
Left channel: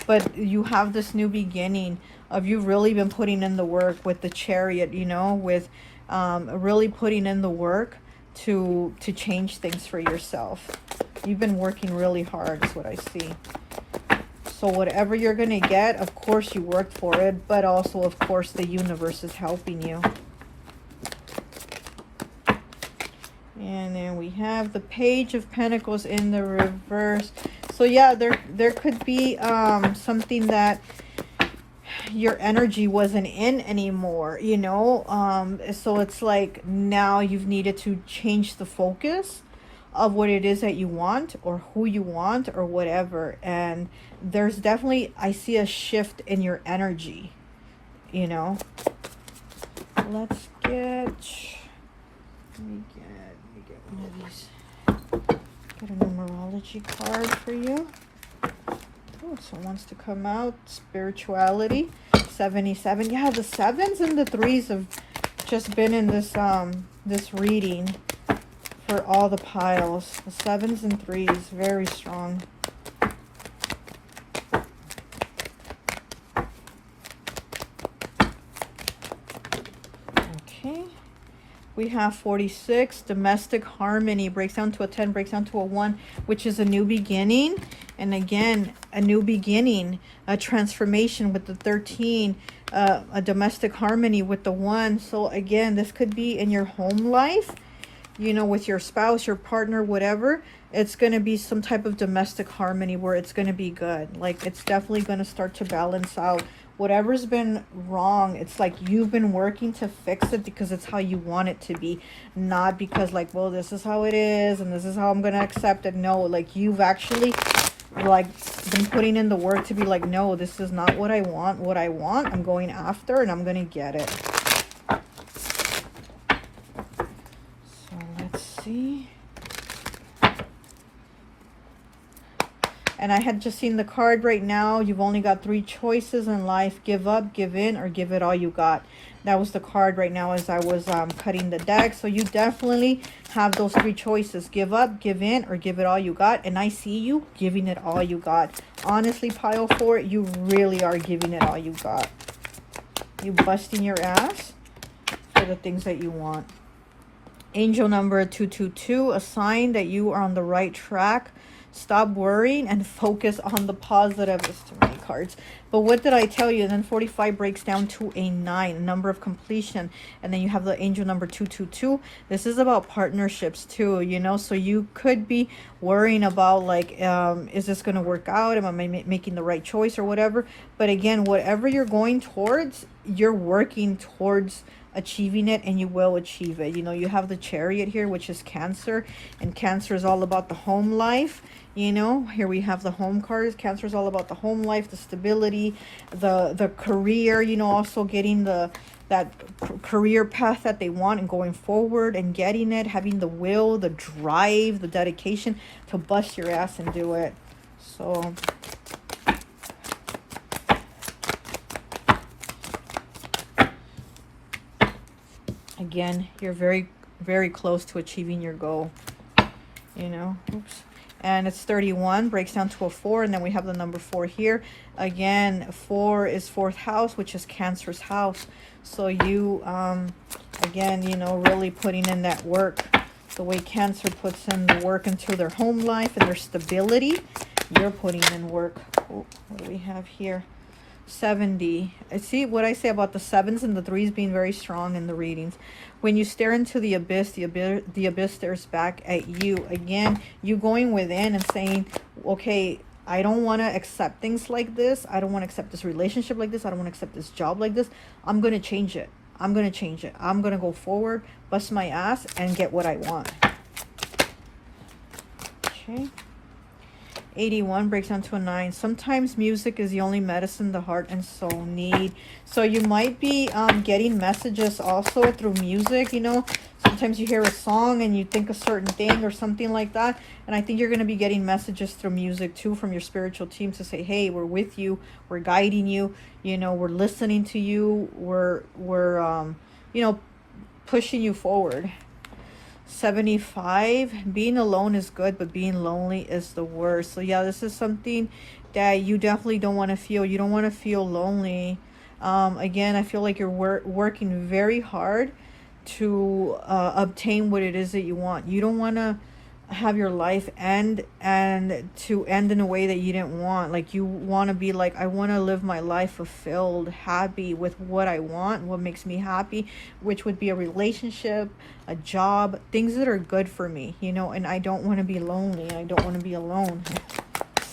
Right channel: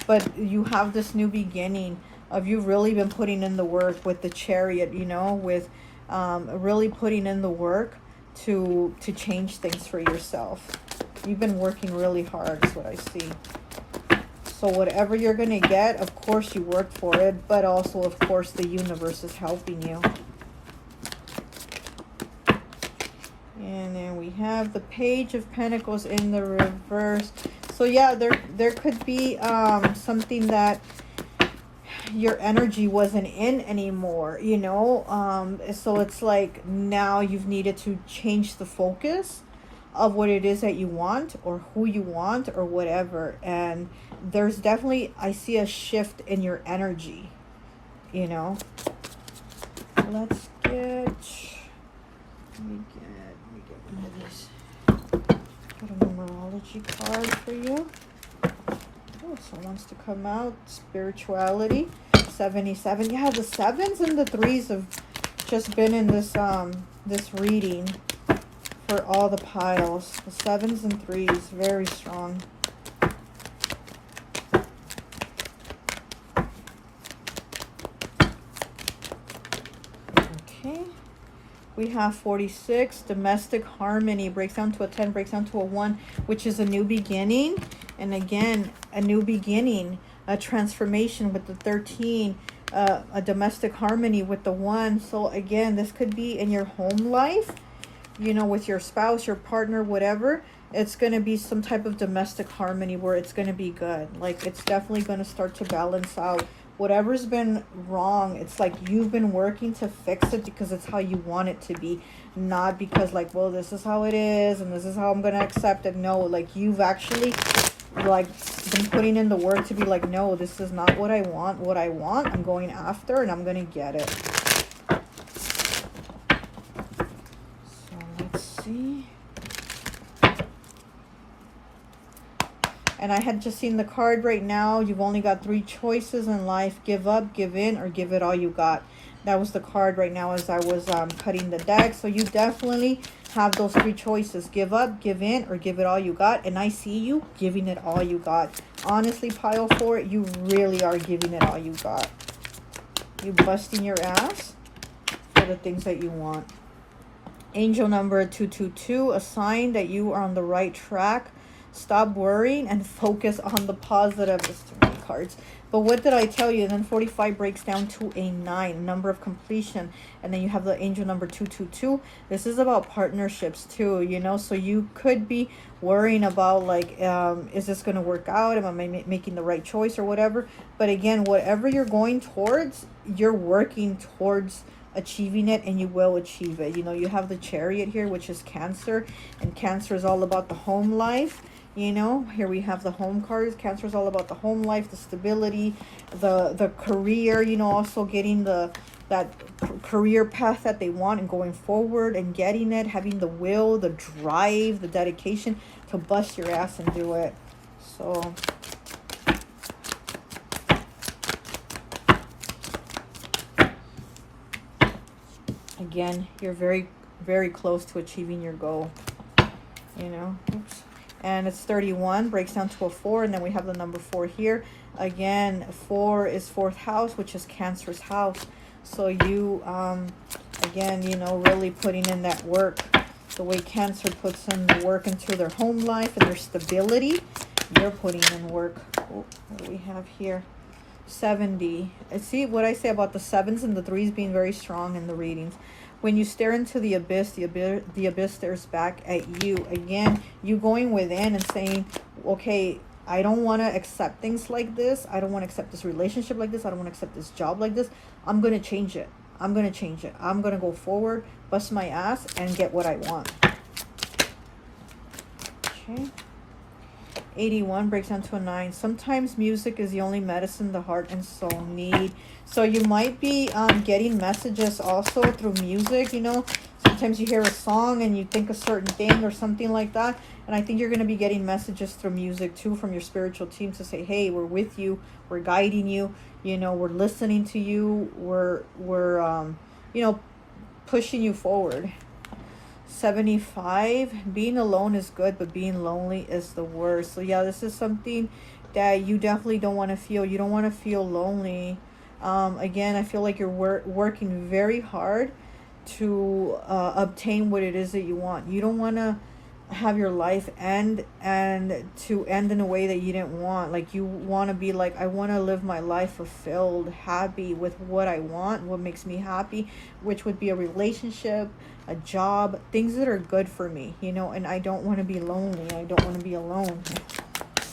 But you have this new beginning of you've really been putting in the work with the Chariot, you know, with really putting in the work to change things for yourself. You've been working really hard, is what I see. So whatever you're going to get, of course you worked for it, but also, of course, the universe is helping you. And then we have the Page of Pentacles in the reverse. So yeah, there could be something that your energy wasn't in anymore, you know. So it's like now you've needed to change the focus of what it is that you want or who you want or whatever. And there's definitely, I see a shift in your energy, you know. Let's get, let me get one of these. Get a numerology card for you. Oh, someone wants to come out. Spirituality. 77. Yeah, the 7s and the 3s have just been in this this reading for all the piles. The 7s and 3s, very strong. Okay. We have 46, domestic harmony, breaks down to a 10, breaks down to a 1, which is a new beginning. And again, a new beginning, a transformation with the 13, a domestic harmony with the 1. So again, this could be in your home life, you know, with your spouse, your partner, whatever. It's going to be some type of domestic harmony where it's going to be good. Like, it's definitely going to start to balance out. Whatever's been wrong, it's like you've been working to fix it because it's how you want it to be, not because like, well, this is how it is and this is how I'm going to accept it. No, like you've actually like been putting in the work to be like, no, this is not what I want. What I want, I'm going after, and I'm going to get it. So let's see. And I had just seen the card right now. You've only got 3 choices in life. Give up, give in, or give it all you got. That was the card right now as I was cutting the deck. So you definitely have those 3 choices. Give up, give in, or give it all you got. And I see you giving it all you got. Honestly, pile 4, you really are giving it all you got. You busting your ass for the things that you want. Angel number 222, a sign that you are on the right track. Stop worrying and focus on the positive. It's too many cards. But what did I tell you? And then 45 breaks down to a 9, number of completion. And then you have the angel number 222. This is about partnerships too, you know. So you could be worrying about like, is this going to work out? Am I making the right choice or whatever? But again, whatever you're going towards, you're working towards achieving it, and you will achieve it. You know, you have the Chariot here, which is Cancer, and Cancer is all about the home life. You know, here we have the home cards. Cancer is all about the home life, the stability, the career, you know, also getting that career path that they want and going forward and getting it, having the will, the drive, the dedication to bust your ass and do it. So again, you're very, very close to achieving your goal, you know. Oops. And it's 31, breaks down to a 4, and then we have the number 4 here. Again, 4 is 4th house, which is Cancer's house. So you, again, you know, really putting in that work. The way Cancer puts in the work into their home life and their stability, you're putting in work. Ooh, what do we have here? 70. I see what I say about the 7s and the 3s being very strong in the readings. When you stare into the abyss stares back at you. Again, you going within and saying, okay, I don't want to accept things like this. I don't want to accept this relationship like this. I don't want to accept this job like this. I'm going to change it. I'm going to change it. I'm going to go forward, bust my ass, and get what I want. Okay. 81 breaks down to a 9. Sometimes music is the only medicine the heart and soul need. So you might be getting messages also through music, you know. Sometimes you hear a song and you think a certain thing or something like that. And I think you're going to be getting messages through music too from your spiritual team to say, hey, we're with you, we're guiding you, you know, we're listening to you, we're you know, pushing you forward. 75, being alone is good, but being lonely is the worst. So yeah, this is something that you definitely don't want to feel. You don't want to feel lonely. Again, I feel like you're working very hard to obtain what it is that you want. You don't want to have your life end and to end in a way that you didn't want. Like you want to be like, I want to live my life fulfilled, happy with what I want, what makes me happy, which would be a relationship, a job, things that are good for me, you know. And I don't want to be lonely. I don't want to be alone.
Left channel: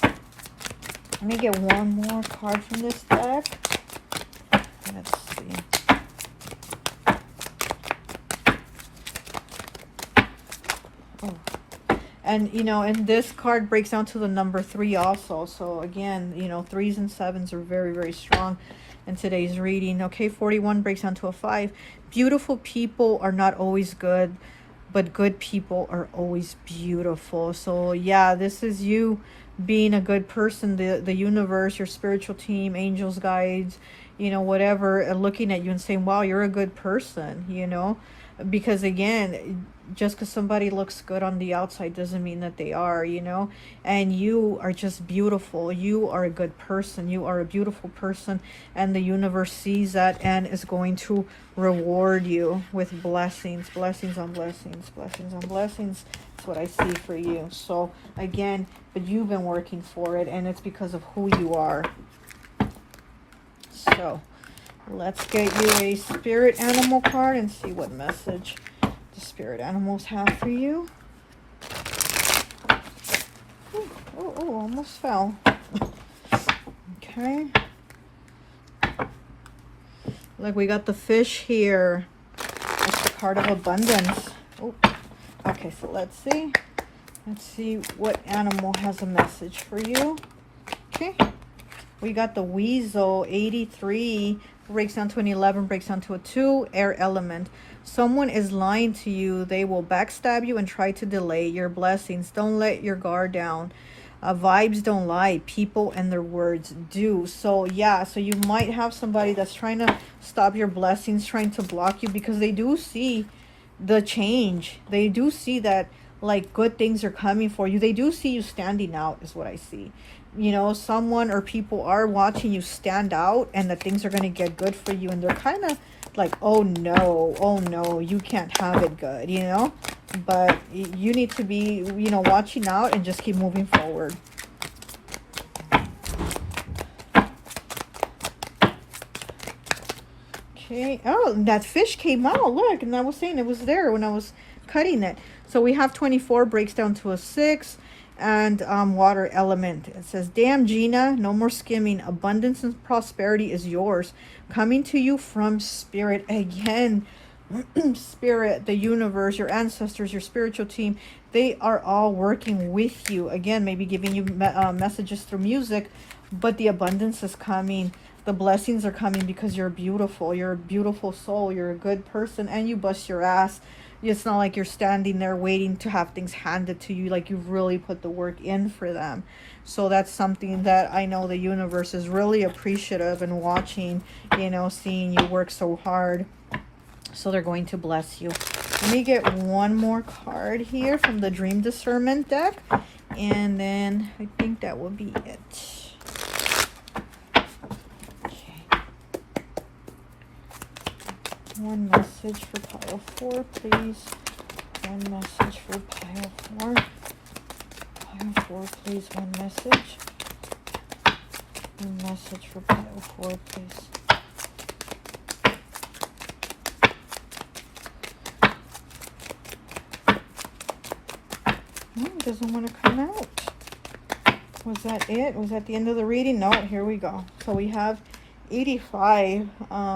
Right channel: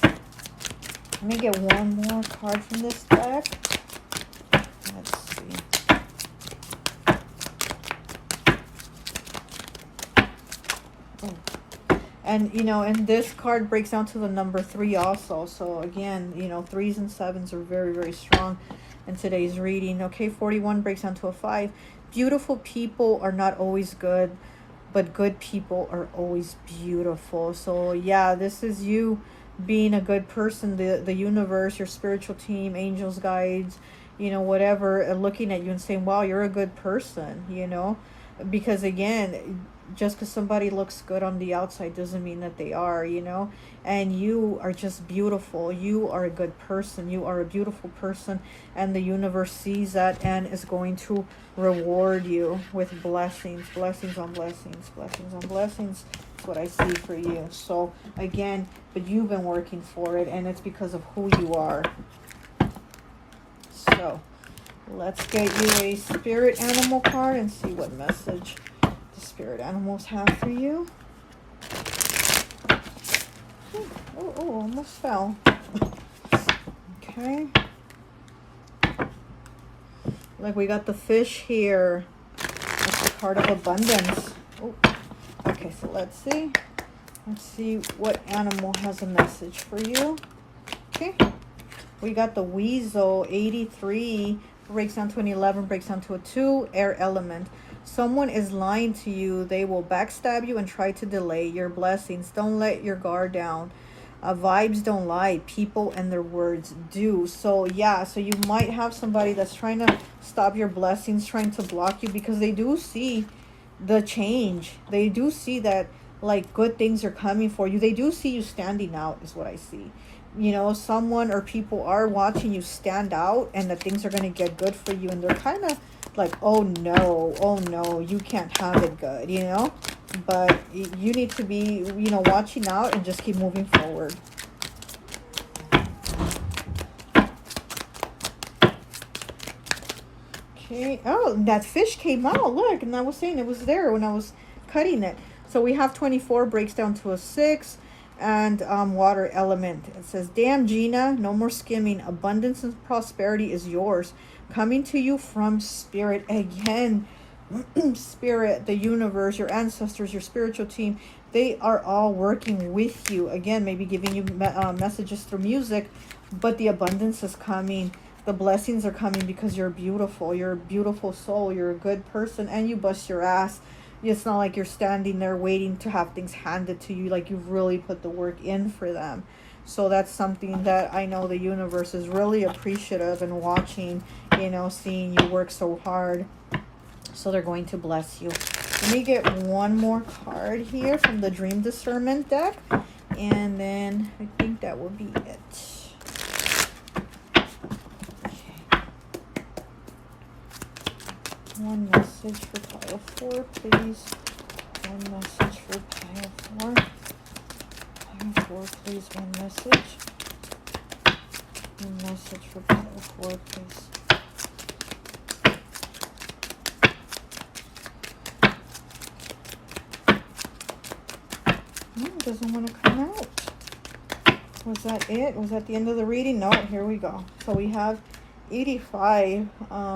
Let me get one more card from this deck. Let's see. And, you know, and this card breaks down to the number 3 also. So, again, you know, 3s and 7s are very, very strong in today's reading. Okay, 41 breaks down to a 5. Beautiful people are not always good, but good people are always beautiful. So, yeah, this is you being a good person. The universe, your spiritual team, angels, guides, you know, whatever, and looking at you and saying, wow, you're a good person, you know. Because, again, just because somebody looks good on the outside doesn't mean that they are, you know. And you are just beautiful. You are a good person. You are a beautiful person, and the universe sees that and is going to reward you with blessings, blessings on blessings, blessings on blessings. That's what I see for you. So again, but you've been working for it, and it's because of who you are. So let's get you a spirit animal card and see what message the spirit animals have for you. Oh, almost fell. Okay. Look, we got the fish here. It's a card of abundance. Oh. Okay, so let's see. Let's see what animal has a message for you. Okay. We got the weasel, 83. Breaks down to an 11, breaks down to a 2, air element. Someone is lying to you. They will backstab you and try to delay your blessings. Don't let your guard down. Vibes don't lie. People and their words do. So yeah, so you might have somebody that's trying to stop your blessings, trying to block you, because they do see the change. They do see that like good things are coming for you. They do see you standing out is what I see. You know, someone or people are watching you stand out and that things are going to get good for you. And they're kind of like, oh no, you can't have it good, you know. But you need to be, you know, watching out and just keep moving forward. Okay. Oh, that fish came out. Look, and I was saying it was there when I was cutting it. So we have 24 breaks down to a 6, and water element. It says, "Damn, Gina, no more skimming. Abundance and prosperity is yours, coming to you from spirit." Again, spirit, the universe, your ancestors, your spiritual team, they are all working with you. Again, maybe giving you messages through music, but the abundance is coming. The blessings are coming because you're beautiful. You're a beautiful soul. You're a good person, and you bust your ass. It's not like you're standing there waiting to have things handed to you. Like, you've really put the work in for them. So that's something that I know the universe is really appreciative and watching, you know, seeing you work so hard. So they're going to bless you. Let me get one more card here from the Dream Discernment deck, and then I think that will be it. One message for pile 4, please. One message for pile 4. Pile 4, please. One message. One message for pile 4, please. Oh, it doesn't want to come out. Was that it? Was that the end of the reading? No, here we go. So we have 85,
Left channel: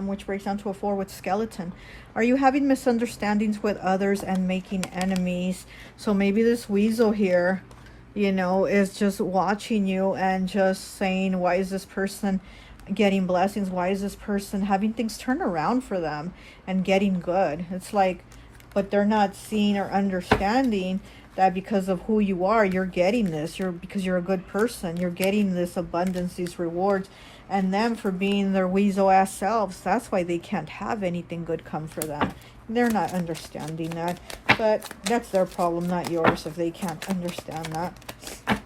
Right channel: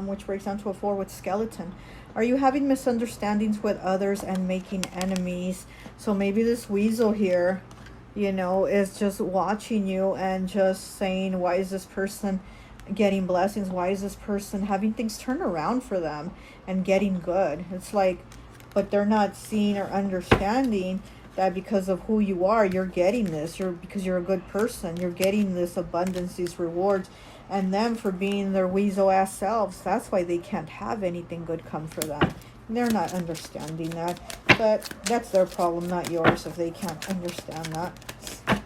which breaks down to a 4 with skeleton. Are you having misunderstandings with others and making enemies? So maybe this weasel here, you know, is just watching you and just saying, why is this person getting blessings? Why is this person having things turn around for them and getting good? It's like, but they're not seeing or understanding that because of who you are, you're getting this. Because you're a good person, you're getting this abundance, these rewards. And them for being their weasel ass selves, that's why they can't have anything good come for them. They're not understanding that. But that's their problem, not yours, if they can't understand that.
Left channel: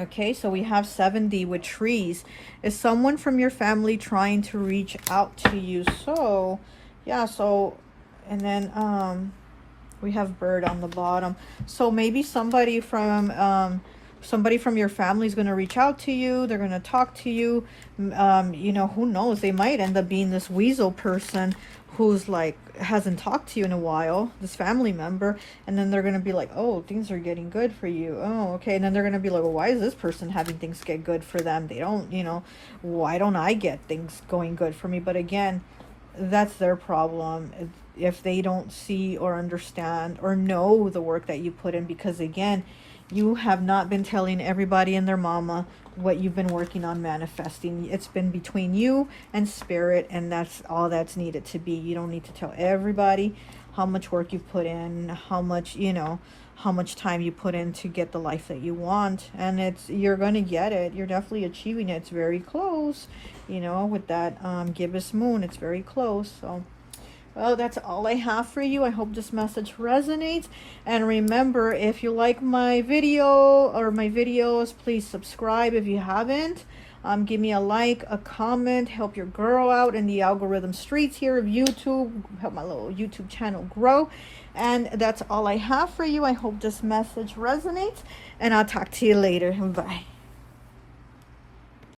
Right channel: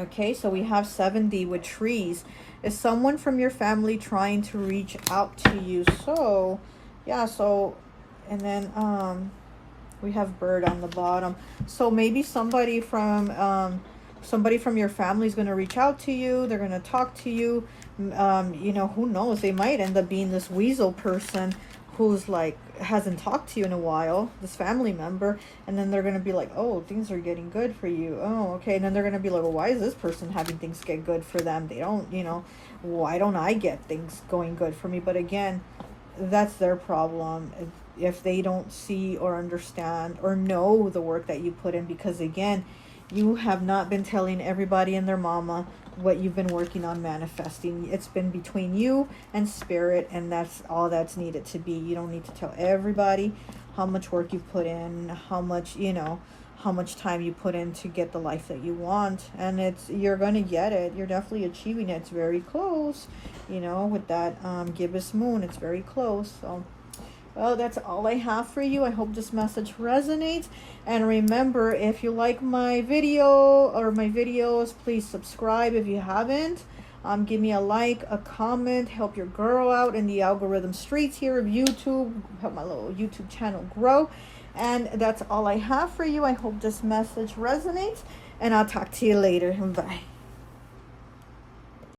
Okay, so we have 70 with trees. Is someone from your family trying to reach out to you? So, yeah, so, and then we have bird on the bottom. So maybe somebody from your family is going to reach out to you. They're going to talk to you. You know, who knows? They might end up being this weasel person who's like hasn't talked to you in a while, this family member, and then they're going to be like, oh, things are getting good for you. Oh, okay. And then they're going to be like, well, why is this person having things get good for them? They don't, you know, why don't I get things going good for me? But again, that's their problem. If they don't see or understand or know the work that you put in, because again, you have not been telling everybody and their mama what you've been working on manifesting. It's been between you and spirit, and that's all that's needed to be. You don't need to tell everybody how much work you've put in, how much, you know, how much time you put in to get the life that you want. And you're going to get it. You're definitely achieving it. It's very close, you know, with that gibbous moon. It's very close. So, well, that's all I have for you. I hope this message resonates. And remember, if you like my video or my videos, please subscribe if you haven't. Give me a like, a comment, help your girl out in the algorithm streets here of YouTube. Help my little YouTube channel grow. And that's all I have for you. I hope this message resonates. And I'll talk to you later. Bye.